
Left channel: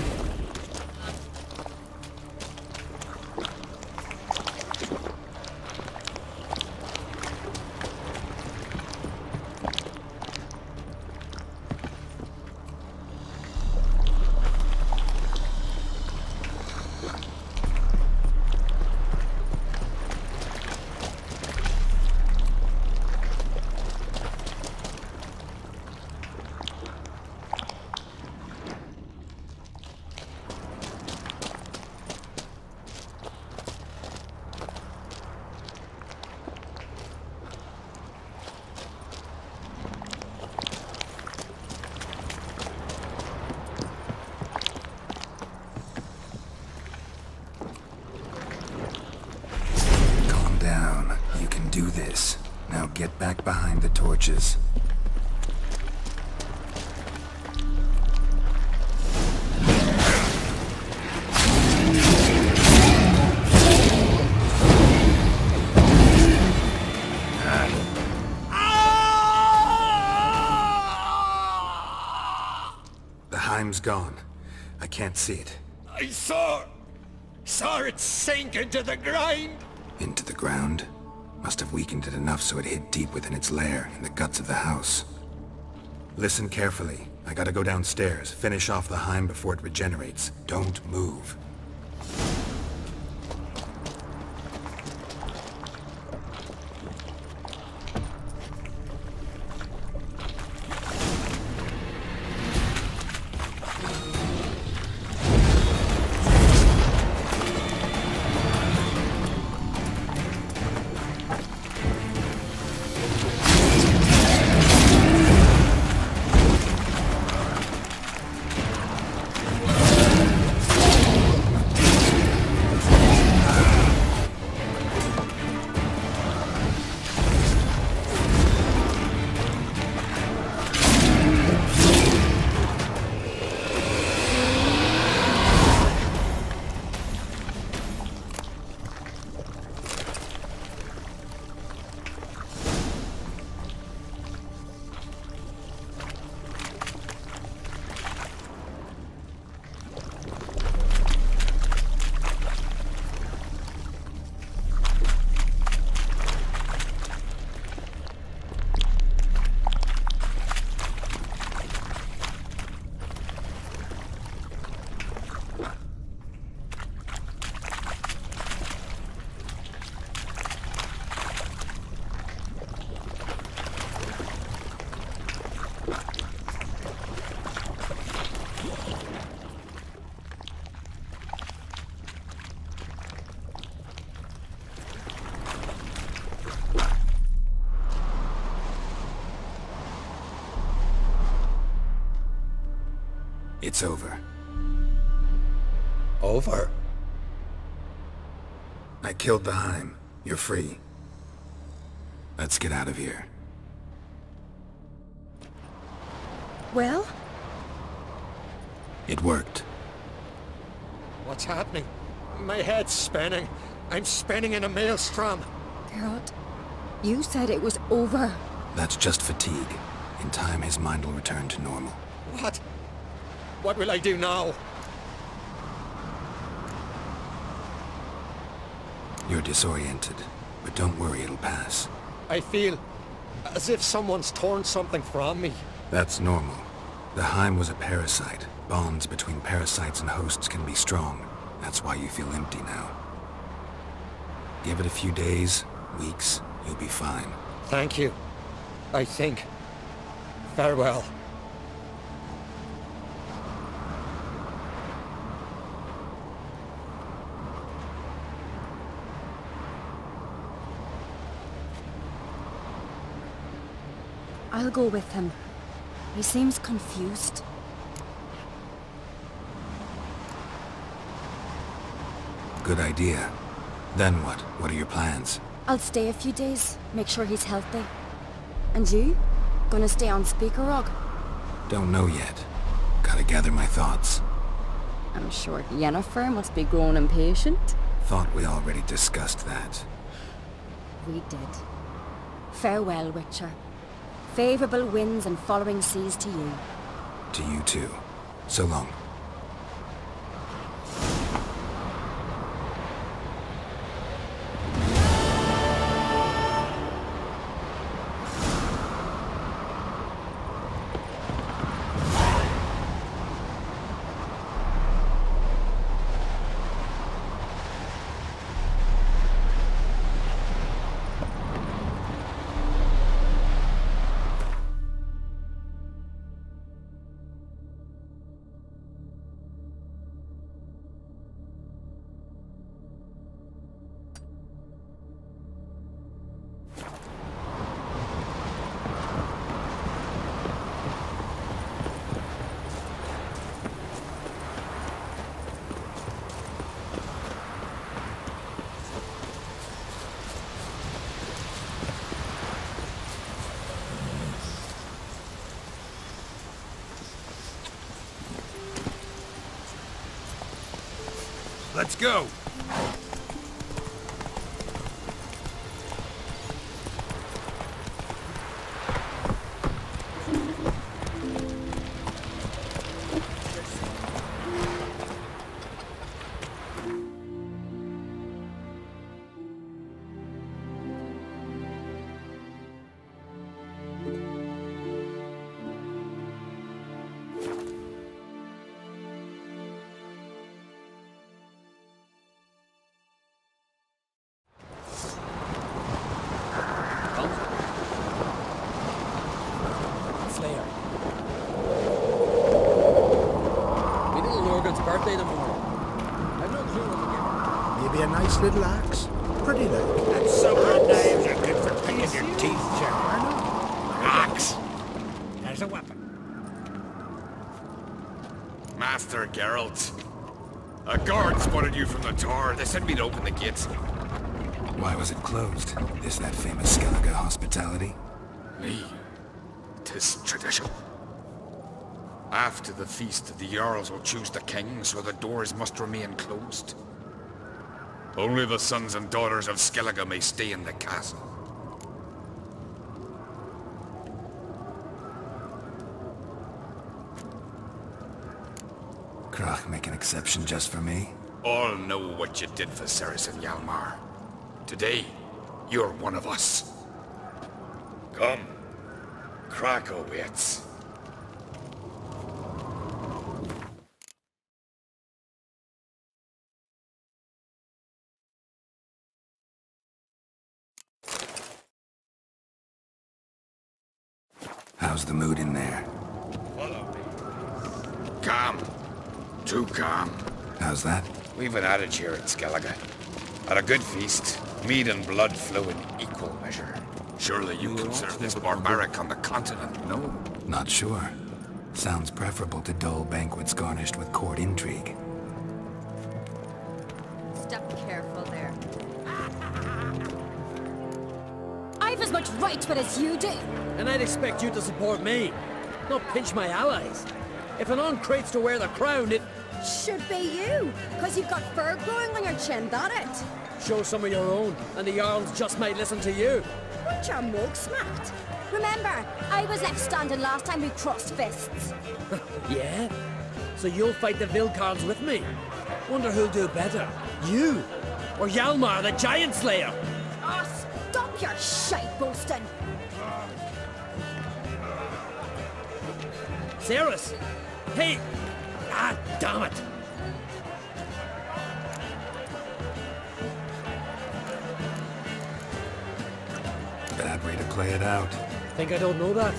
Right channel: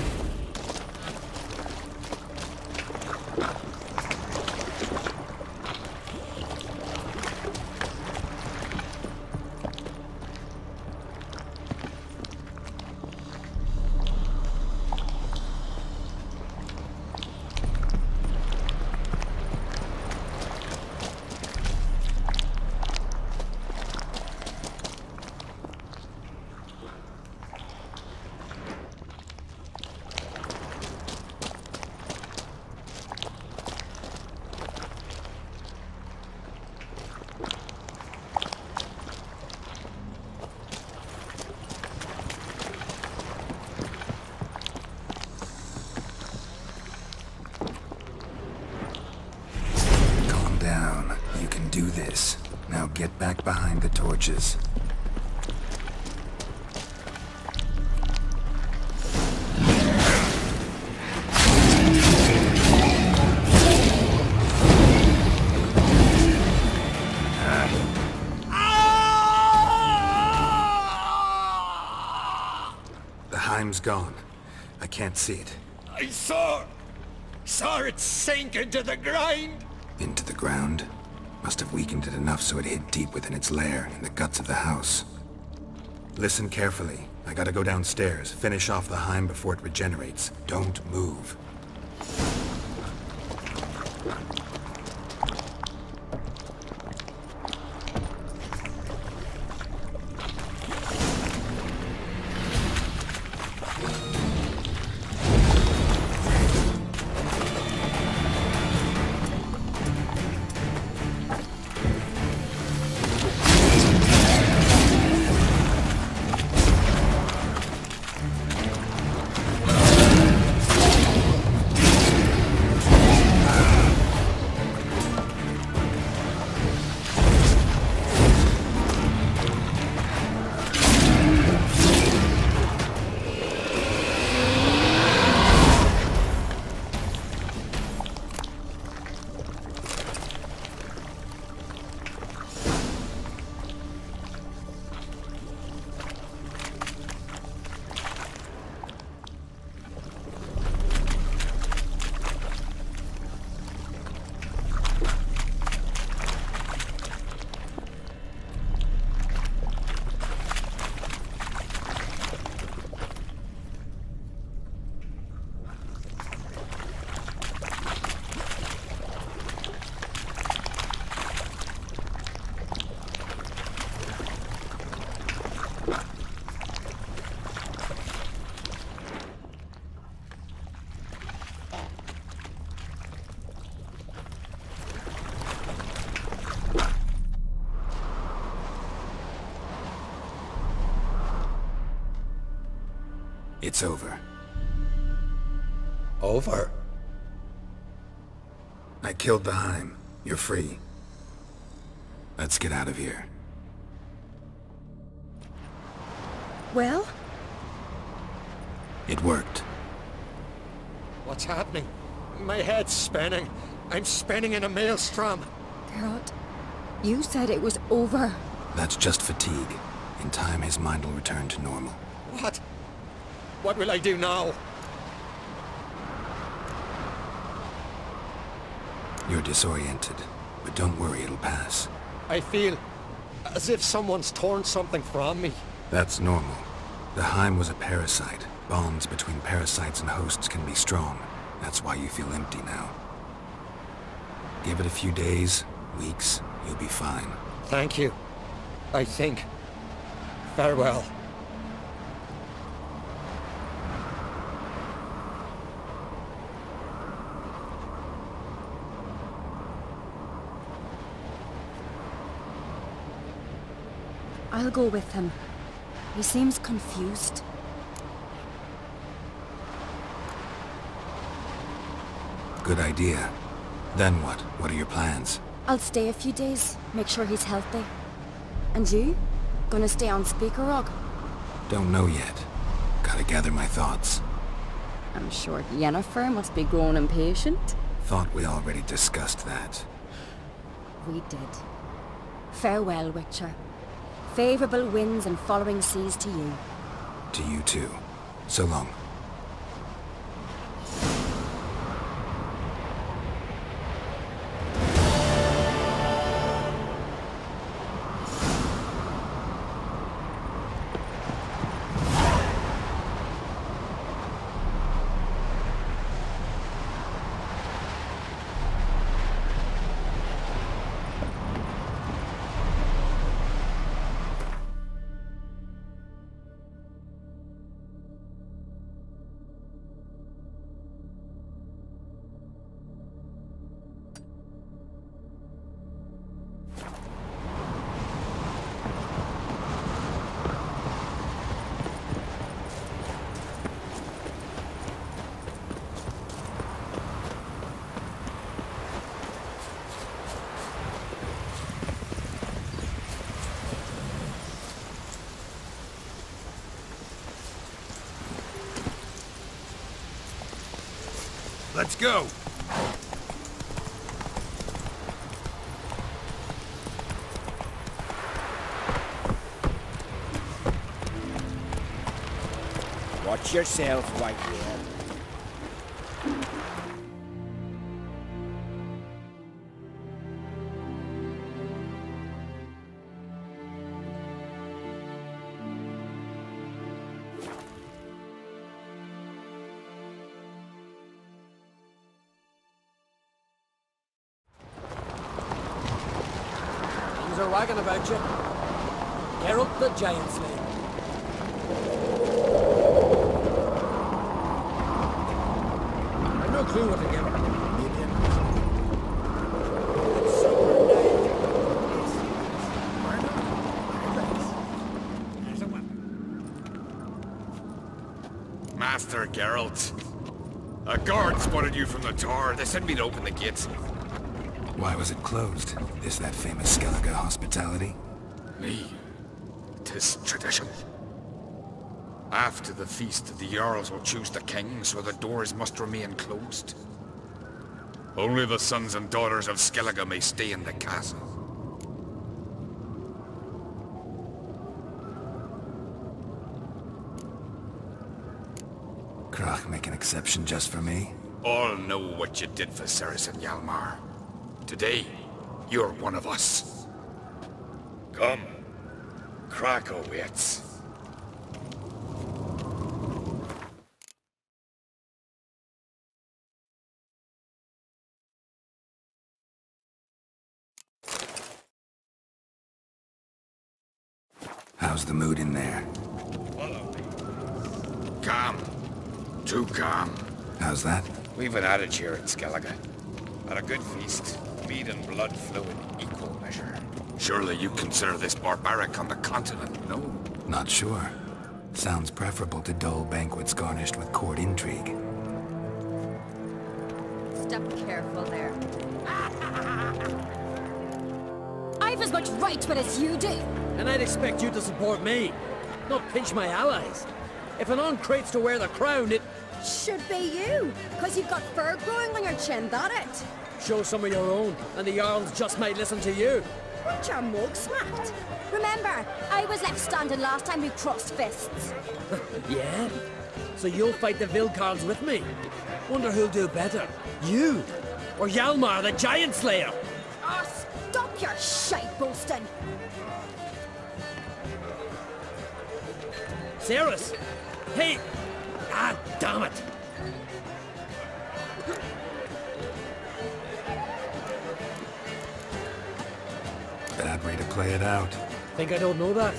Do this. Now get back behind the torches. The Heim's gone. I can't see it. I saw it sink into the ground. Into the ground? Must have weakened it enough so it hid deep within its lair, in the guts of the house. Listen carefully. I gotta go downstairs, finish off the Heim before it regenerates. Don't move. It's over. Over? I killed the Heim. You're free. Let's get out of here. Well? It worked. What's happening? My head's spinning. I'm spinning in a maelstrom. Geralt, you said it was over. That's just fatigue. In time, his mind will return to normal. What? What will I do now? You're disoriented, but don't worry, it'll pass. I feel as if someone's torn something from me. That's normal. The Heim was a parasite. Bonds between parasites and hosts can be strong. That's why you feel empty now. Give it a few days, weeks, you'll be fine. Thank you. I think. Farewell. I'll go with him. He seems confused. Good idea. Then what? What are your plans? I'll stay a few days, make sure he's healthy. And you? Gonna stay on Speaker Rock? Don't know yet. Gotta gather my thoughts. I'm sure Yennefer must be growing impatient. Thought we already discussed that. We did. Farewell, Witcher. Favourable winds and following seas to you. To you too. So long. Let's go! Watch yourself, wife. Giant Slayer. I've no clue what to give her. Maybe a nice little axe. Pretty though. And sucker knives are good for cleaning your teeth, sir. Why not? Axe. As a weapon. Master Geralt. A guard spotted you from the tower. They sent me to open the gates. Why was it closed? Is that famous Skellige hospitality? Me. 'Tis tradition. After the feast, the Jarls will choose the king, so the doors must remain closed. Only the sons and daughters of Skellige may stay in the castle. Krach make an exception just for me? All know what you did for Ceres and Hjalmar. Today, you're one of us. Come. Krakow waits. How's the mood in there? Follow me. Calm. Too calm. How's that? We've an adage here in Skellige. At a good feast, mead and blood flow in equal measure. Surely you consider this barbaric on the continent, no? Not sure. Sounds preferable to dull banquets garnished with court intrigue. Step careful there. I've as much right to it as you do. And I'd expect you to support me, not pinch my allies. If an on-crate's to wear the crown, it... Should be you, because you've got fur growing on your chin, that it? Show some of your own, and the Jarls just might listen to you. Weren't your mug smacked? Remember, I was left standing last time we crossed fists. Yeah? So you'll fight the Vilcarls with me? Wonder who'll do better, you or Hjalmar the Giant Slayer? Oh, stop your shite boasting! Ceres! Hey! Ah, damn it! Bad way to play it out. Think I don't know that?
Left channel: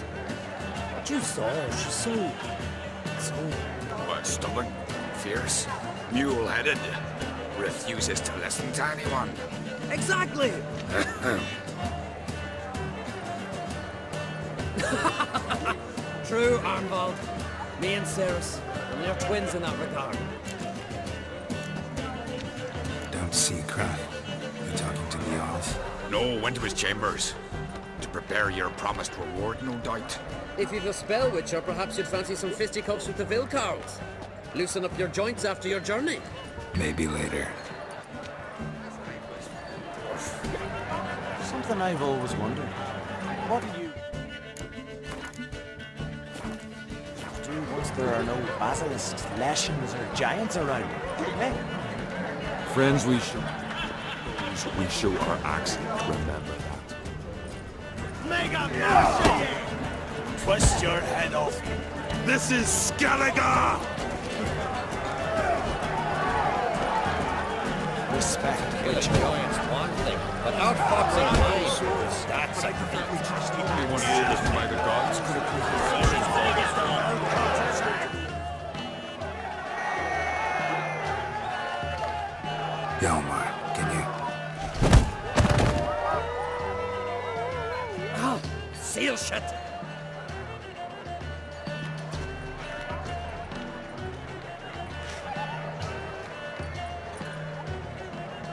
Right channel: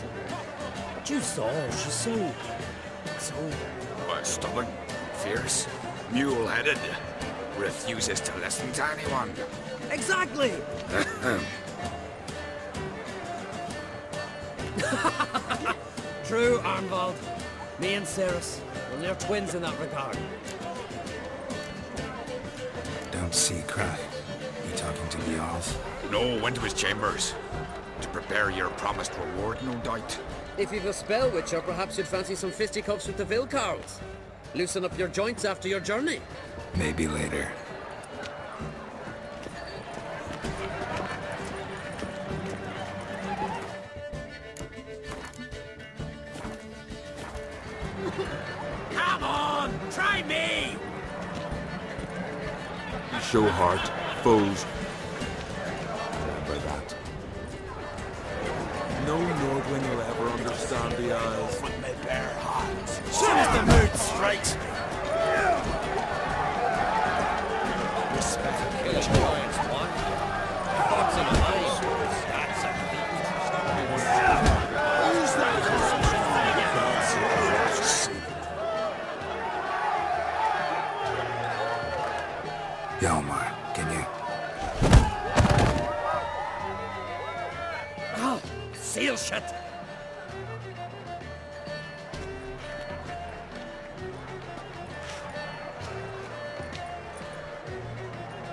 But you saw, she's so... What, stubborn, fierce, mule-headed, refuses to listen to anyone. Exactly! True, Arnvald. Me and Ceres, and they're twins in that regard. Don't see Krach. You talking to the Jarls? No, went to his chambers. To prepare your promised reward, no doubt. If you've a spell, Witcher, perhaps you'd fancy some fisticuffs with the Vilcarls. Loosen up your joints after your journey. Maybe later. Something I've always wondered. What do you... basilisks, lashings, or giants around. Friends we show heart, foes we show our axe. Remember that. Twist your head off. This is Scallagher! Respect. Killing giants one thing, but outfoxing lions, that's a feat. Hjalmar, can you... Oh, seal shut.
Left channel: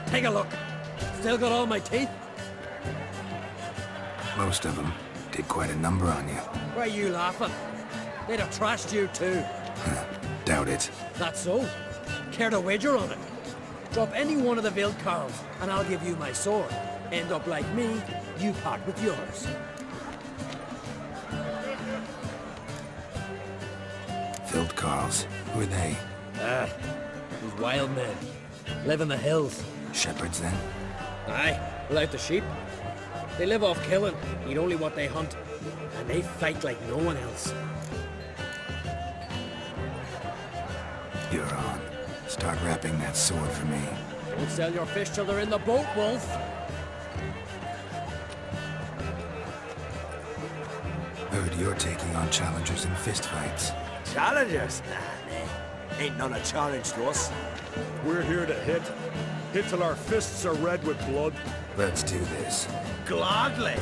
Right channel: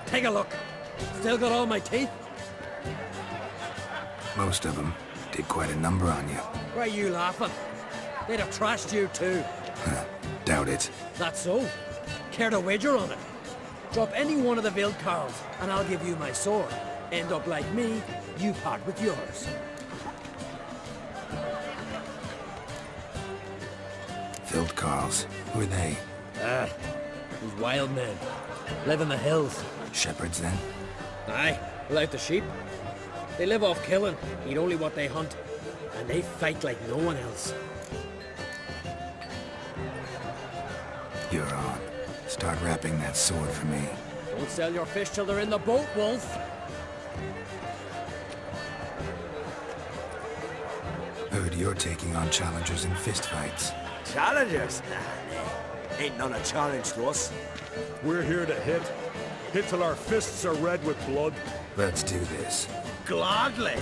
Take a look. Still got all my teeth? Most of them did quite a number on you. Why are you laughing? They'd have trashed you too. Doubt it. That's so. Care to wager on it? Drop any one of the Vildkarls, and I'll give you my sword. End up like me, you part with yours. Vildkarls, who are they? These wild men. Live in the hills. Shepherds, then? Aye, without the sheep. They live off killing, eat only what they hunt, and they fight like no one else. You're on. Start wrapping that sword for me. Don't sell your fish till they're in the boat, Wolf. Heard you're taking on challengers in fistfights. Challengers? Nah. Ain't none a challenge to us. We're here to hit. Hit till our fists are red with blood. Let's do this. Gladly.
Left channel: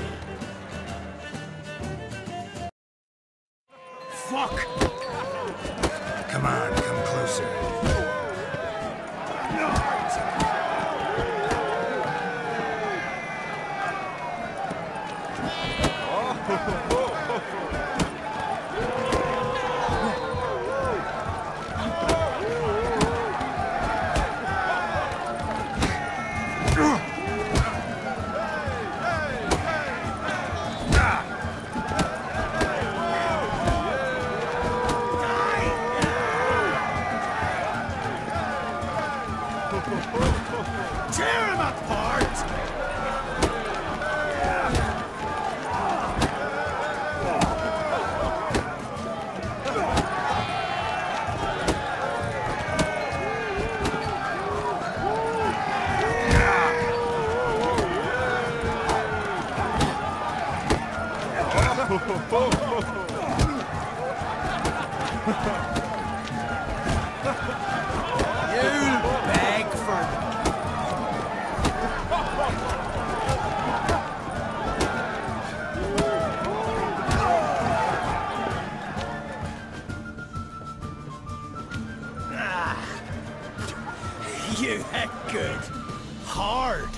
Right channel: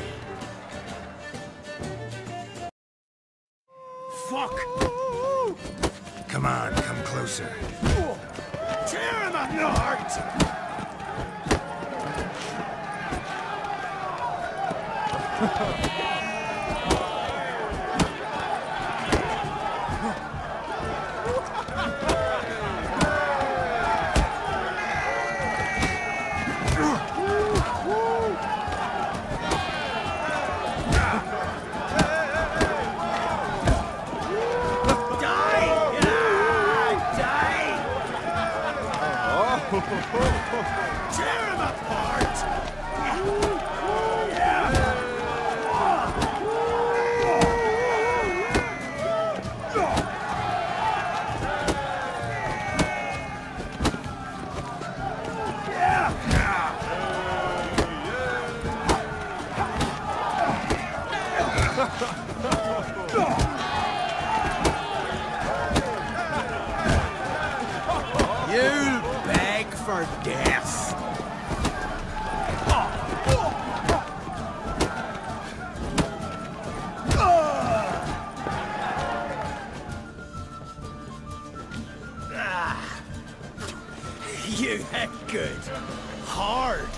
Fuck! Come on, come closer. Tear him apart! Tear him apart! You'll beg for death. You hit good. Hard.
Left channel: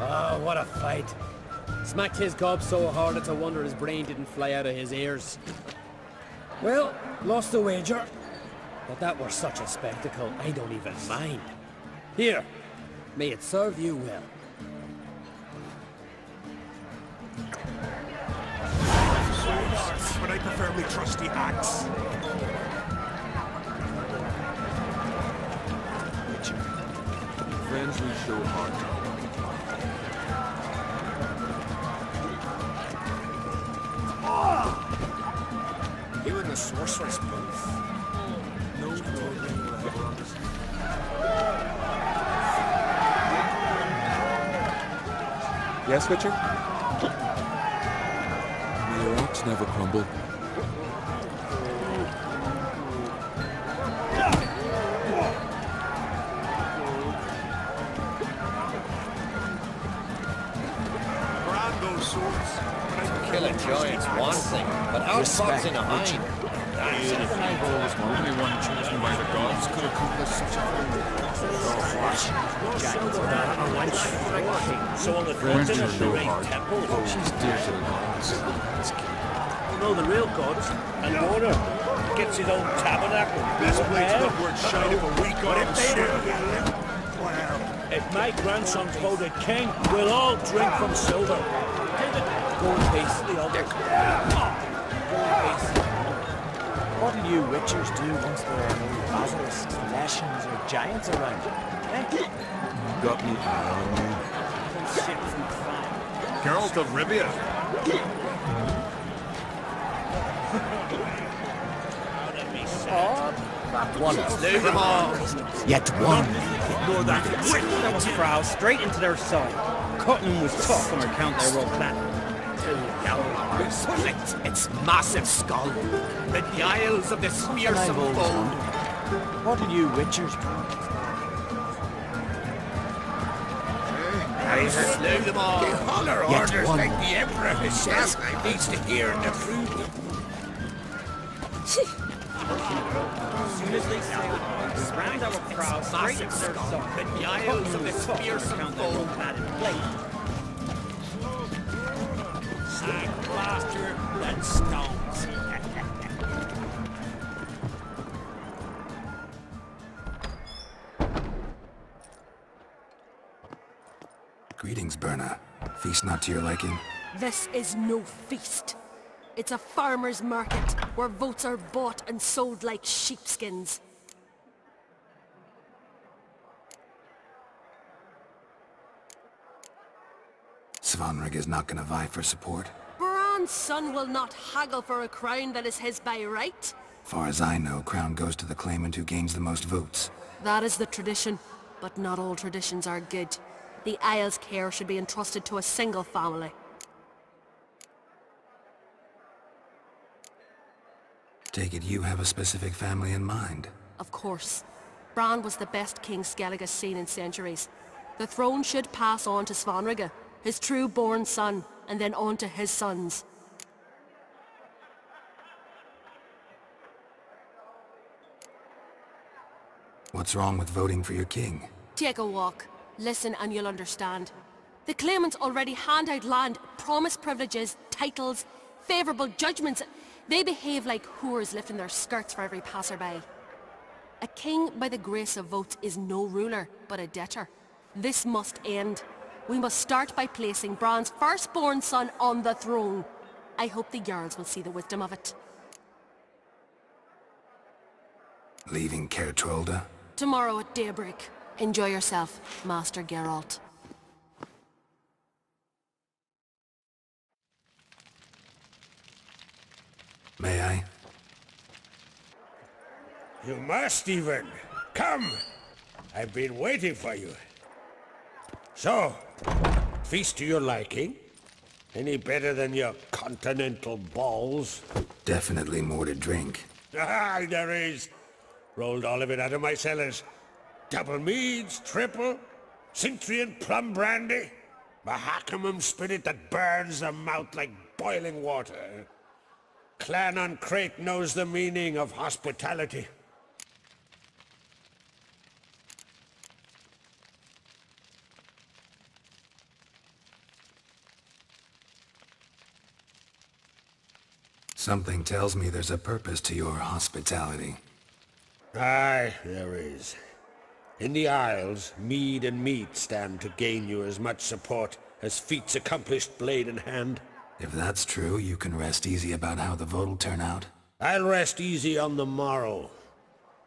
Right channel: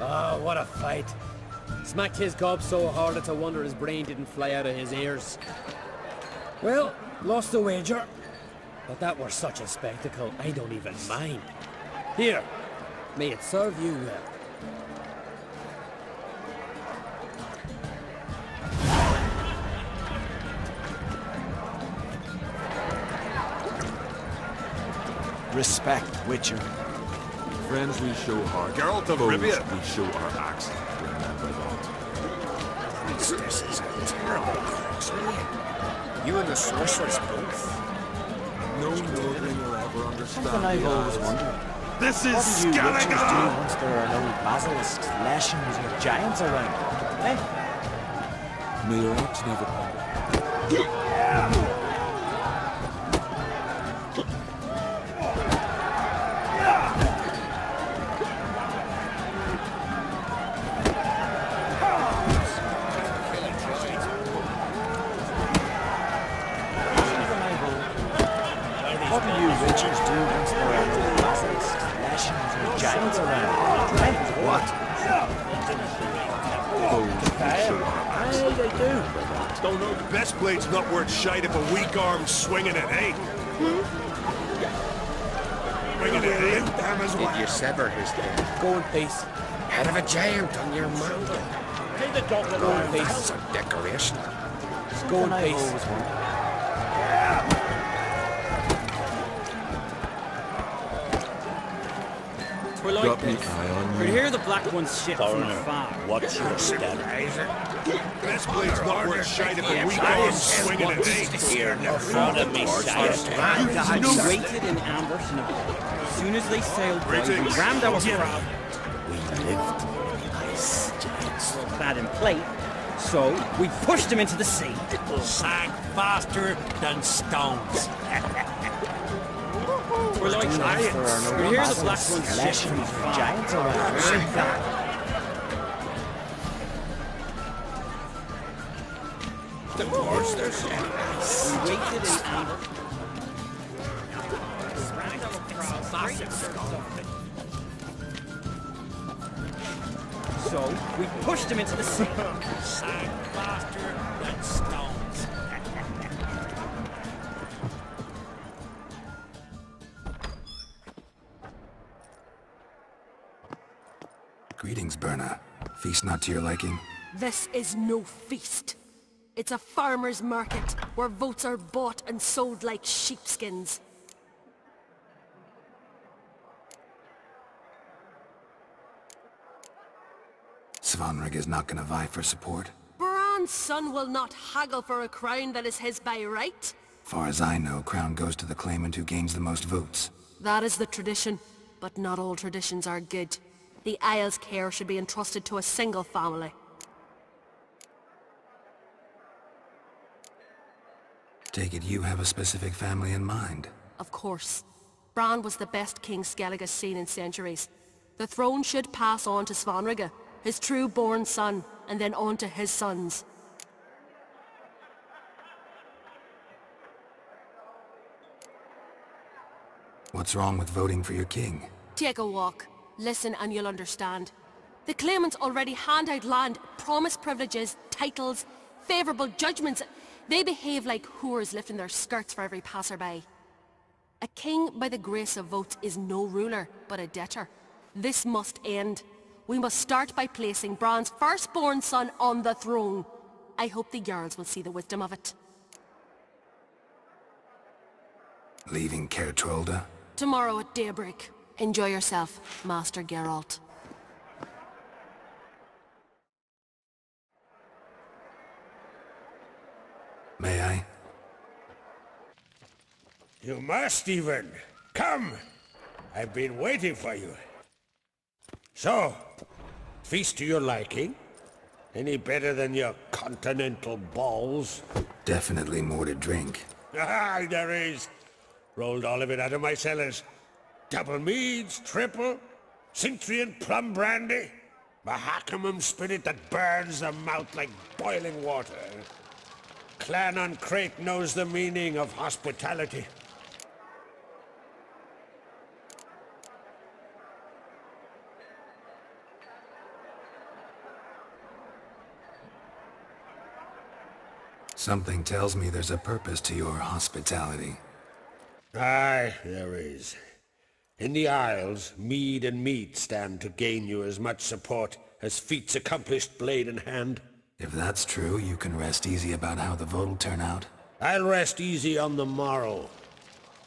Oh, what a fight. Smacked his gob so hard it's a wonder his brain didn't fly out of his ears. Well, lost the wager. But that were such a spectacle, I don't even mind. Here, may it serve you well. But I prefer my trusty axe. Respect, Witcher. Friends we show heart, Geralt of foes Rivia. we show our axe. This is terrible. You and the sorceress both. No nobleman will ever understand. This is Scallagher! Basilisks, lashings, or Yes, giants around. May your axe never crumble. Killing giants one thing, but outfoxing a lion. Even I rose what you witchers do basilisks, lashings, or giants around. What? Friends we show heart, foes we show our axe. Don't know that this blade's not worth shining a weak arm swinging a hay. This blade's not worth shining a weak arm swinging a hay. Gold piece. We'll all drink from silver. Take the gold piece. Decoration. Gold piece. What do you witchers do against the giants around you? Got me eye on You you. hear the black ones shit from afar. What? This blade's not worth shite of a week on swinging an axe. Out of me sight. Slew them all. Yet As one. soon as they sailed down, rammed our crowd straight into their cells, cutting the fuck on account they were clad in plate. So we pushed them into the sea. Massive stag bastard, giants of the spear What do you witchers do against You hear the black ones shit from afar. giants around Yet one. Like the Emperor himself needs to hear and approve the wars themselves. As soon as they sailed down, we rammed our crowd straight into their cells, cutting the fuck on account they were clad in plate. So we pushed them into the sea. Sag bastard and stones. Greetings, Berna. Feast not to your liking? This is no feast. It's a farmer's market where votes are bought and sold like sheepskins. Svanrig is not gonna vie for support. Bran's son will not haggle for a crown that is his by right. Far as I know, crown goes to the claimant who gains the most votes. That is the tradition, but not all traditions are good. The Isle's care should be entrusted to a single family. Take it you have a specific family in mind. Of course. Bran was the best king Skellig has seen in centuries. The throne should pass on to Svanrig, his true-born son, and then on to his sons. What's wrong with voting for your king? Take a walk. Listen and you'll understand. The claimants already hand out land, promise privileges, titles, favourable judgments. They behave like whores lifting their skirts for every passerby. A king by the grace of votes is no ruler, but a debtor. This must end. We must start by placing Bran's firstborn son on the throne. I hope the Jarls will see the wisdom of it. Leaving Caer Trolda? Tomorrow at daybreak. Enjoy yourself, Master Geralt. May I? You must, even. Come! I've been waiting for you. So, feast to your liking? Any better than your continental balls? Definitely more to drink. Ah, there is. Rolled all of it out of my cellars. Double meads, triple, Cintrian plum brandy, Mahakimum spirit that burns the mouth like boiling water. Clan on Crate knows the meaning of hospitality. Something tells me there's a purpose to your hospitality. Aye, there is. In the Isles, mead and meat stand to gain you as much support as feats accomplished blade in hand. If that's true, you can rest easy about how the vote'll turn out. I'll rest easy on the morrow,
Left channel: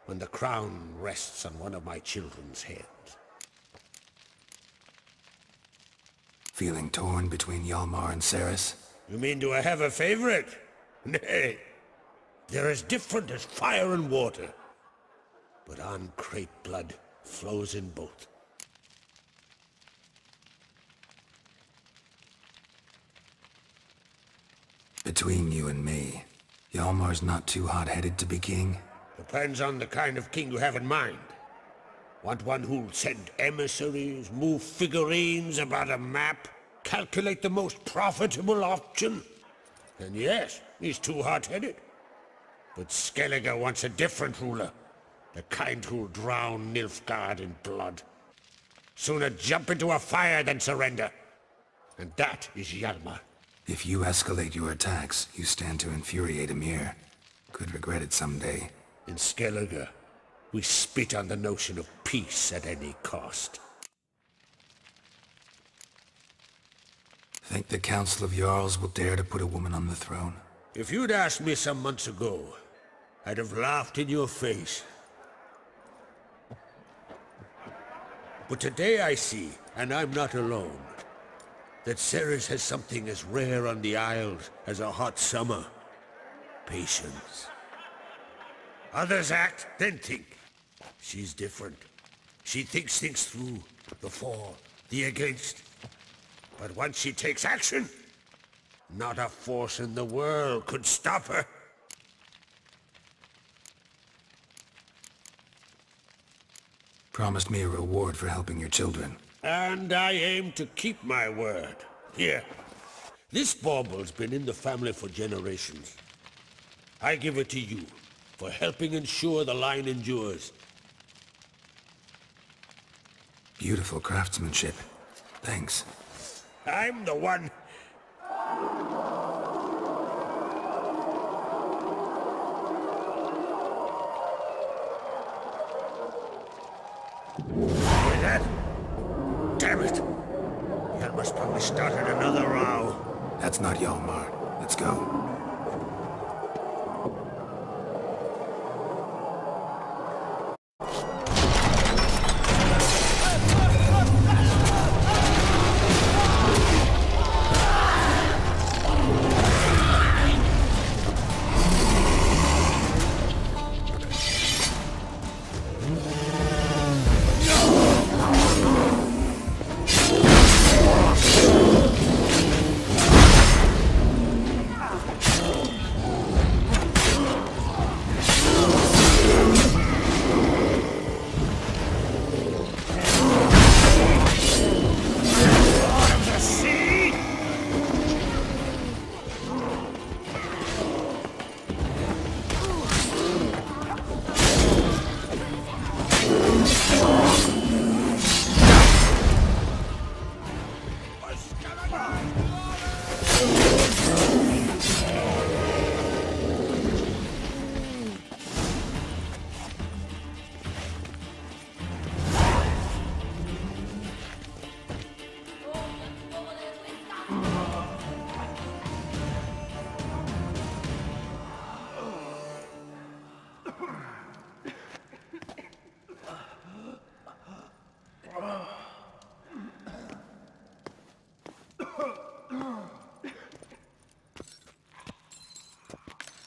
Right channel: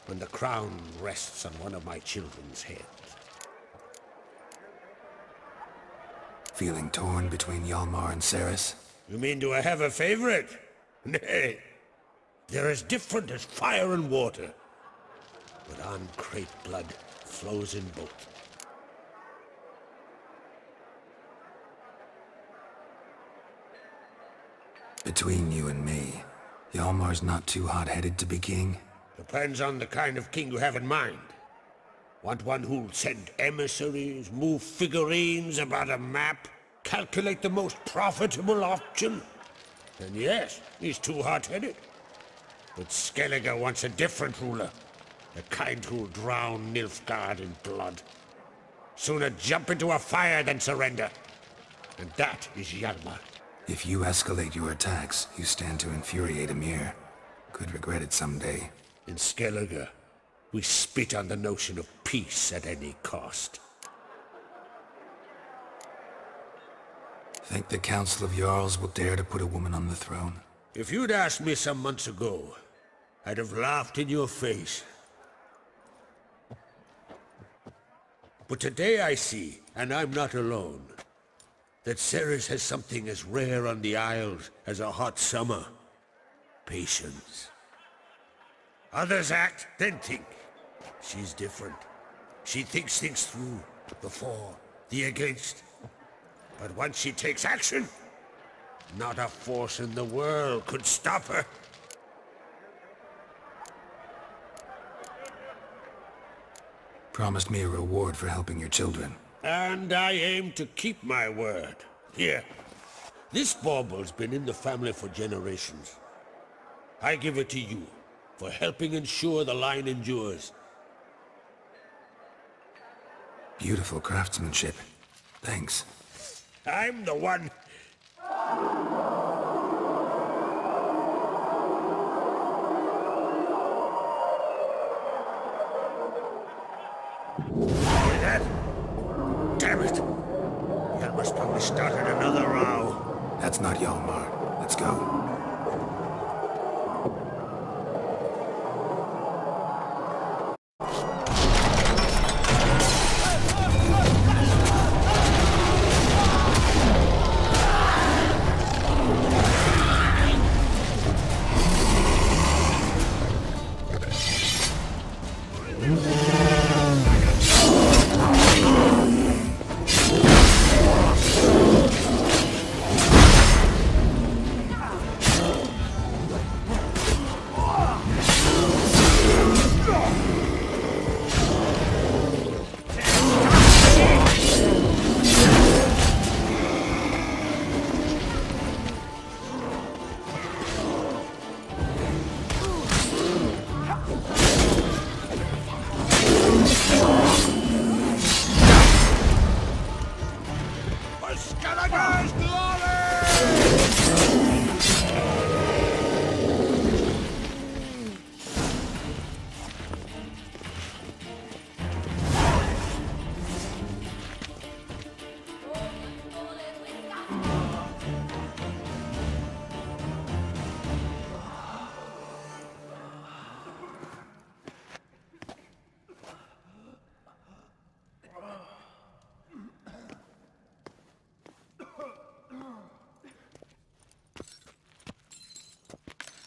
when the crown rests on one of my children's heads. Feeling torn between Hjalmar and Cerys? You mean do I have a favorite? Nay. They're as different as fire and water. But on Crate blood flows in both. Between you and me, Hjalmar's not too hot-headed to be king? Depends on the kind of king you have in mind. Want one who'll send emissaries, move figurines about a map, calculate the most profitable option? Then yes, he's too hot-headed. But Skellige wants a different ruler. The kind who'll drown Nilfgaard in blood. Sooner jump into a fire than surrender. And that is Hjalmar. If you escalate your attacks, you stand to infuriate Emir. Could regret it someday. In Skellige, We spit on the notion of peace at any cost. Think the Council of Jarls will dare to put a woman on the throne? If you'd asked me some months ago, I'd have laughed in your face. But today I see, and I'm not alone, that Ceres has something as rare on the Isles as a hot summer. Patience. Others act, then think. She's different. She thinks things through, the for, the against. But once she takes action, not a force in the world could stop her. Promised me a reward for helping your children. And I aim to keep my word. Here. This bauble's been in the family for generations. I give it to you for helping ensure the line endures. Beautiful craftsmanship. Thanks. I'm the one. Hear that? Damn it! Hjalmar's probably started another row. That's not Hjalmar. Let's go.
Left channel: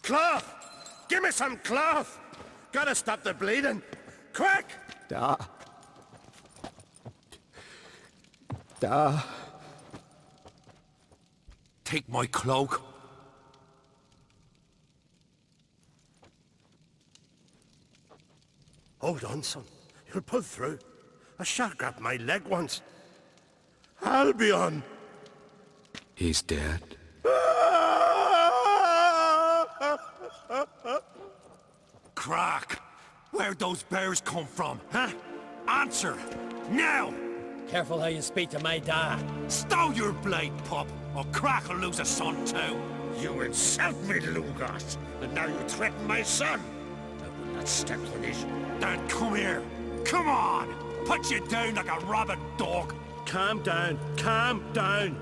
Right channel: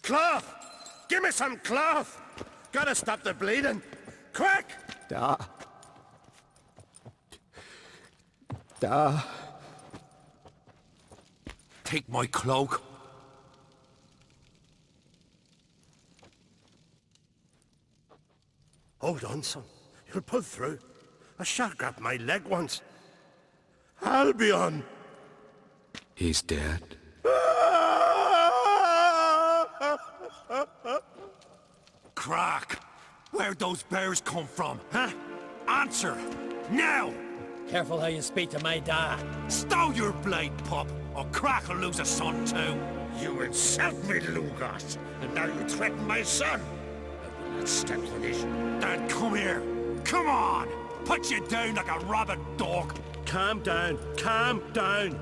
Cloth! Give me some cloth! Gotta stop the bleeding! Quick! Da. Take my cloak. Hold on, son. You'll pull through. A shark grabbed my leg once. Albion! He's dead. Crack! Where'd those bears come from, huh? Answer! Now! Careful how you speak to my dad. Stow your blade, pup, or Crack will lose a son too. You insult me, Lugos, and now you threaten my son. I will not step for this. Then come here. Come on! Put you down like a rabid dog. Calm down. Calm down.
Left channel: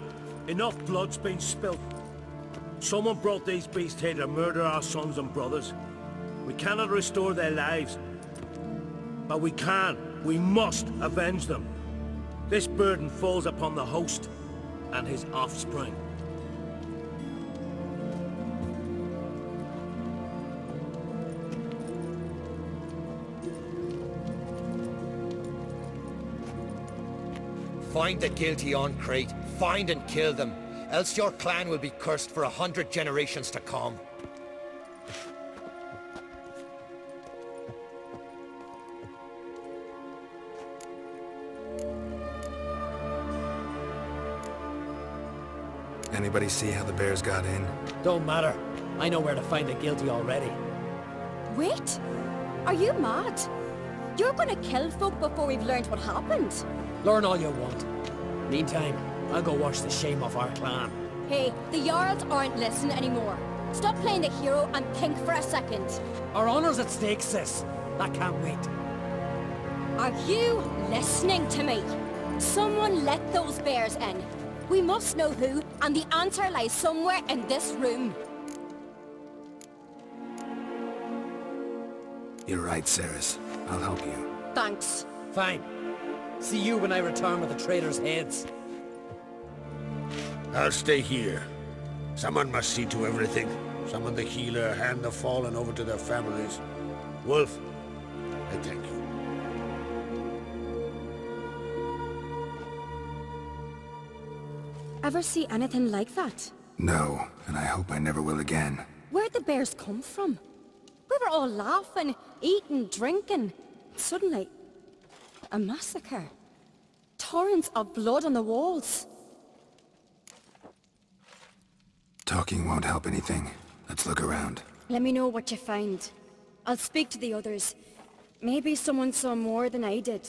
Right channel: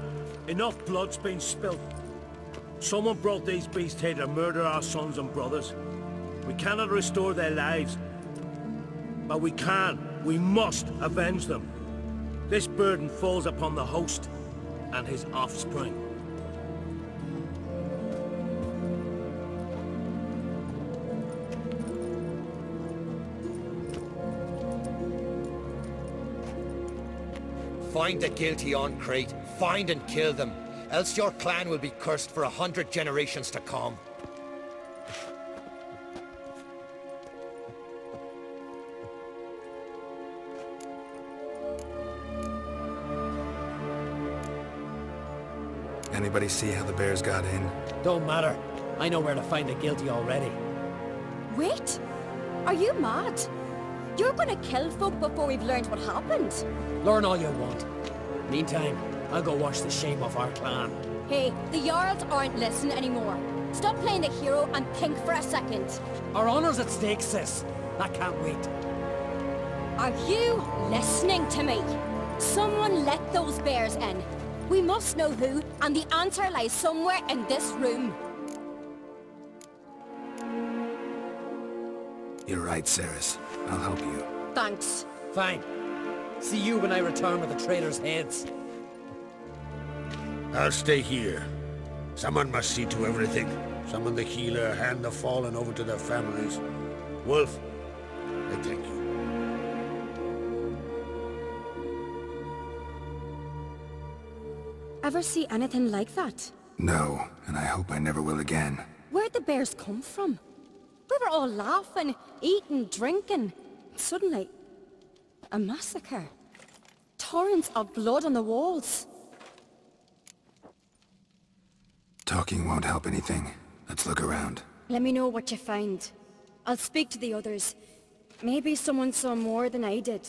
Enough blood's been spilt. Someone brought these beasts here to murder our sons and brothers. We cannot restore their lives. But we can. We must avenge them. This burden falls upon the host and his offspring. Find the guilty on Crete. Find and kill them. Else your clan will be cursed for 100 generations to come. Anybody see how the bears got in? Don't matter. I know where to find the guilty already. Wait! Are you mad? You're gonna kill folk before we've learned what happened? Learn all you want. Meantime, I'll go wash the shame off our clan. Hey, the Jarls aren't listening anymore. Stop playing the hero and think for a second. Our honor's at stake, sis. I can't wait. Are you listening to me? Someone let those bears in. We must know who, and the answer lies somewhere in this room. You're right, Ceres. I'll help you. Thanks. Fine. See you when I return with the traitors' heads. I'll stay here. Someone must see to everything. Summon the healer, hand the fallen over to their families. Wolf, I thank you. Ever see anything like that? No, and I hope I never will again. Where'd the bears come from? We were all laughing, eating, drinking. Suddenly, a massacre. Torrents of blood on the walls. Talking won't help anything. Let's look around. Let me know what you find. I'll speak to the others. Maybe someone saw more than I did.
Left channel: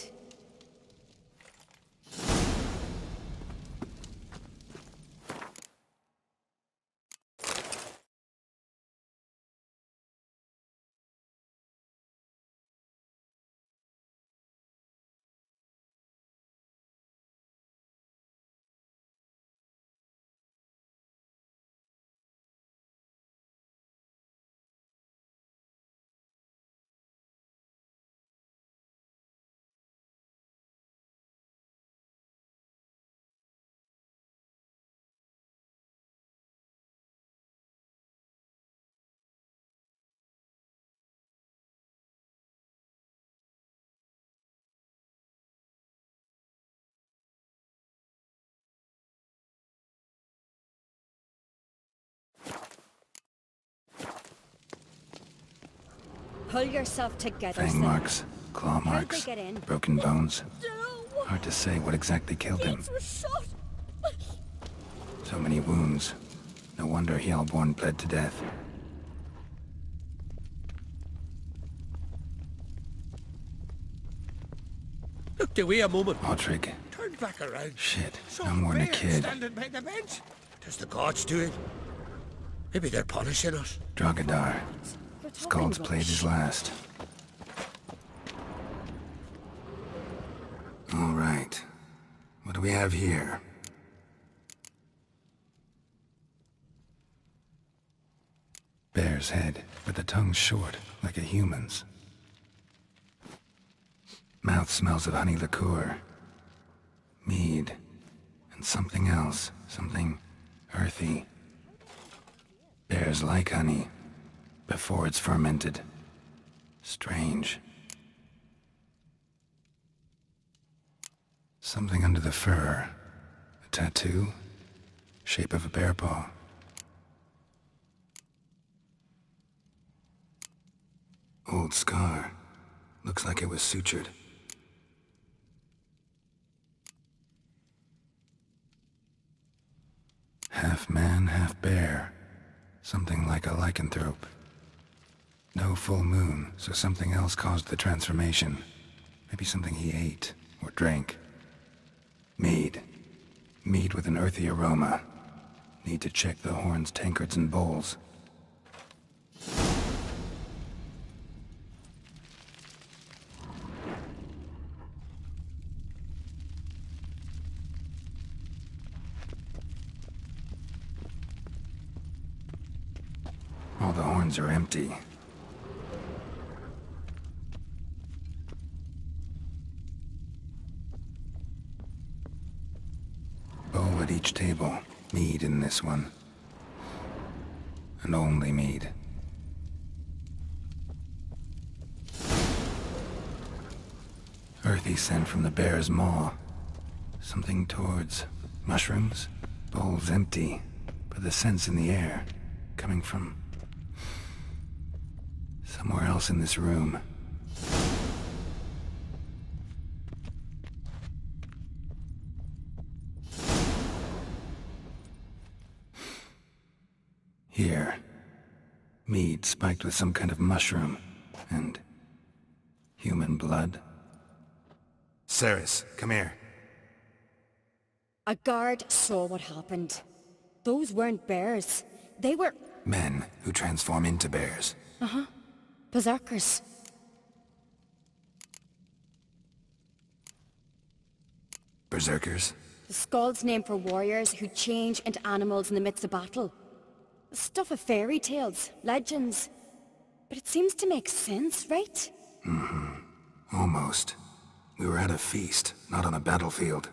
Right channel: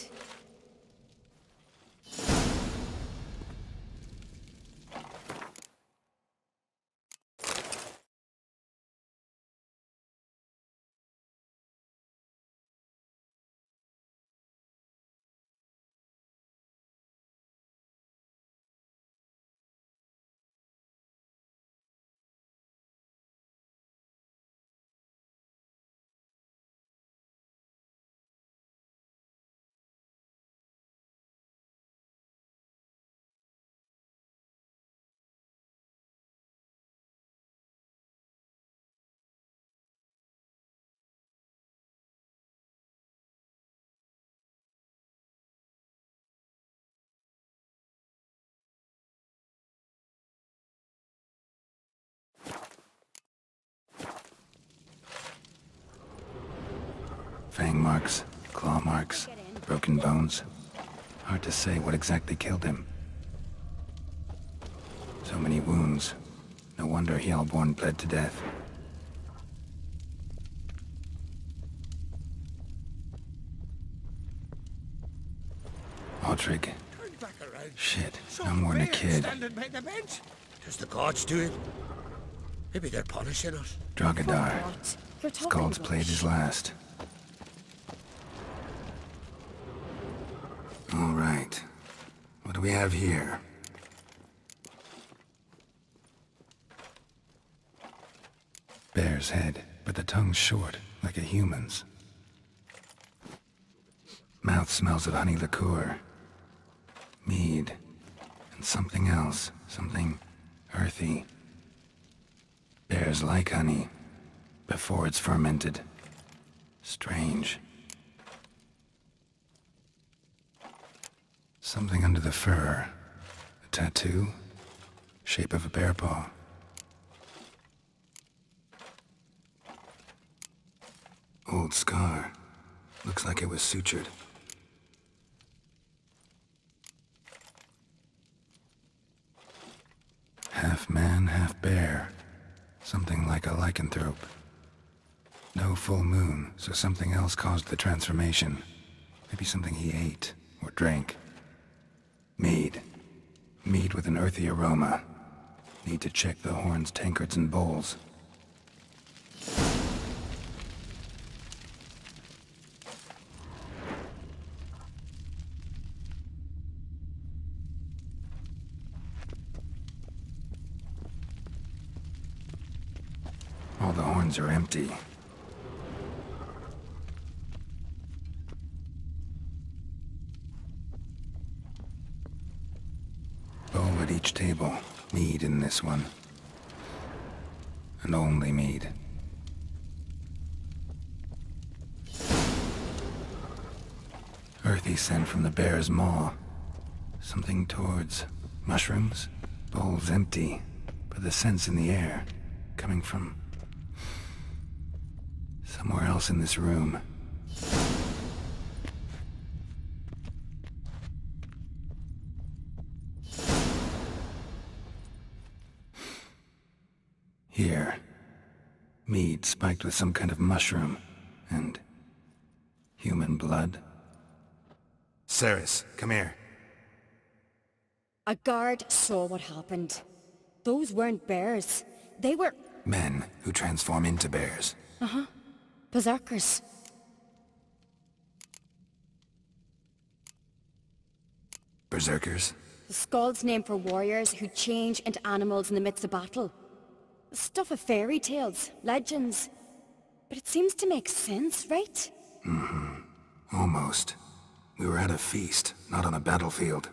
Pull yourself together. Fang marks, claw marks, broken bones. Hard to say what exactly killed him. So many wounds. No wonder Hellborn bled to death. Look, do we a moment. Autrig. Turn back around. Shit, Saw no more than a bear kid. Standing by the bench. Does the gods do it? Maybe they're punishing us. Dragadar. Skald's played his last. All right. What do we have here? Bear's head, but the tongue's short, like a human's. Mouth smells of honey liqueur. Mead. And something else. Something earthy. Bears like honey. Before it's fermented. Strange. Something under the fur. A tattoo? Shape of a bear paw. Old scar. Looks like it was sutured. Half man, half bear. Something like a lycanthrope. No full moon, so something else caused the transformation. Maybe something he ate or drank. Mead. Mead with an earthy aroma. Need to check the horns, tankards, and bowls. All the horns are empty. Bowl at each table. Mead in this one. And only mead. Earthy scent from the bear's maw. Something towards mushrooms. Bowl's empty, but the scent's in the air. Coming from somewhere else in this room. Here. Mead spiked with some kind of mushroom. And human blood. Ceres, come here. A guard saw what happened. Those weren't bears. They were... Men who transform into bears. Berserkers. Berserkers? The Skald's name for warriors who change into animals in the midst of battle. The stuff of fairy tales, legends. But it seems to make sense, right? Mm-hmm. Almost. We were at a feast, not on a battlefield.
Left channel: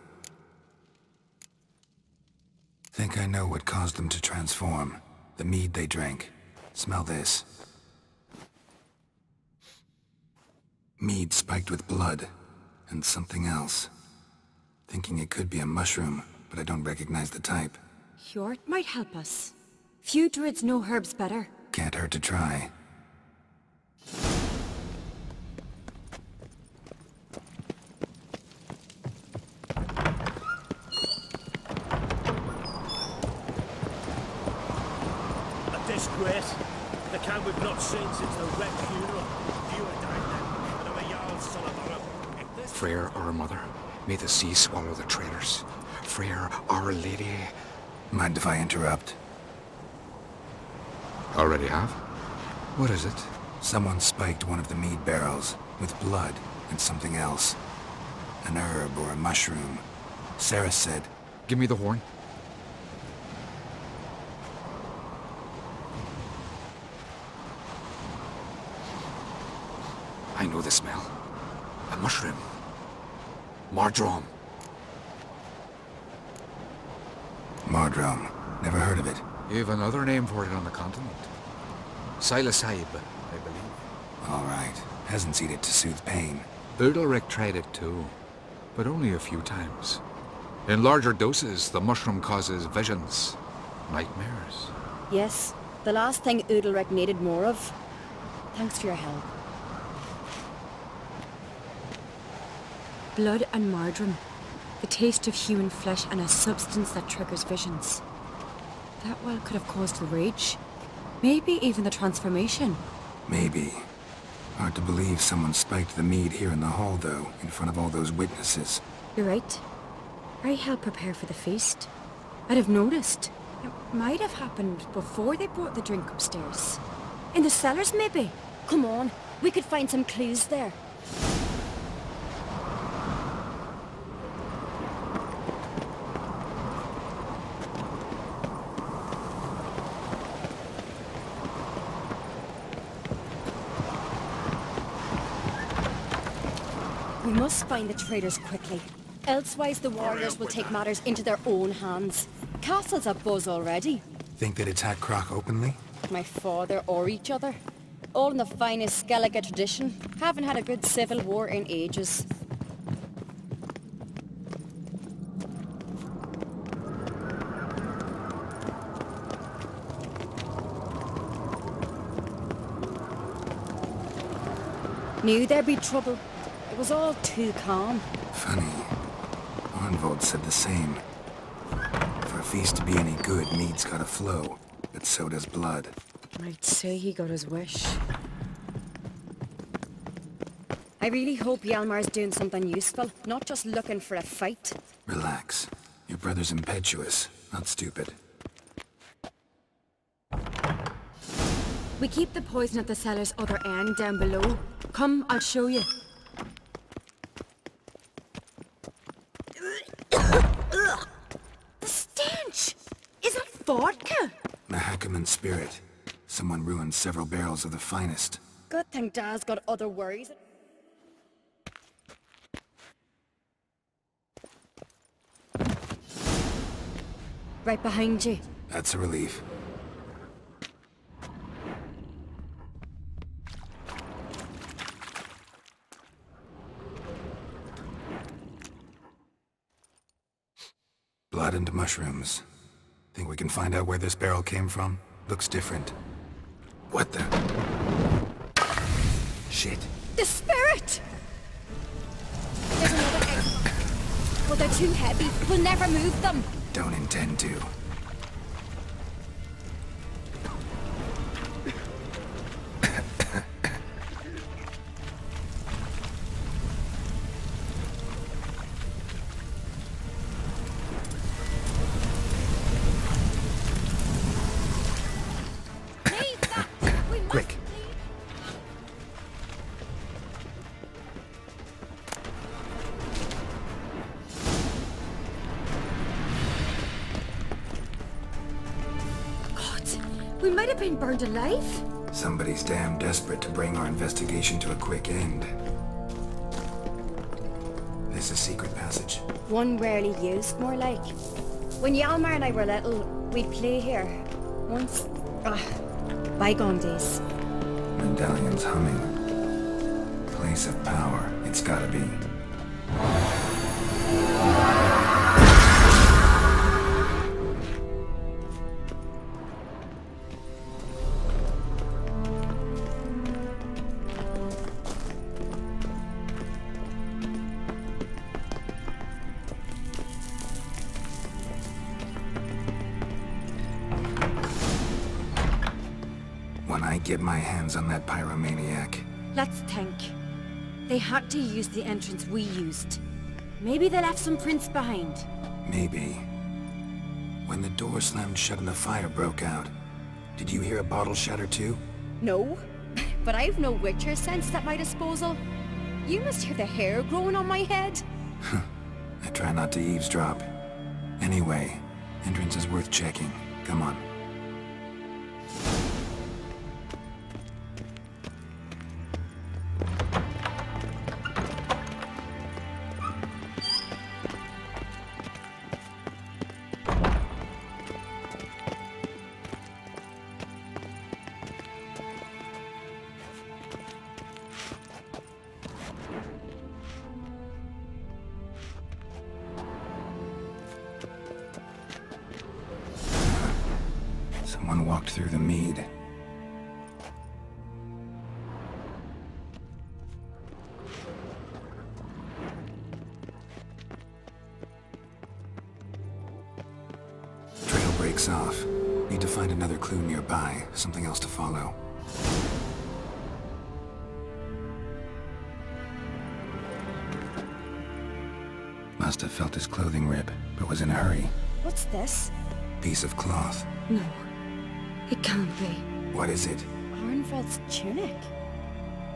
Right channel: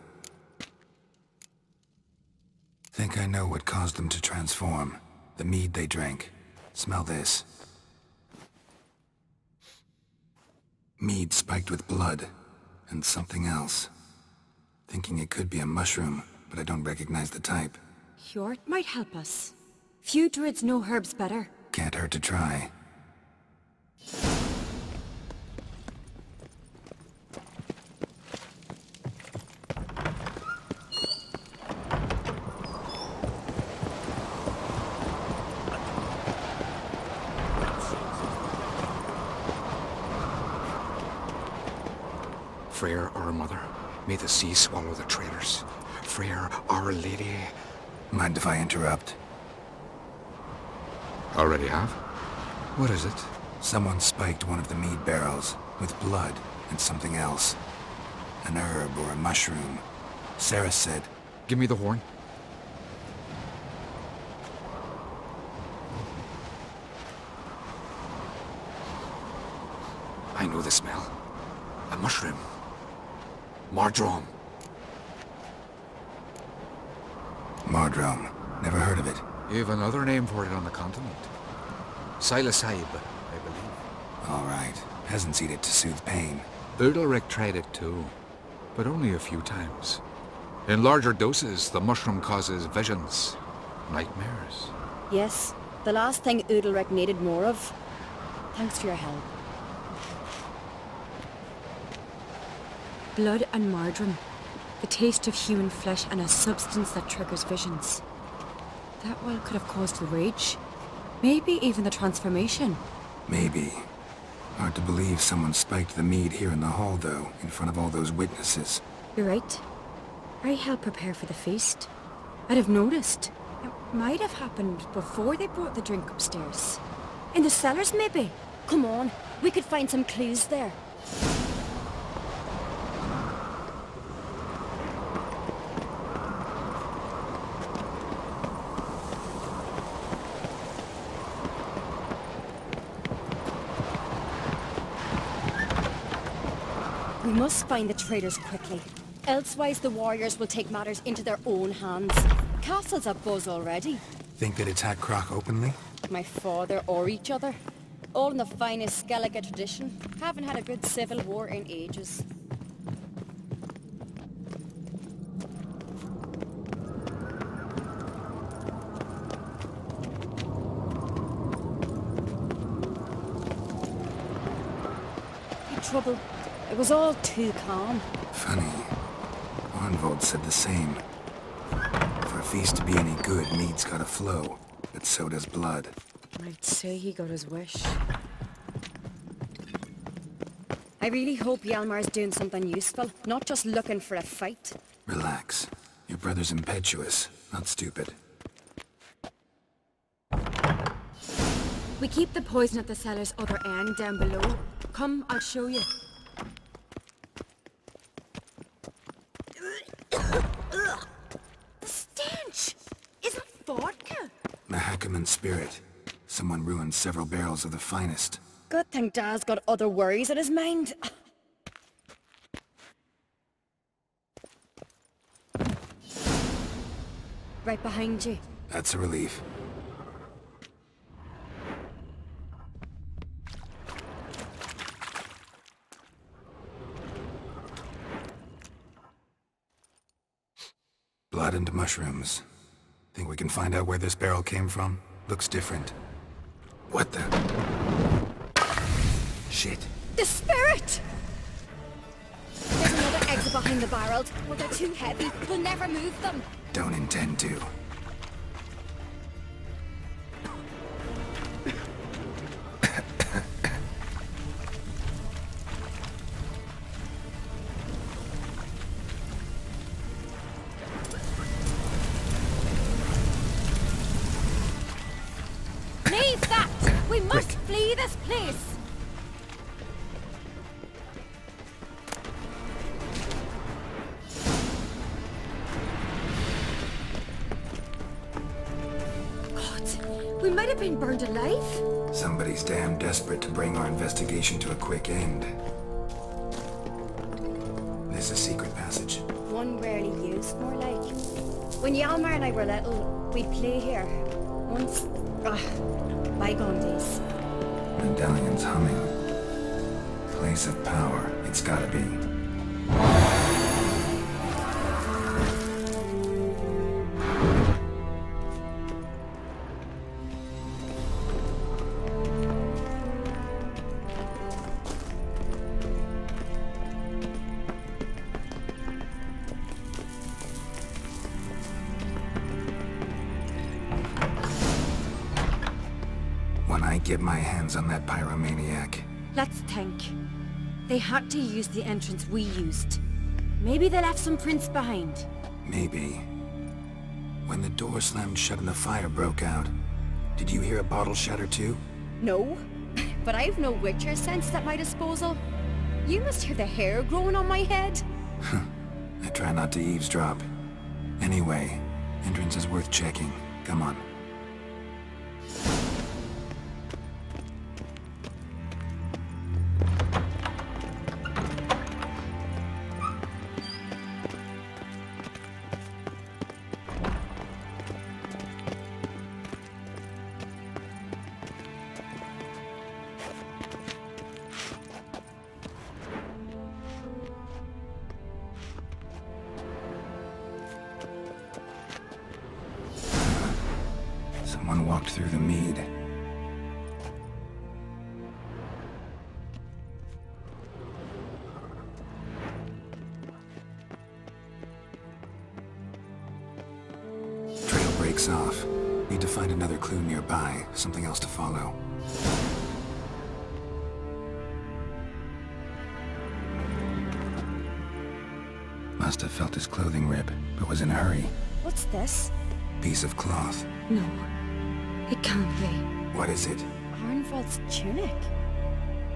Think I know what caused them to transform. The mead they drank. Smell this. Mead spiked with blood. And something else. Thinking it could be a mushroom, but I don't recognize the type. Hjort might help us. Few druids know herbs better. Can't hurt to try. Freyr, our mother, may the sea swallow the traitors. Freyr, our lady. Mind if I interrupt? Already have? What is it? Someone spiked one of the mead barrels with blood and something else. An herb or a mushroom. Sarah said... Give me the horn. I know the smell. A mushroom. Mardrome. Mardrome. Never heard of it. You have another name for it on the continent. Psilocybe, I believe. All right. Peasants eat it to soothe pain. Udalric tried it too, but only a few times. In larger doses, the mushroom causes visions, nightmares. Yes, the last thing Udalric needed more of. Thanks for your help. Blood and Mardrome. The taste of human flesh and a substance that triggers visions. That well could have caused the rage. Maybe even the transformation. Maybe. Hard to believe someone spiked the mead here in the hall, though, in front of all those witnesses. You're right. I helped prepare for the feast. I'd have noticed. It might have happened before they brought the drink upstairs. In the cellars, maybe? Come on, we could find some clues there. We must find the traitors quickly. Elsewise the warriors will take matters into their own hands. Castle's abuzz already. Think they'd attack Croc openly? My father or each other. All in the finest Skellige tradition. Haven't had a good civil war in ages. Knew there'd be trouble. It was all too calm. Funny. Arnvold said the same. For a feast to be any good, mead's gotta flow, but so does blood. I'd say he got his wish. I really hope Hjalmar's doing something useful, not just looking for a fight. Relax. Your brother's impetuous, not stupid. We keep the poison at the cellar's other end down below. Come, I'll show you. The stench! Is it vodka? Mahakaman spirit. Someone ruined several barrels of the finest. Good thing Dad's got other worries in his mind. Right behind you. That's a relief. Blood and mushrooms. Think we can find out where this barrel came from? Looks different. What the? Shit. The spirit! There's another exit behind the barrels, but they're too heavy. We'll never move them. Don't intend to. Leave that! We must flee this place! We might have been burned alive. Somebody's damn desperate to bring our investigation to a quick end. This a secret passage. One rarely used, more like. When Yalmar and I were little, we'd play here. Once... bygone days. Medallion's humming. Place of power, it's gotta be. When I get my hands on that pyromaniac. Let's think. They had to use the entrance we used. Maybe they left some prints behind. Maybe. When the door slammed shut and the fire broke out, did you hear a bottle shatter too? No, but I've no Witcher sense at my disposal. You must hear the hair growing on my head. I try not to eavesdrop. Anyway, entrance is worth checking. Come on. Someone walked through the mead. Trail breaks off. Need to find another clue nearby, something else to follow. Must have felt his clothing rip, but was in a hurry. What's this? Piece of cloth. No, it can't be. What is it? Arnvald's tunic.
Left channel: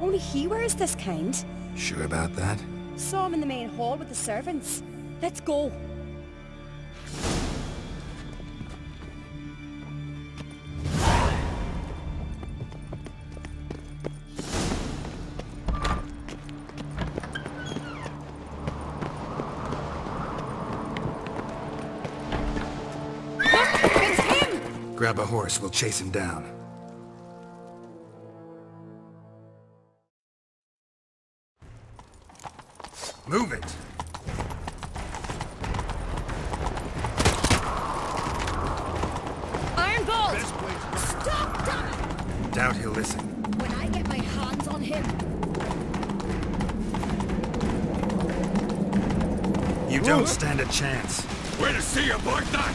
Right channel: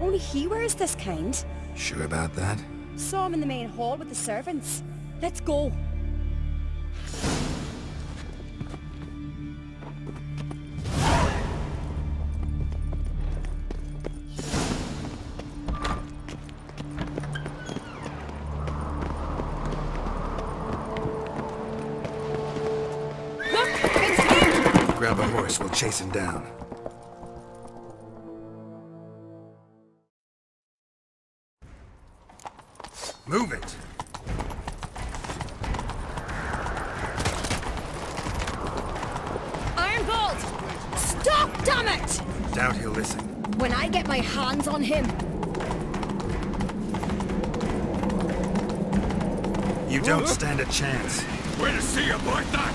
Only he wears this kind. Sure about that? Saw him in the main hall with the servants. Let's go. Grab a horse, we'll chase him down. Move it! Ironbolt! Stop, damn it! Doubt he'll listen. When I get my hands on him... You don't stand a chance. Way to see you like that!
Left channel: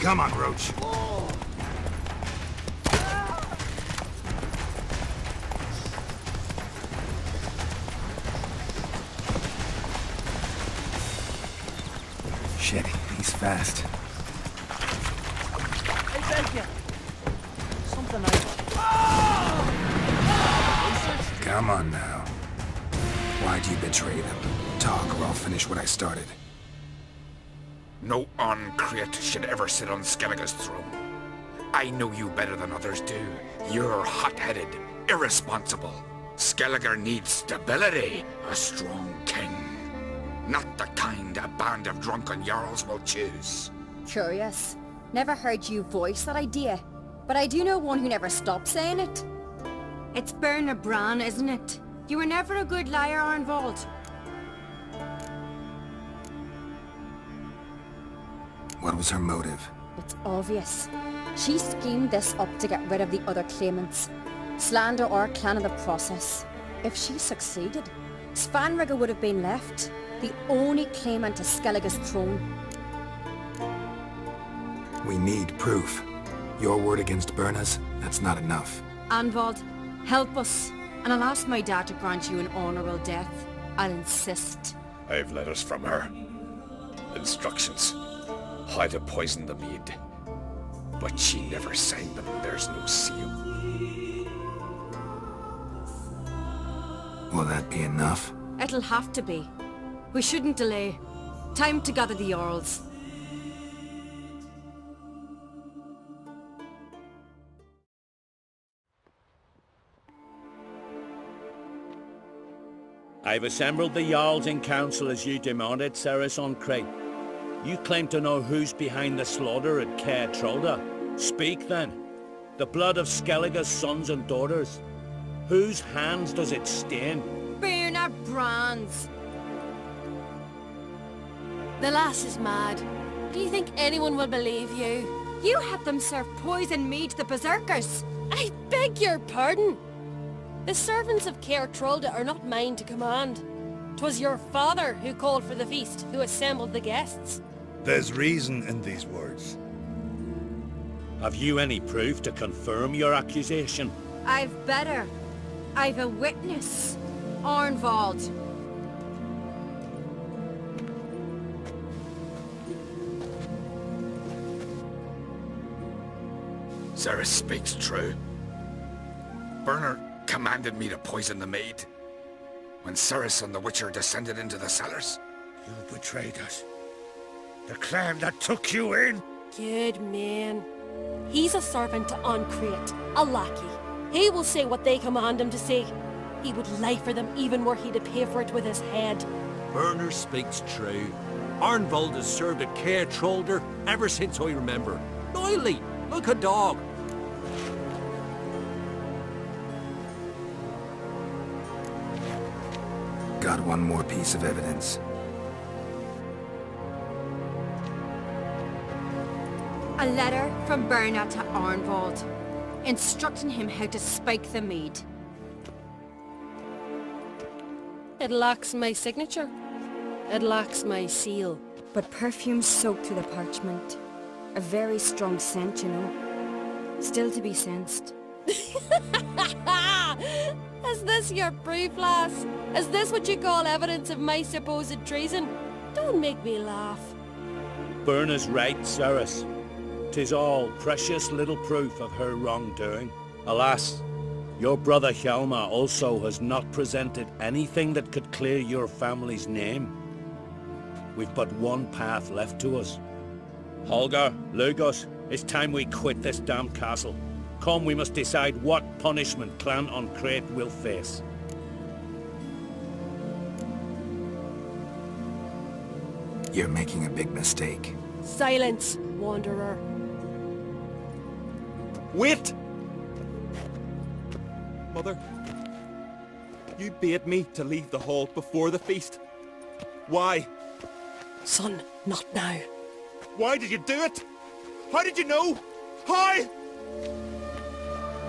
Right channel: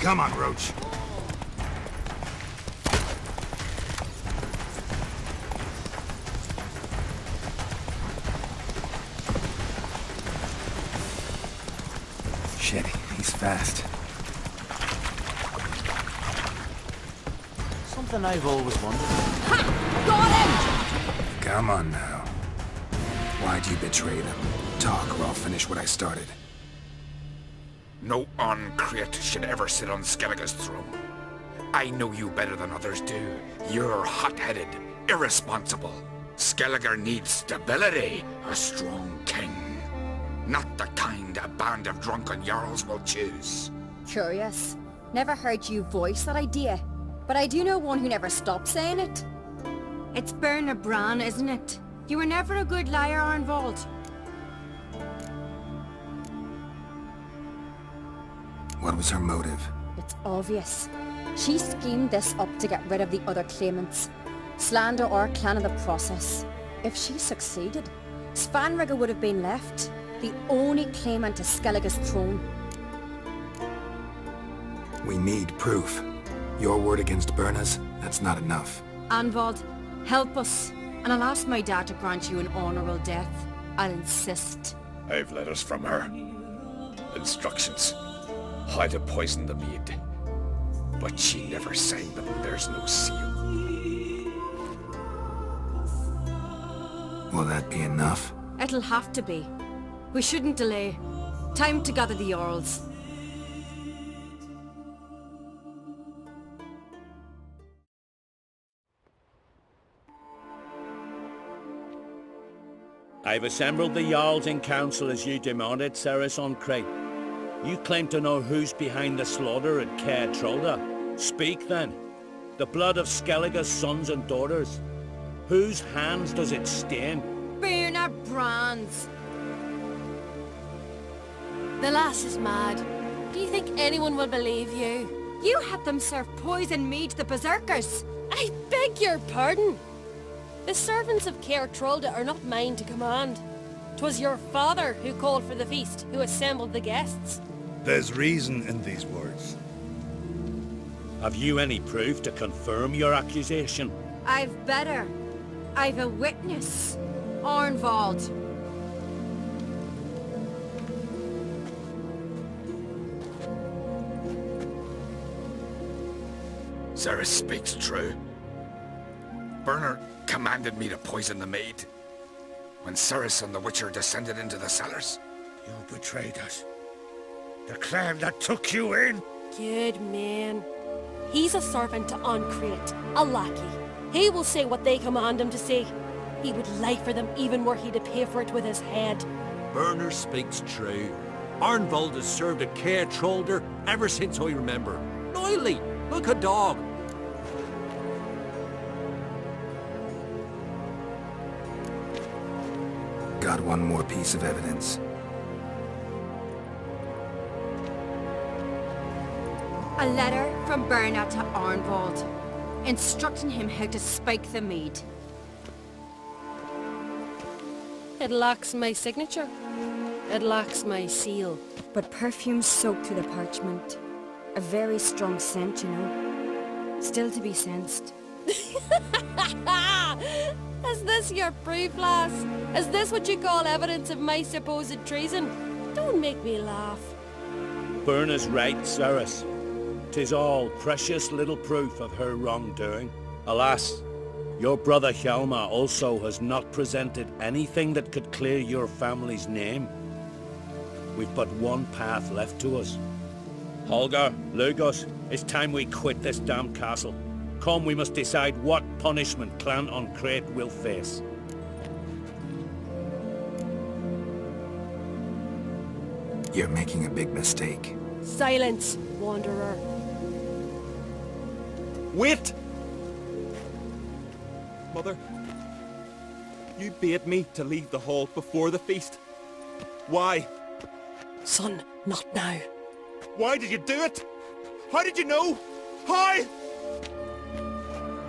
Come on, Roach. Shit, he's fast. Something I've always done. Come on now. Why'd you betray them? Talk or I'll finish what I started. No Uncreate should ever sit on Skellige's throne. I know you better than others do. You're hot-headed, irresponsible. Skellige needs stability, a strong king. Not the kind a band of drunken jarls will choose. Curious. Never heard you voice that idea. But I do know one who never stopped saying it. It's Berna Bran, isn't it? You were never a good liar, Arnvald. What was her motive? It's obvious. She schemed this up to get rid of the other claimants. Slander our clan in the process. If she succeeded, Svanrige would have been left, the only claimant to Skellige's throne. We need proof. Your word against Berna's, that's not enough. Arnvald, help us, and I'll ask my dad to grant you an honourable death. I'll insist. I've letters from her. Instructions. How to poison the mead. But she never signed them. There's no seal. Will that be enough? It'll have to be. We shouldn't delay. Time to gather the Jarls. I've assembled the Jarls in council as you demanded, Ceres on Crate. You claim to know who's behind the slaughter at Caer Trolda. Speak then. The blood of Skellige's sons and daughters. Whose hands does it stain? Birna Brands. The lass is mad. Do you think anyone will believe you? You had them serve poison mead to the berserkers. I beg your pardon. The servants of Caer Trolda are not mine to command. 'Twas your father who called for the feast, who assembled the guests. There's reason in these words. Have you any proof to confirm your accusation? I've better. I've a witness. Arnvald. Ceres speaks true. Bernard commanded me to poison the maid. When Ceres and the Witcher descended into the cellars. You betrayed us. The clan that took you in. Good man. He's a servant to Ancrate, a lackey. He will say what they command him to say. He would lie for them even were he to pay for it with his head. Berner speaks true. Arnvald has served at Caer Trolder ever since I remember. Oily, like a dog. Got one more piece of evidence. A letter from Berna to Arnvald, instructing him how to spike the mead. It lacks my signature. It lacks my seal. But perfume soaked through the parchment. A very strong scent, you know. Still to be sensed. Is this your proof, lass? Is this what you call evidence of my supposed treason? Don't make me laugh. Berna's right, Ceres. 'Tis all precious little proof of her wrongdoing. Alas, your brother Hjalmar also has not presented anything that could clear your family's name. We've but one path left to us. Holger, Lugos, it's time we quit this damned castle. Come, we must decide what punishment Clan Ancrate will face. You're making a big mistake. Silence, wanderer. Wait! Mother, you bade me to leave the hall before the feast. Why? Son, not now. Why did you do it? How did you know? How?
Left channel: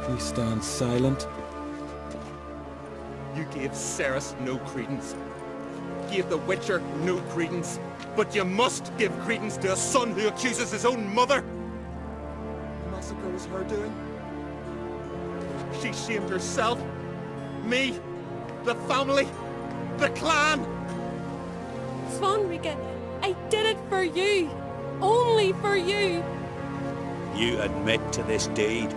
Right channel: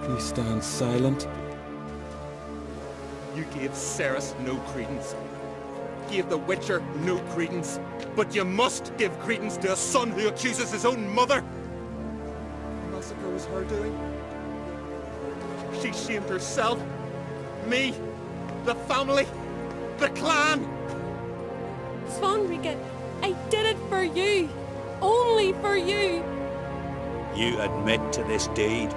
You stand silent. You gave Ceres no credence. Gave the Witcher no credence. But you must give credence to a son who accuses his own mother. The massacre was her doing. She shamed herself. Me. The family. The clan. Svanrika, I did it for you. Only for you. You admit to this deed.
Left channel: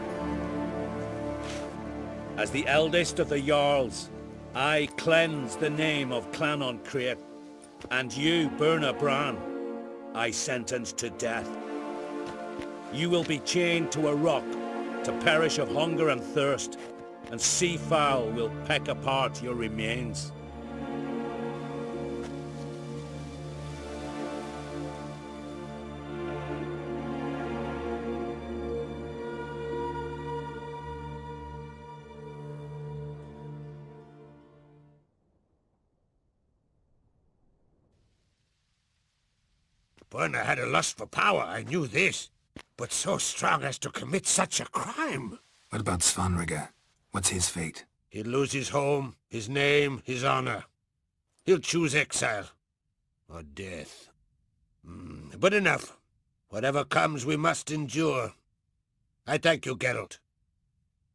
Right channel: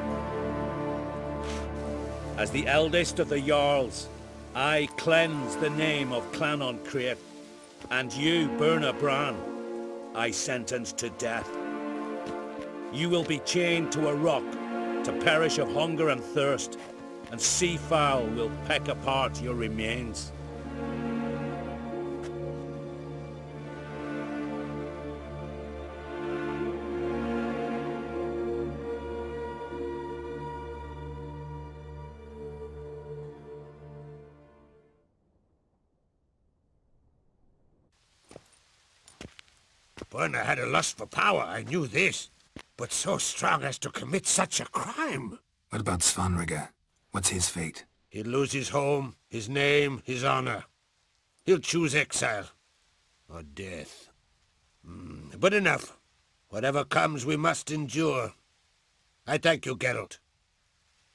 As the eldest of the Jarls, I cleanse the name of Clan Ancrate, and you, Berna Bran, I sentence to death. You will be chained to a rock, to perish of hunger and thirst, and sea fowl will peck apart your remains. Berna had a lust for power, I knew this. But so strong as to commit such a crime. What about Svanrika? What's his fate? He'll lose his home, his name, his honor. He'll choose exile. Or death. But enough. Whatever comes, we must endure. I thank you, Geralt.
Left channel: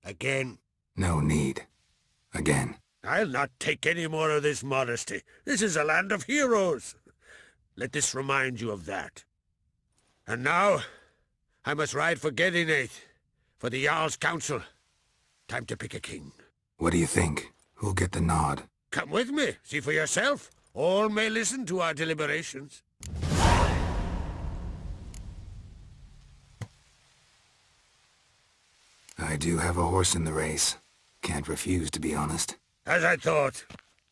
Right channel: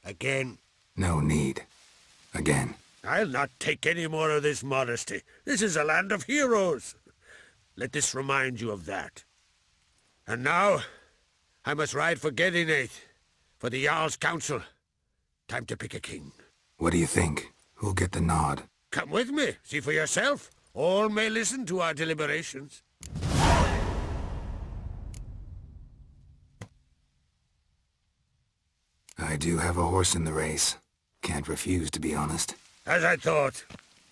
Again. No need. Again. I'll not take any more of this modesty. This is a land of heroes. Let this remind you of that. And now, I must ride for Gedinate, for the Jarl's Council. Time to pick a king. What do you think? Who'll get the nod? Come with me, see for yourself. All may listen to our deliberations. I do have a horse in the race. Can't refuse, to be honest. As I thought.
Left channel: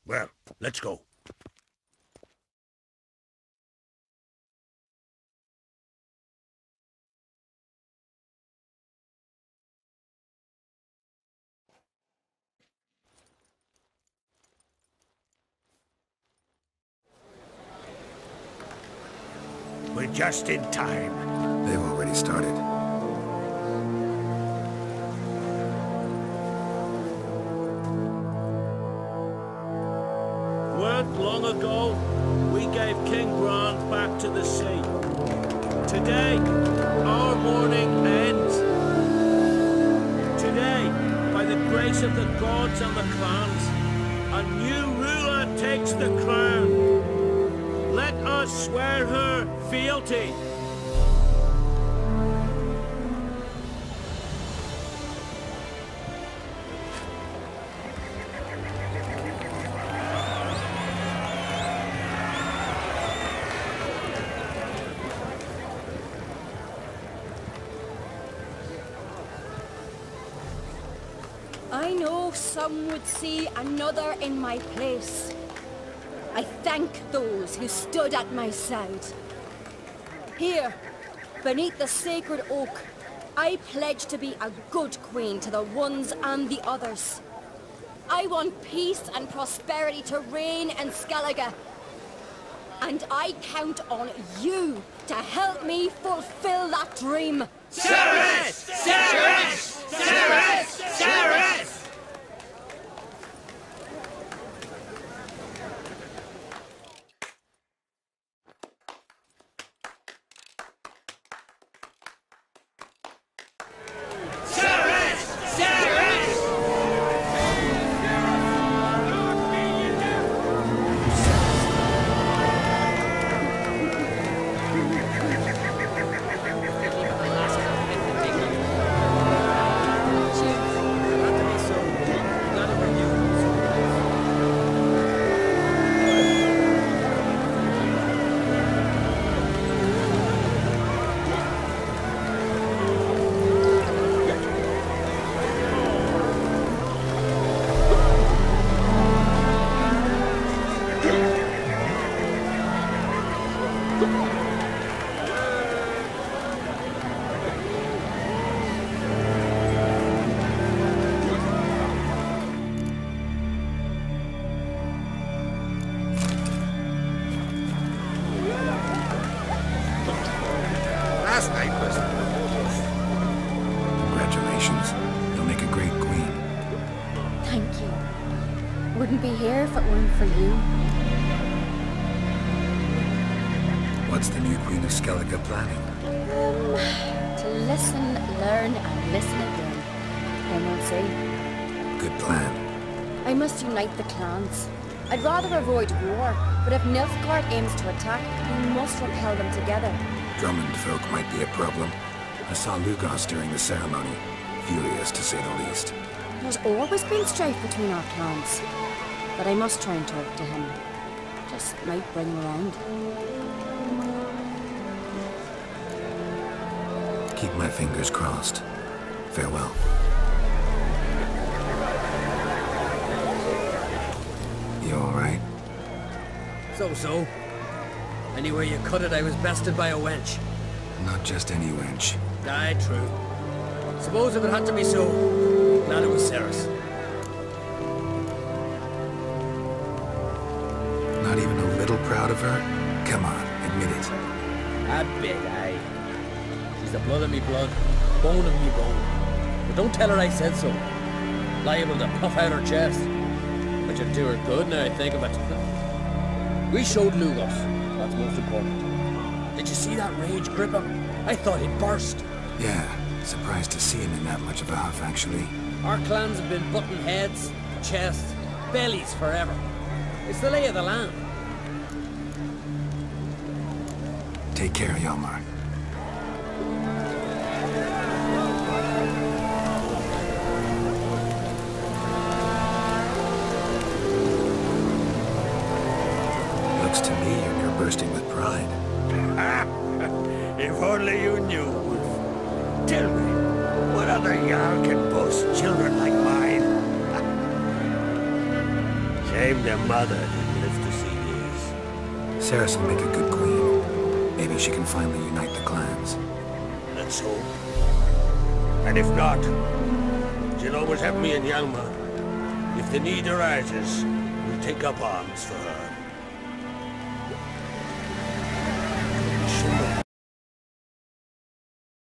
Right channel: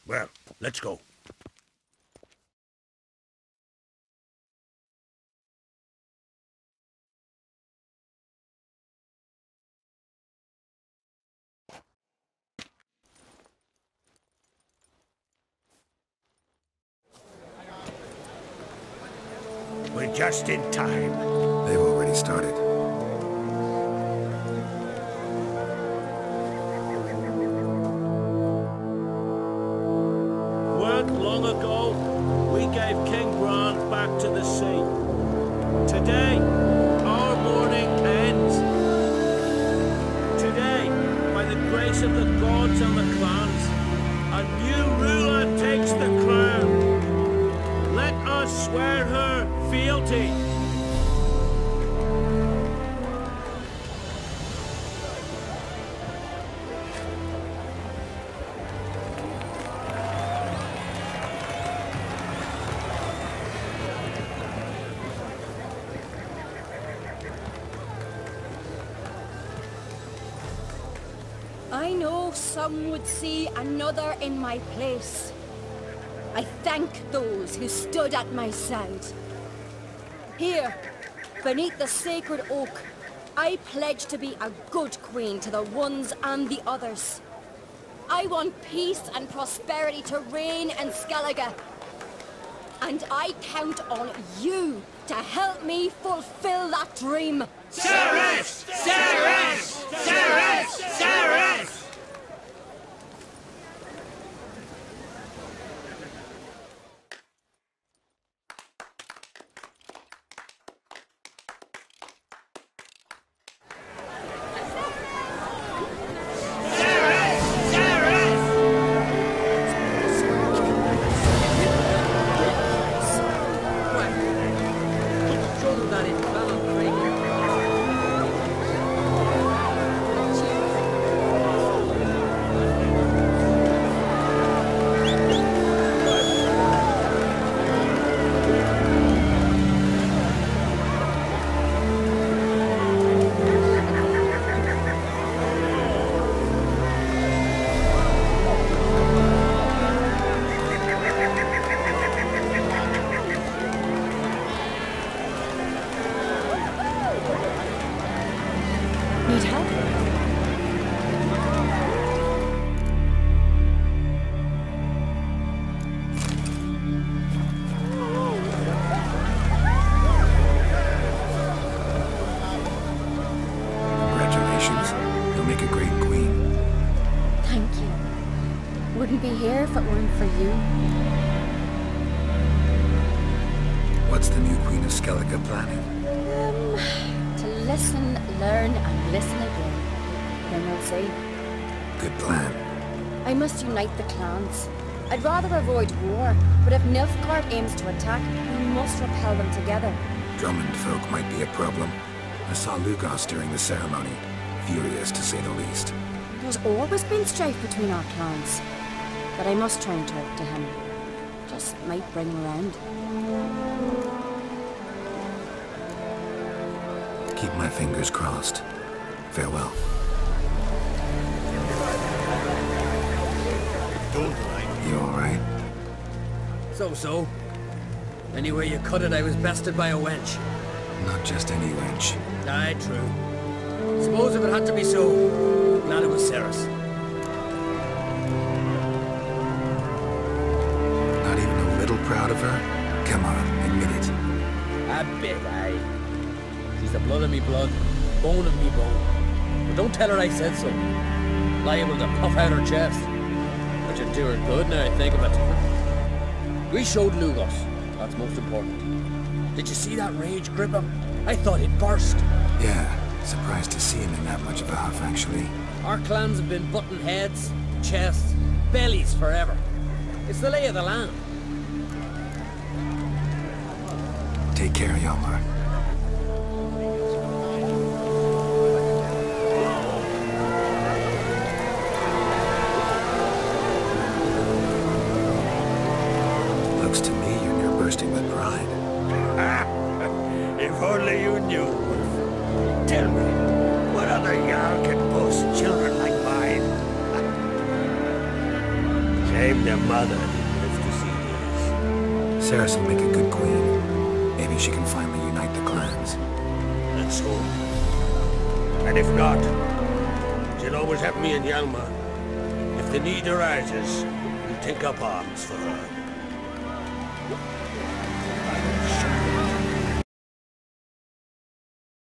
Well, let's go. We're just in time. They've already started. Weren't long ago, we gave King Bran back to the sea. Today, our mourning ends. Today, by the grace of the gods and the clans, a new ruler takes the crown. Let us swear her fealty. I know some would see another in my place. I thank those who stood at my side. Here, beneath the sacred oak, I pledge to be a good queen to the ones and the others. I want peace and prosperity to reign in Skellige. And I count on you to help me fulfill that dream. Ceres! Ceres! Ceres! Ceres! You'll make a great queen. Thank you. Wouldn't be here if it weren't for you. What's the new Queen of Skellige planning? To listen, learn, and listen again. Then we'll see. Good plan. I must unite the clans. I'd rather avoid war, but if Nilfgaard aims to attack, we must repel them together. Drummond folk might be a problem. I saw Lugos during the ceremony. Furious, to say the least. There's always been strife between our clans. But I must try and talk to him. Just might bring him around. Keep my fingers crossed. Farewell. You alright? So. Anyway you cut it, I was bested by a wench. Not just any wench. Aye, true. Suppose if it had to be so, glad it was Ceres. Not even a little proud of her? Come on, admit it. A bit, aye. She's the blood of me blood, bone of me bone. But don't tell her I said so. Liable to puff out her chest. That should do her good now I think of it. We showed Lugos. That's most important. Did you see that rage grip him? I thought he'd burst. Yeah, surprised to see him in that much of a huff, actually. Our clans have been butting heads, chests, bellies forever. It's the lay of the land. Take care, Hjalmar. Looks to me you're near bursting with pride. If only you knew, Wolf. Tell me, what other Jarl can boast children like mine? Shame their mother didn't live to see this. Ceres will make a good queen. Maybe she can finally unite the clans. Let's hope. And if not, she'll always have me and Hjalmar. If the need arises, we'll take up arms for her.